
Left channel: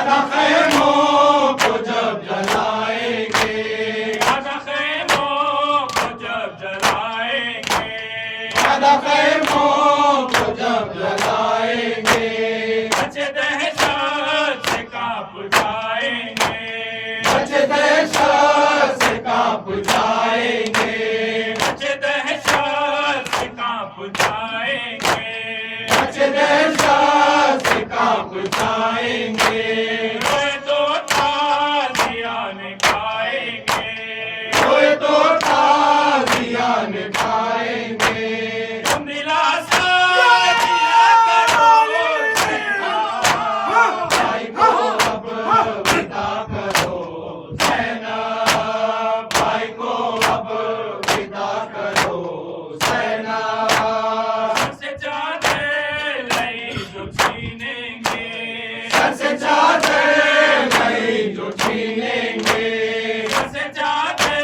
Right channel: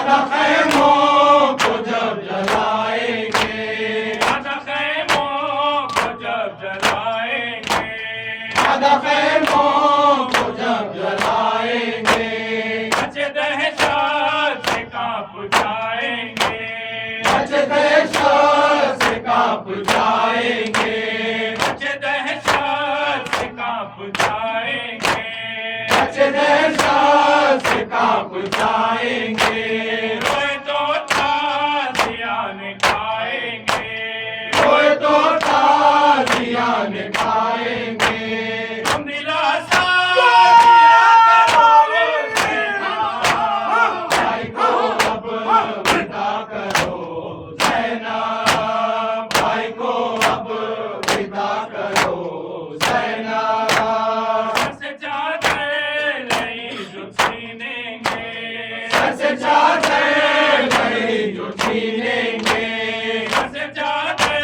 आधा खैमों को जब जलाएंगे, आधा खैमों को जब जलाएंगे, आधा खैमों को जब जलाएंगे, बच्चे दहशत से कांप जाएंगे, बच्चे दहशत से कांप जाएंगे, बच्चे दहशत से कांप जाएंगे, बच्चे दहशत से कांप जाएंगे, रोए तो ताज़ियान खाएंगे, रोए तो ताज़ियान खाएंगे, तुम दिलासा दिया करो भाई को अब विदा करो ज़ैनब, भाई को अब विदा करो ज़ैनब, सर से चादर नहीं जो छीनेंगे, सर से चादर नहीं जो छीनेंगे, सर से चादर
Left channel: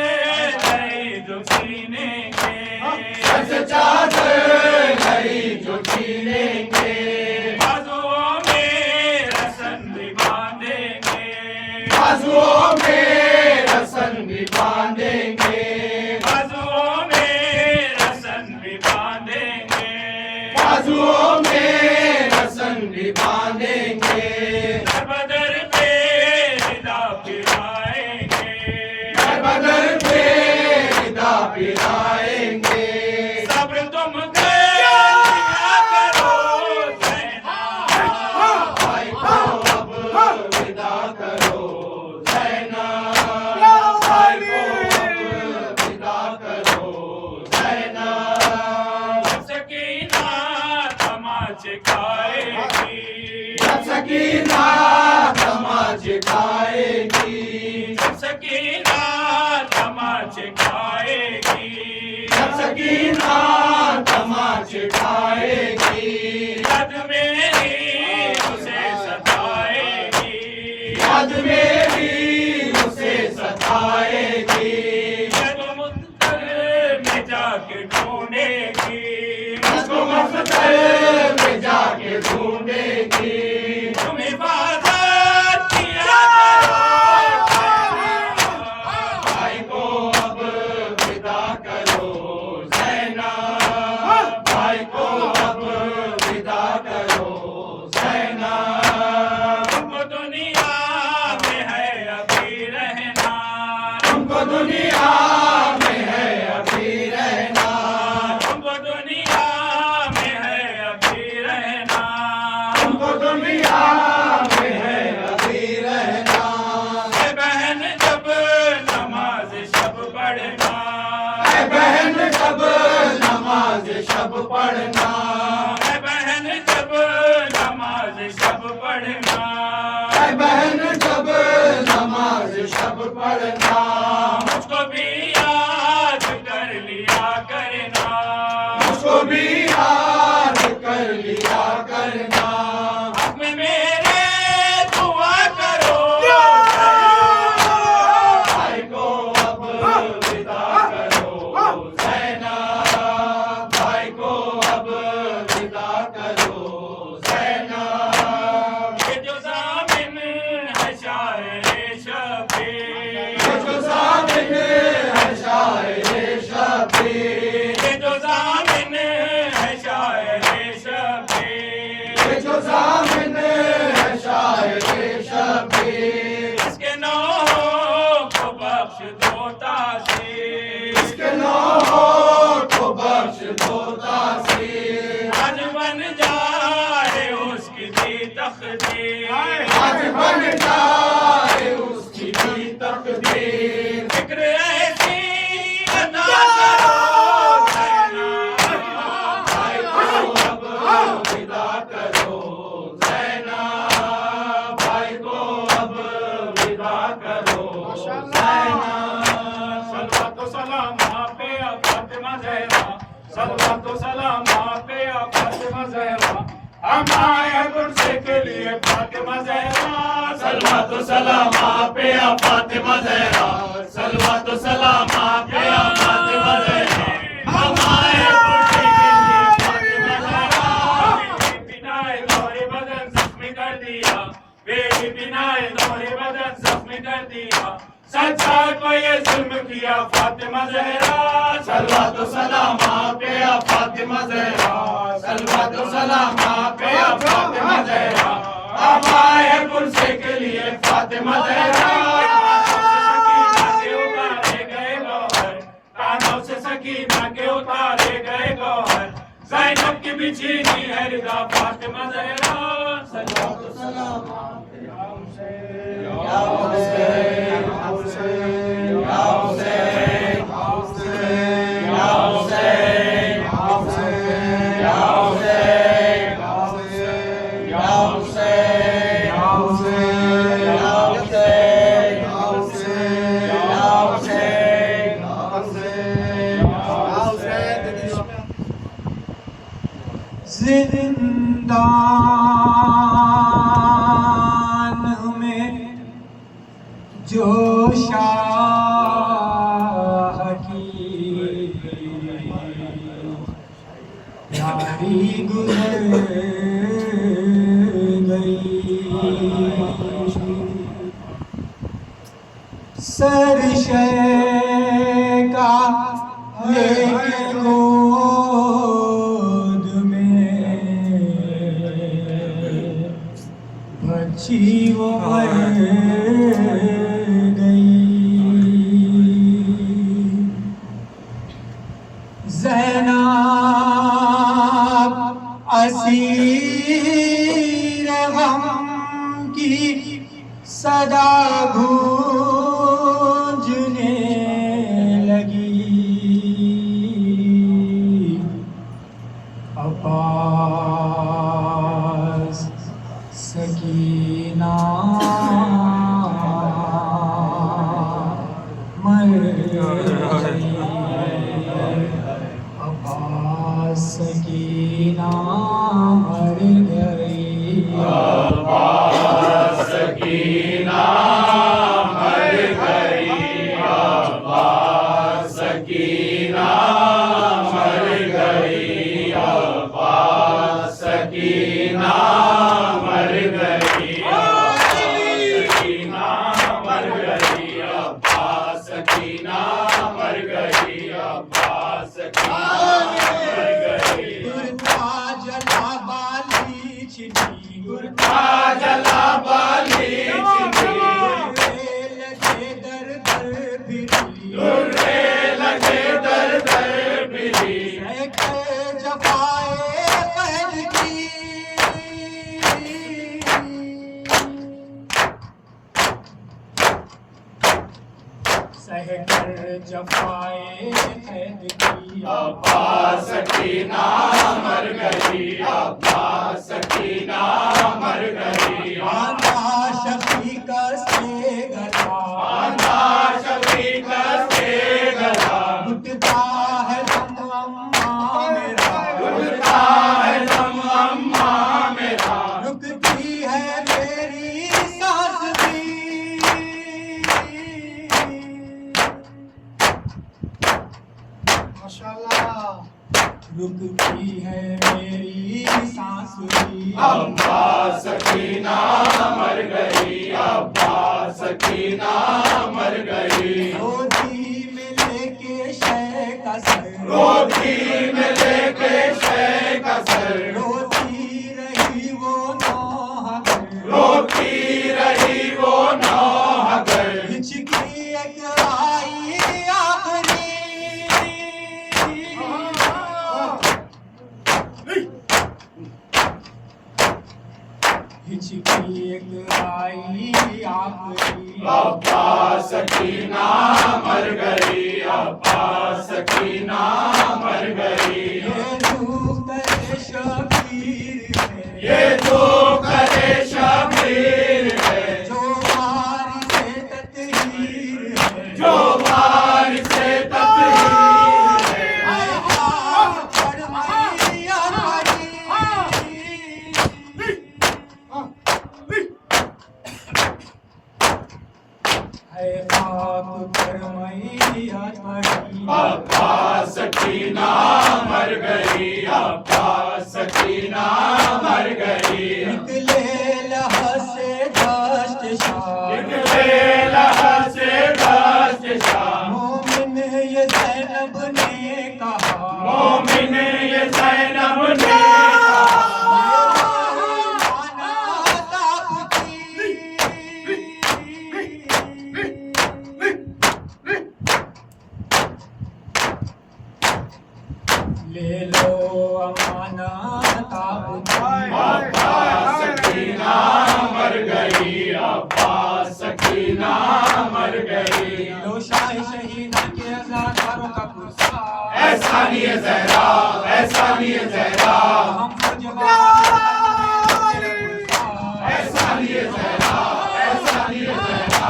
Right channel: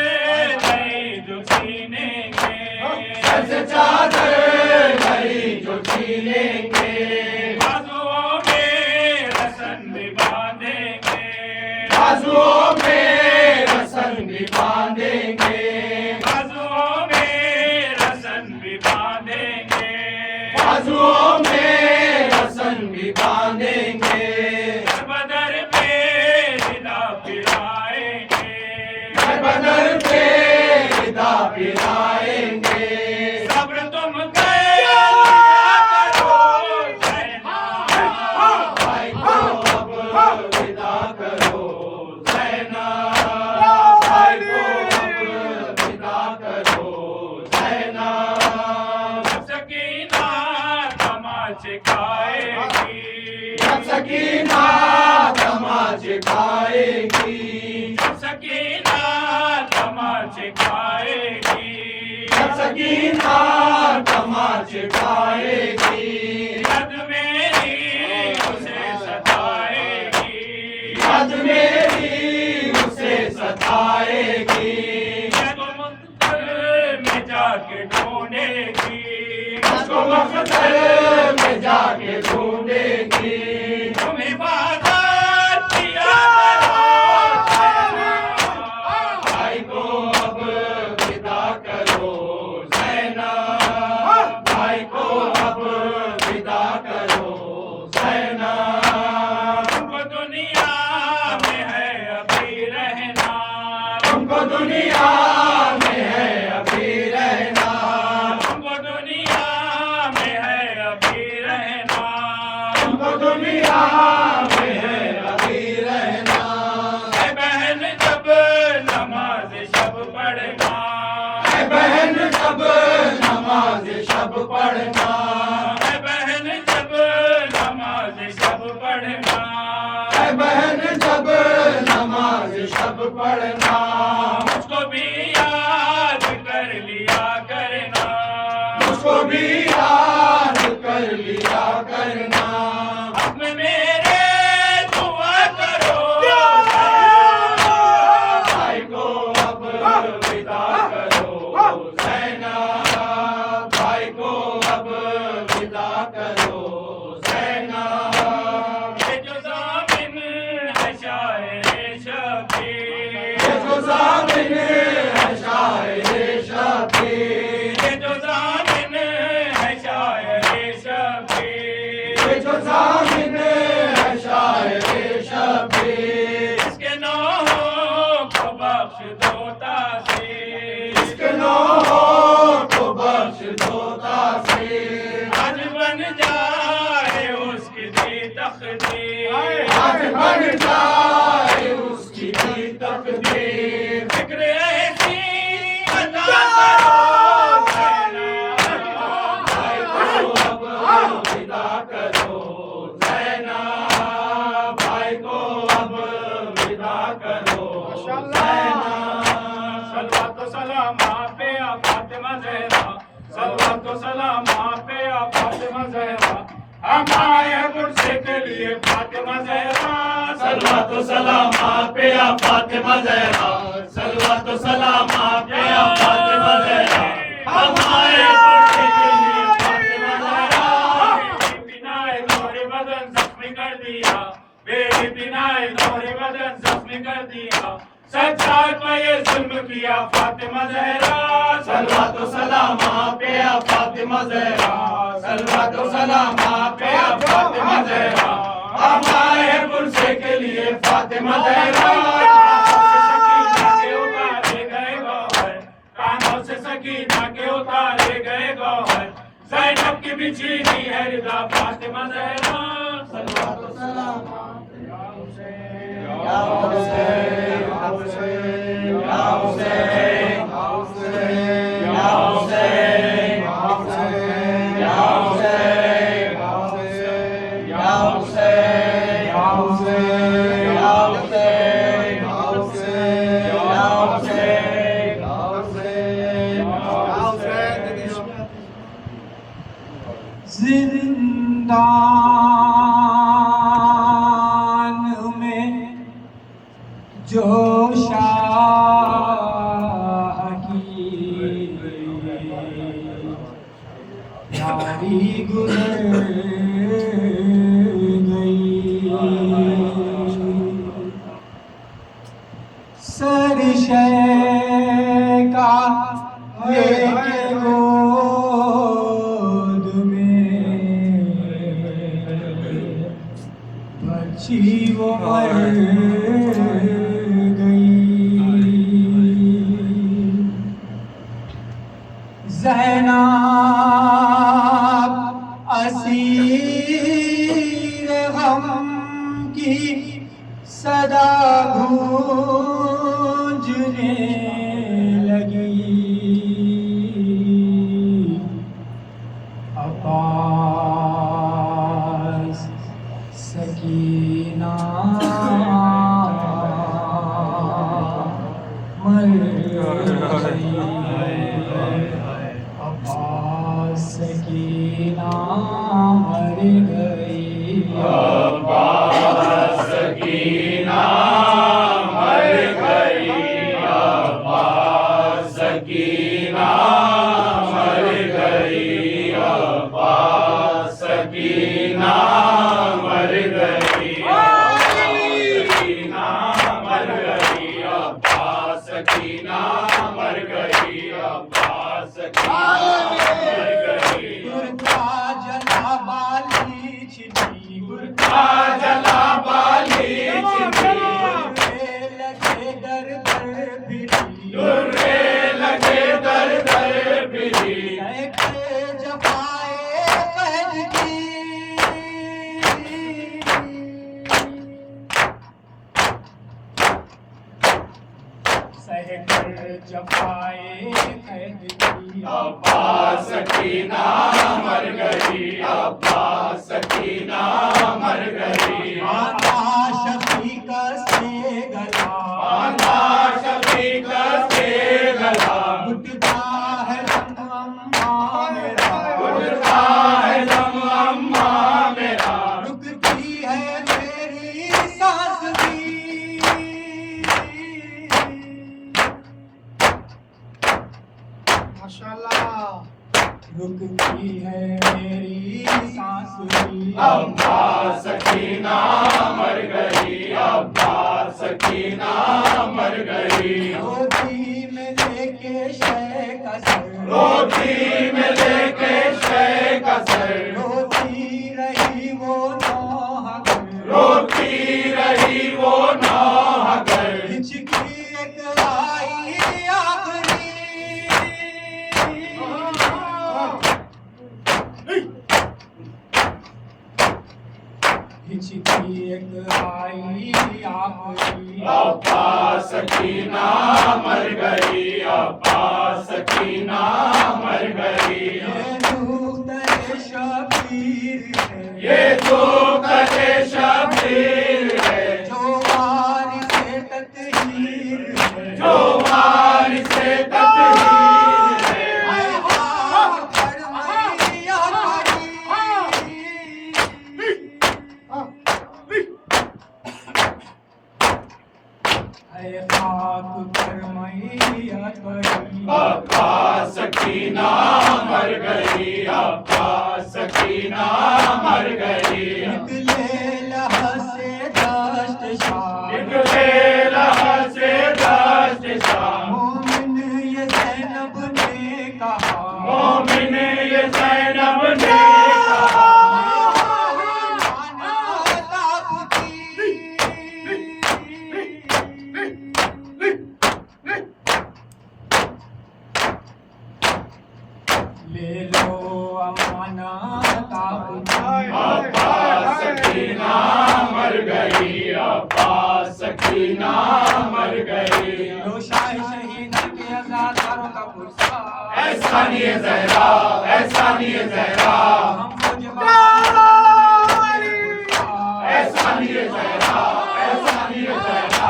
नहीं जो छीनेंगे, सर से चादर नहीं जो छीनेंगे, बाजुओं में रसन भी बांधेंगे, बाजुओं में रसन भी बांधेंगे, बाजुओं में रसन भी बांधेंगे, बाजुओं में रसन भी बांधेंगे, बदर पे निदा फिराएंगे, बदर पे विदा पिलाएंगे, सब्र तुम किया करो ज़ैनब, भाई को अब विदा करो ज़ैनब, भाई को अब विदा करो ज़ैनब, सकीना तमाचे खाएगी, जब सकीना तमाचे खाएगी, सकीना तमाचे खाएगी, जब सकीना तमाचे खाएगी, याद मेरी उसे सताएगी, याद मेरी उसे सताएगी, जब मुद्दर में जाके ढूंढेगी, उसको मख्तर में जाके ढूंढेगी, तुम हिफाजत किया करो भाई को अब विदा करो ज़ैनब, भाई को अब विदा करो ज़ैनब, तुमको दुनिया में है अभी रहना, तुमको दुनिया में है अभी रहना, तुमको दुनिया में है अभी रहना, तुमको दुनिया में है अभी रहना, ऐ बहन जब नमाज शब पढ़ना, ऐ बहन जब नमाज शब पढ़ना, ऐ बहन जब नमाज शब पढ़ना, ऐ बहन जब नमाज शब पढ़ना, मुझको भी याद कर लिया करना, उसको भी याद कर लिया करना, हक में मेरे दुआ करो भाई को अब विदा करो ज़ैनब, भाई को अब विदा करो ज़ैनब, ये जो ज़ामिन है शायर शबीर, ये जो ज़ामिन है शायर शबीर, ये जो ज़ामिन है शायर शबीर, ये जो ज़ामिन है शायर शबीर, इसके नौहों को बख्श दो तासीर, इसके नौहों को बख्श दो तासीर, आज बन जाए उसकी दी तकदीर, आज बन जाए उसकी भी तकदीर, फिक्र ऐसी अता करो ज़ैनब, भाई को अब विदा करो ज़ैनब, भाई को अब विदा करो ज़ैनब, सलवात व सलाम आप पे आ फातिमा ज़हरा, सलवात व सलाम आप पे आ फातिमा ज़हरा, हम आए हैं गुरसे के लिए फातिमा ज़हरा, सलवात व सलाम आप पे आ फातिमा ज़हरा, सलवात व सलाम आप पे आ फातिमा ज़हरा, हम आए गुरसे के लिए फातिमा ज़हरा, बिनाए तोरे बदन जख्मी कर दिया, तेरी बिनाए दोहरे बदन जख्मी कर दिया सच्चाई पे ये जुल्म किया फातिमा ज़हरा सलवात व सलाम आप पे या फातिमा ज़हरा सलवात व सलाम आप पे या फातिमा ज़हरा अब आए पुरसे के लिए फातिमा ज़हरा कानों से सकीना के उतारे गए गौहर ज़ैनब की बिछीनी है रिदा फातिमा ज़हरा सल्लल्लाहु अलैहि वसल्लम या हुसैन या हुसैन या हुसैन या हुसैन या हुसैन या हुसैन या हुसैन या हुसैन या जिंदान में जो शाह की भारी गुजर गई सरशे का लेके गोद में बच्ची वो मर गई ज़ैनब असीर गम की सदा गूंजने लगी अब्बास सकीना मर गई अब्बास सकीना मर गई अब्बास सकीना मर गई अब्बास सकीना मर गई अब्बास सकीना मर गई सकीना मर गई अब्बास सकीना मर गई अब्बास सकीना मर गई गुरका जला बाली छिनी गुरका जला बाली छिनी लगे दर दर फिरी दुर्रे लगे दर दर फिरी सहके जफाए पहल की सहकर जफाए कैद की अब्बास सकीना मर गई अब्बास सकीना मर गई आंधा शफीक से गला आंधा शफीक से गला घुटता है दम अम्मा मेरा घुटता है दम अम्मा मेरा रुकती है मेरी सांस भी रुकती है मेरी सांस भी अब्बास सकीना मर गई अब्बास सकीना मर गई रोटी में लेके शय का सर रोटी में लेके शय का सर रोती रही वो नौहर रोती रही वो नौहगर हिचकी एक आई आखिरी हिचकी एक आई आखिरी अब्बास सकीना मर गई अब्बास सकीना मर गई ये रूप शबीर है ये जो करे शबीर है जो मारी से ततहीर है जो मार से ततहीर है आए हाँ फरमाइया हरी है खाक फरमाइया पड़ी अब्बास सकीना मर गई अब्बास सकीना मर गई निकले लह से निकले लहर से दस्त शाह मोमिन ये ज़ैनब ने कहा मोमिन ये ज़ैनब ने ले लो अमाना अब्बास सकीना मर गई अब्बास सकीना मर गई लो शाह शहीदा के अज़ादारों का पुरस्कार ऐसा नहीं है ज़हरा ऐसा नहीं है ज़हरा हम मुझे ऐसा नहीं है ज़हरा ऐसा नहीं है ज़हरा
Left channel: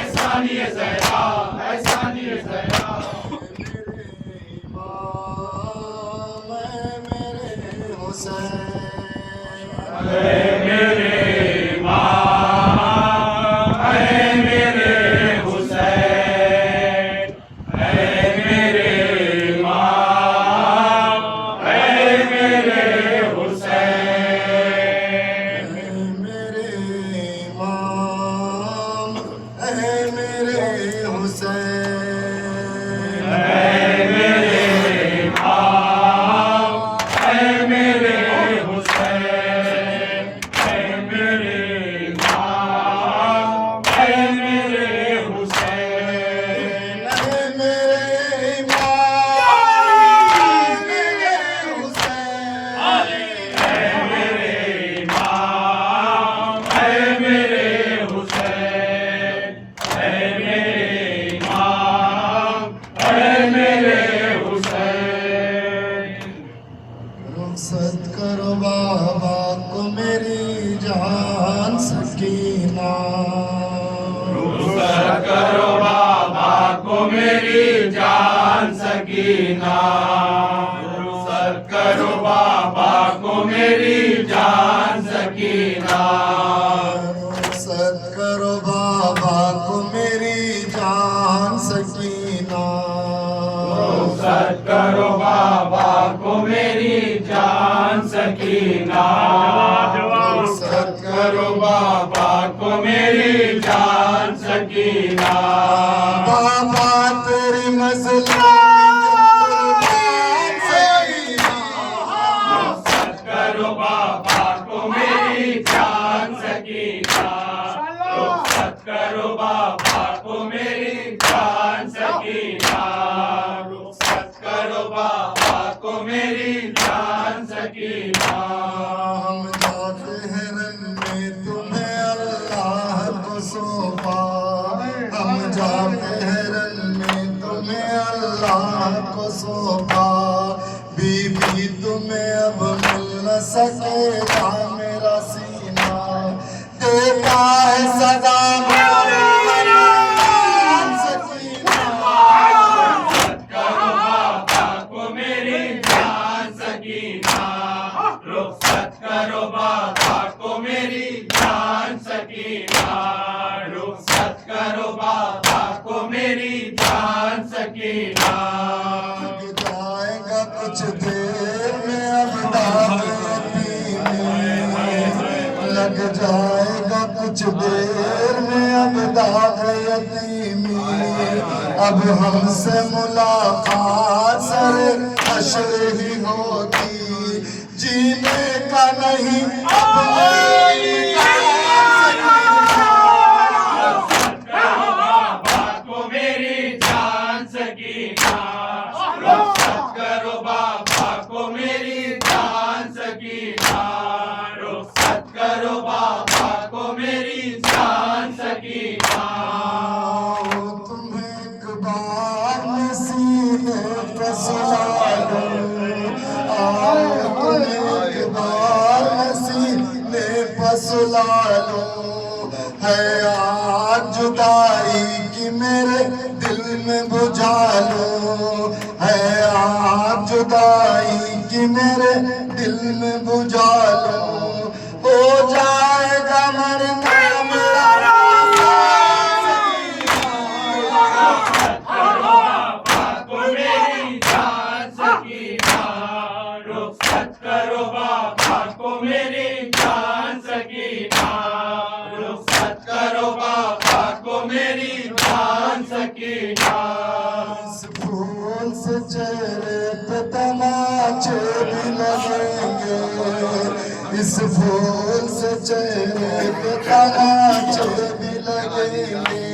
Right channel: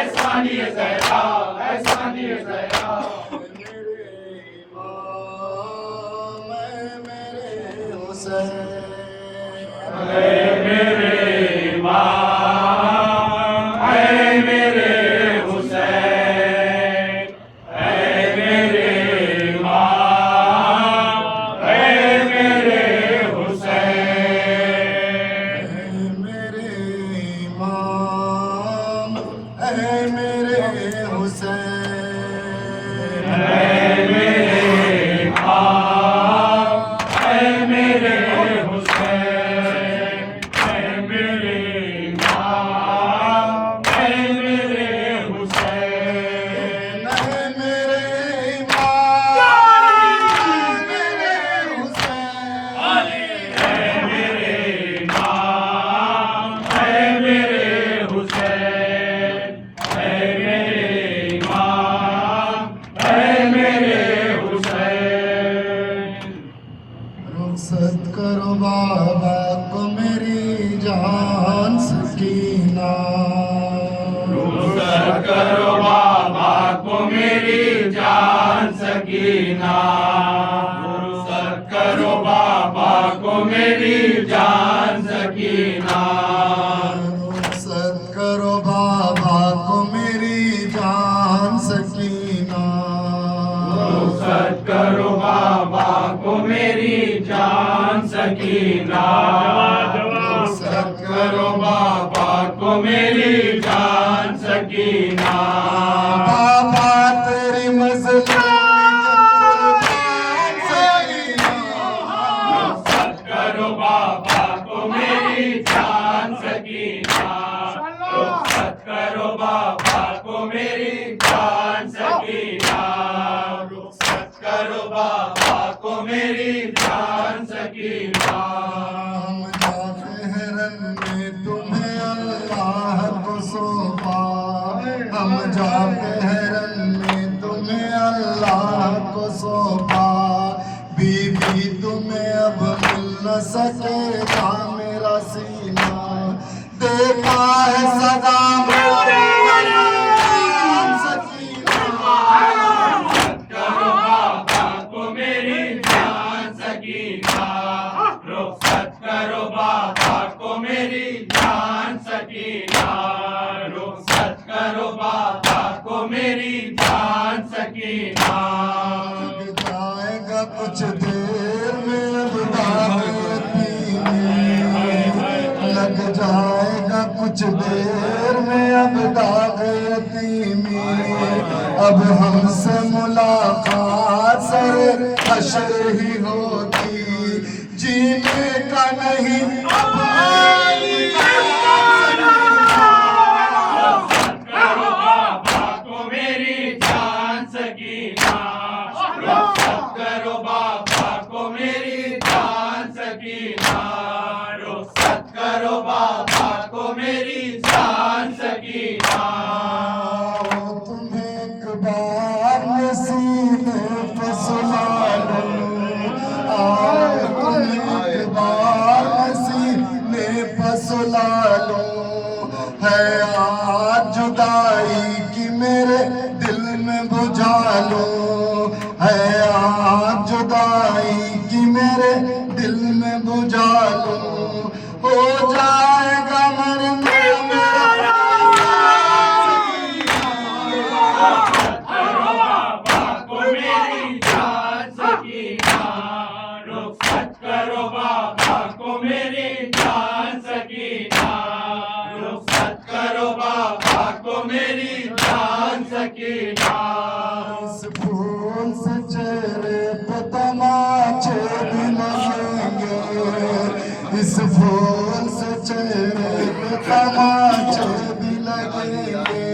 ऐसा नहीं है ज़हरा ऐसा नहीं है ज़हरा मेरे इमाम ऐ मेरे हुसैन ऐ मेरे इमाम ऐ मेरे हुसैन मेरे इमाम ऐ मेरे हुसैन ऐ मेरे इमाम ऐ मेरे हुसैन ऐ मेरे इमाम ऐ मेरे हुसैन ऐ मेरे इमाम मेरे हुसैन ऐ मेरे इमाम ऐ मेरे हुसैन ऐ मेरे इमाम ऐ मेरे हुसैन रुखसत करो बाबा को मेरी जान सकीना रुखसत करो बाबा को मेरी जान सकीना रुखसत करो बाबा को मेरी जान सकीना रुखसत करो बाबा को मेरी जान सकीना रुखसत करो बाबा को मेरी जान सकीना रुखसत करो बाबा को मेरी जान सकीना बाबा तेरी मज़लूम सकीना रुखसत करो बाबा को मेरी जान सकीना रुखसत करो बाबा को मेरी जान सकीना रुखसत करो बाबा को मेरी जान सकीना हम जाते हैं रन में तुम्हें अल्लाह को सौंपा हम जाते हैं रन में तुम्हें अल्लाह को सौंपा बीबी तुम्हें अब मिल न सकेगा मेरा सीना देता है सदा मेरी रुखसत करो बाबा को मेरी जान सकीना रुखसत करो बाबा को मेरी जान सकीना रुखसत करो बाबा को मेरी जान सकीना लग जाएगा कुछ देर में अब दावती में लग जाएगा कुछ देर में अब दागयती अब हमसे मुलाकात सर हशर ही होगी जीने का नहीं अब रुखसत करो बाबा को मेरी जान सकीना रुखसत करो बाबा को मेरी जान सकीना रुखसत करो बाबा को मेरी जान सकीना तुम्हें एक बार सीने पे सुला लो आओ तुम्हें एक बार सीने पे सुला लो है आज जुदाई की मेरे दिल में बुझा लो है आज जुदाई की मेरे दिल में बुझा लो हो जाएगा मरना मेरा रुखसत करो बाबा को मेरी जान सकीना रुखसत करो बाबा को मेरी जान सकीना, रुखसत करो बाबा को मेरी जान सकीना। इस फूल से चेहरे पे तमाचे भी लगेंगे, इस फूल से चेहरे पे तमाचे भी लगेंगे।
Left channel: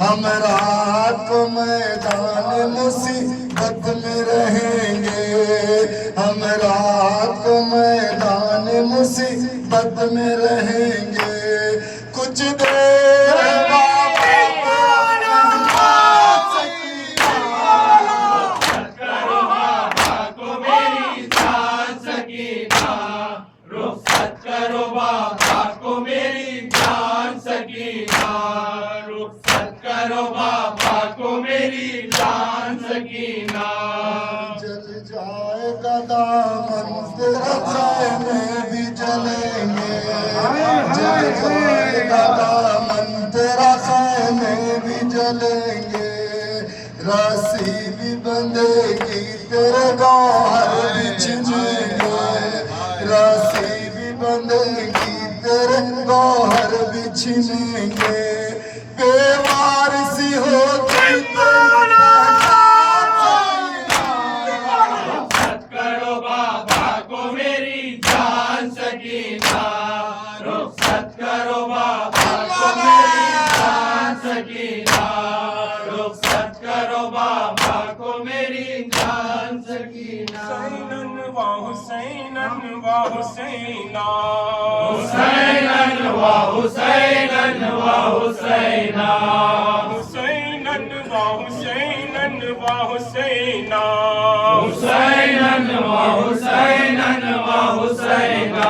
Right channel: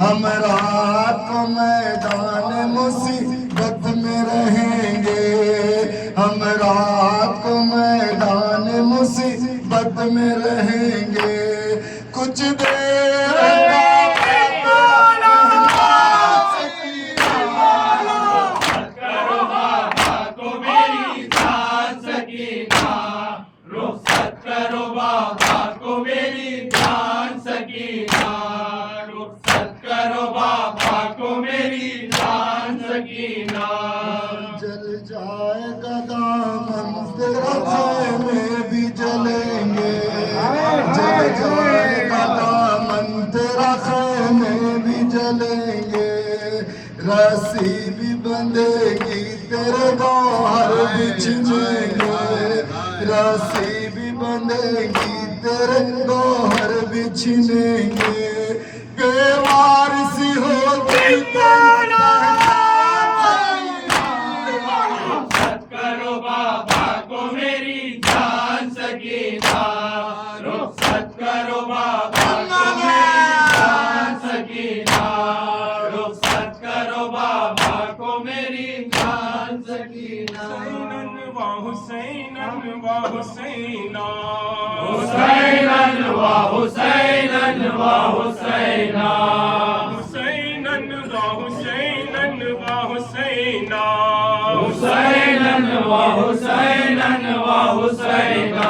हम रात को मैदान मुसीबत में रहेंगे, हम रात को मैदान मुसीबत में रहेंगे। कुछ देर रुखसत करो बाबा को मेरी जान सकीना, रुखसत करो बाबा को मेरी जान सकीना। जल जाएगा दामन तेरा खैमे भी जलेंगे, जल जाएगा दामन तेरा खैमे भी जलेंगे। रस्सी भी बंधेगी तेरे गौहर बिछनेंगे, रस्सी भी बंधेगी तेरे गौहर बिछनेंगे। बेवारसी होगी रुखसत करो बाबा को मेरी जान सकीना, रुखसत करो बाबा को मेरी जान सकीना, रुखसत करो बाबा को मेरी जान सकीना। हुसैनन व हुसैनन व हुसैना, हुसैनन व हुसैनन व हुसैना, हुसैनन व हुसैनन व हुसैना, हुसैनन व हुसैनन व हुसैना।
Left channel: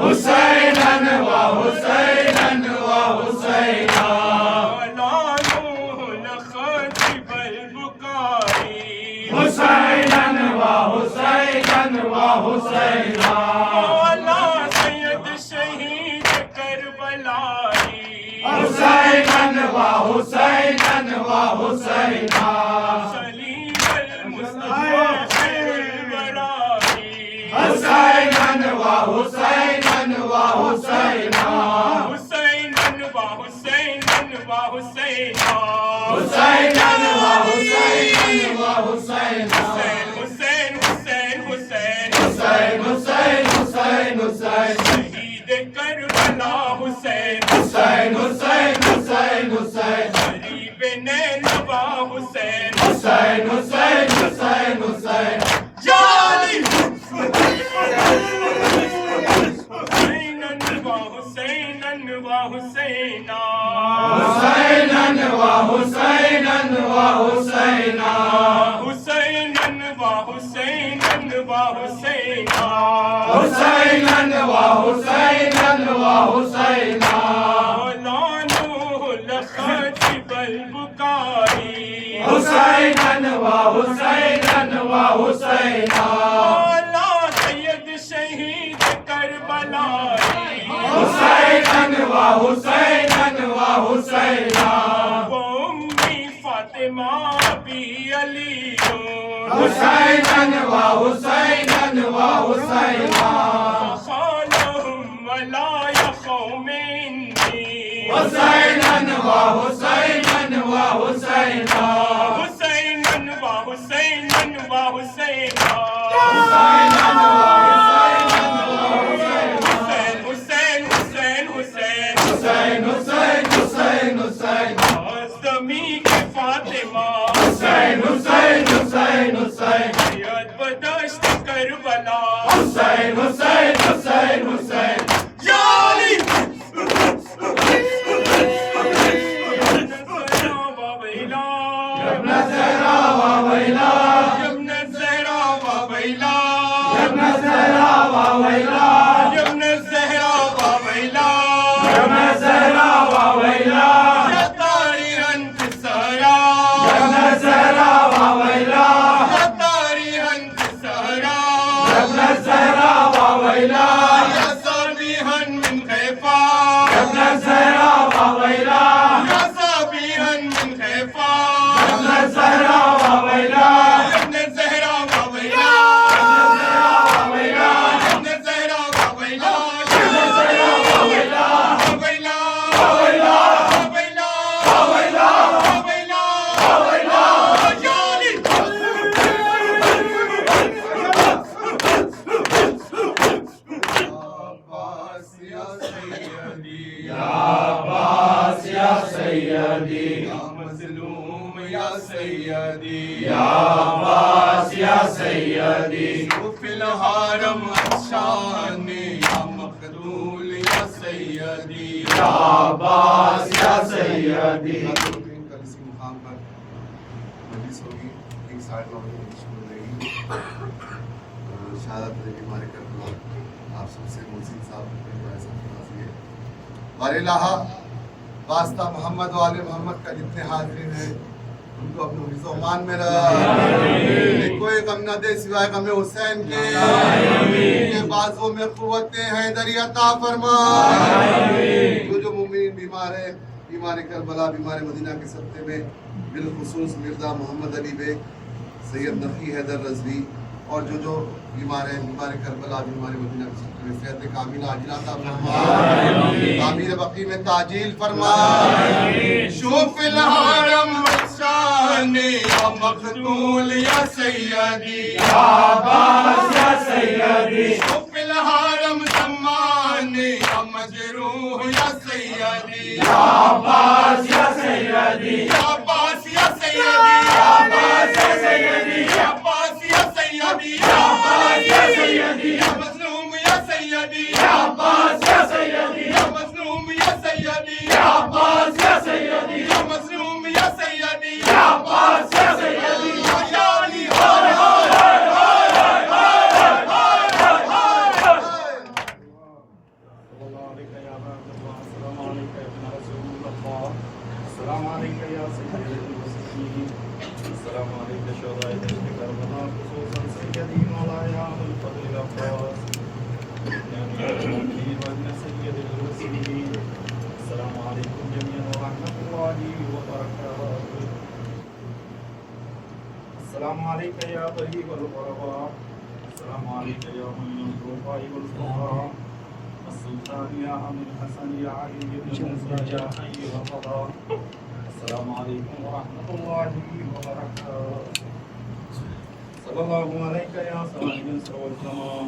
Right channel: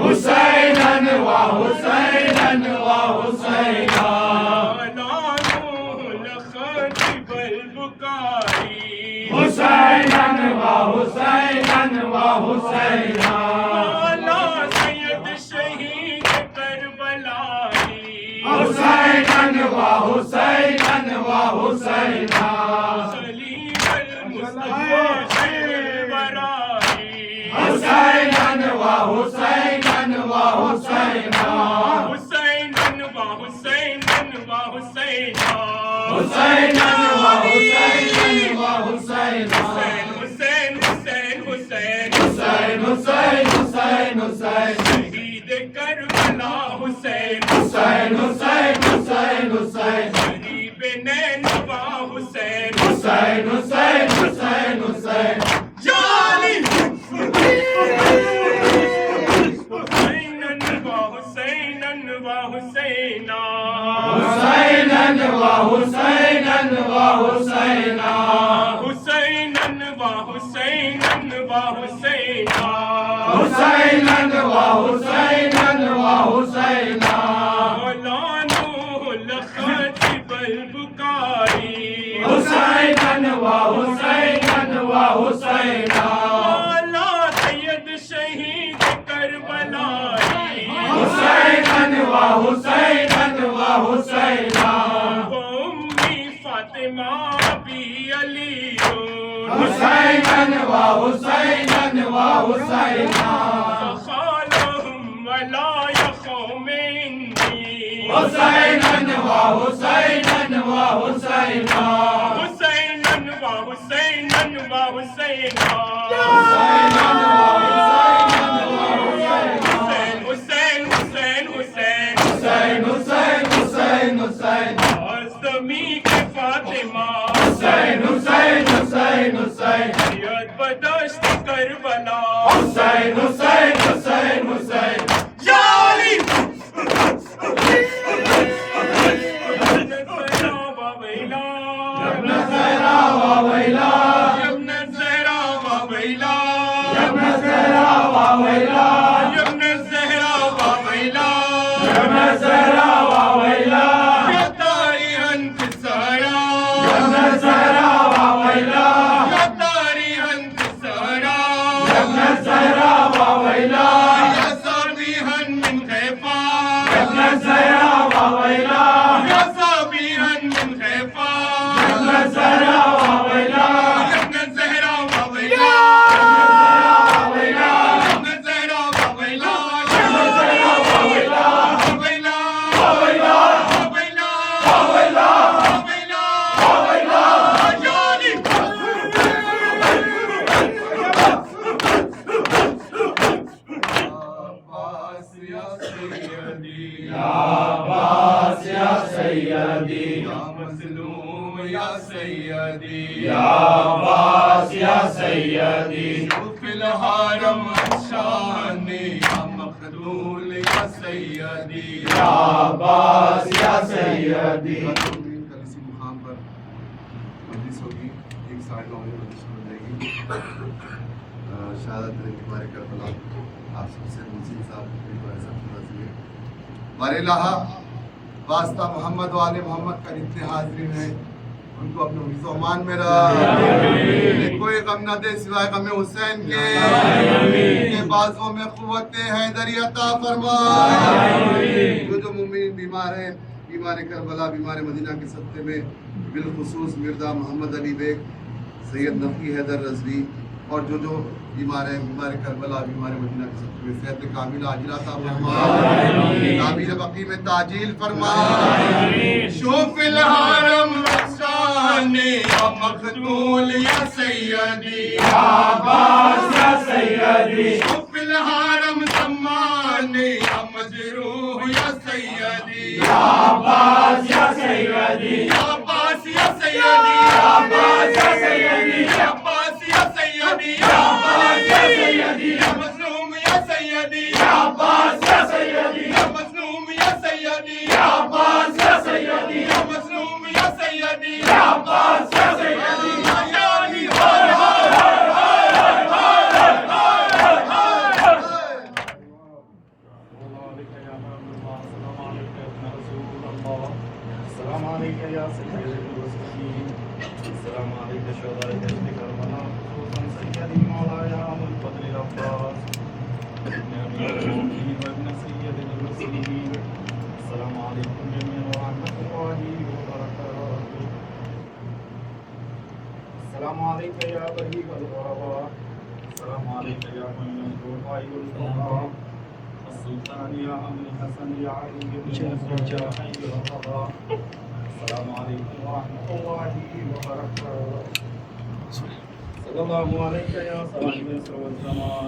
हुसैनन व हुसैनन व हुसैना, हुसैनन व हुसैनन व हुसैना। सैयद शहीद करबलाई, हुसैनन व हुसैनन व हुसैना, सलीम मुस्तफा बराई, हुसैनन व हुसैनन व हुसैना, हुसैनन व हुसैनन व हुसैना, हुसैनन व हुसैनन व हुसैना। हुसैन हुसैन हुसैन हुसैन हुसैन हुसैन हुसैन, शहीद करबला हुसैन, हुसैन हुसैन हुसैन हुसैन, गरीब नैनवा हुसैन, हुसैन हुसैन हुसैन हुसैन। जाली हुसैनन व हुसैनन व हुसैना, हुसैनन व हुसैनन व हुसैना, हुसैनन व हुसैनन व हुसैना, हुसैनन व हुसैनन व हुसैना। मौलानुल खतीबल बुकारी, हुसैनन व हुसैनन व हुसैना, मौला सैयद शहीद करबलाई, हुसैनन व हुसैनन व हुसैना, वो उम्मी फातिमा भी अली, हुसैनन व हुसैनन व हुसैना, खालहुम वला यखौम इंदी, हुसैनन व हुसैनन व हुसैना, हुसैनन व हुसैनन व हुसैना, हुसैनन व हुसैनन व हुसैना, हुसैन हुसैन हुसैन हुसैन हुसैन हुसैन हुसैन, आज़मी के फातिमा, हुसैन हुसैन हुसैन हुसैन, याद बदश्त करबला, हुसैन हुसैन हुसैन हुसैन। या अली ज़हरा व वैला, यब्न ज़हरा व वैला, यब्न ज़हरा व वैला, यब्न ज़हरा व वैला, यब्न ज़हरा व वैला, यब्न ज़हरा व वैला, या तारीहन फिसारा, यब्न ज़हरा व वैला, या तारीहन फिसारा, यब्न ज़हरा व वैला, या साबिहन मिन खैफा, यब्न ज़हरा व वैला, या साबिहन मिन खैफा, यब्न ज़हरा व वैला, यब्न ज़हरा सैयदी या अब्बास या सैयदी फिल हरम शानी या मखदूल या सैयदी या अब्बास या सैयदी। कल इसी मुकाम पर मजलिस होगी, 9:30 बजे मजलिस शुरू हो जाएगी। शहादत बीमारी करबला आप सबसे मोहसिन साहब को ऐसा फरमाइए बारे लाहा वास्ता मोहम्मद वाले मोहम्मद का जितने हाज़रीन हैं उनको अपने हिफ्ज़ अमान में रहा, कोई गम न दे सिवाय गम हुसैन के, उनके बाजुओं में क़ुव्वत हैदरी अता फरमा। जो मुमिन बीमार है, बीमार करबला, बीमार मदीना के सत्ते में बिलखुसूस मिर्ज़ा मोहम्मद अली बेग, सैयद नफ़ी हैदर रज़वी और जो बीमार है, बीमार करबला, बीमार मदीना के सत्ते में सेहत कामिला आजिला अता फरमा, तामीर बकी में ताजील फरमा। शोफिल हरम शानी या मखदूल या सैयदी या अब्बास या सैयदी शोफिल हरम सम्मानी या मजरूह या सैयदी या अब्बास या सैयदी या अब्बास या सैयदी या अब्बास या सैयदी या अब्बास या सैयदी या अब्बास या सैयदी या मजलूम या सैयदी या अब्बास या सैयदी या मजलूम या सैयदी या अब्बास या सैयदी या मजलूम या सैयदी या अब्बास या सैयदी। या अली हाय हाय السلام عليك يا طيب الغرباء، السلام عليك يا معين الخلفاء والفقراء، السلطان يا أبو الحسن يا علي بن موسى يا حي القضاء، السلام عليكم ورحمة الله وبركاته. صلى الله عليك يا صاحب العصر والزمان.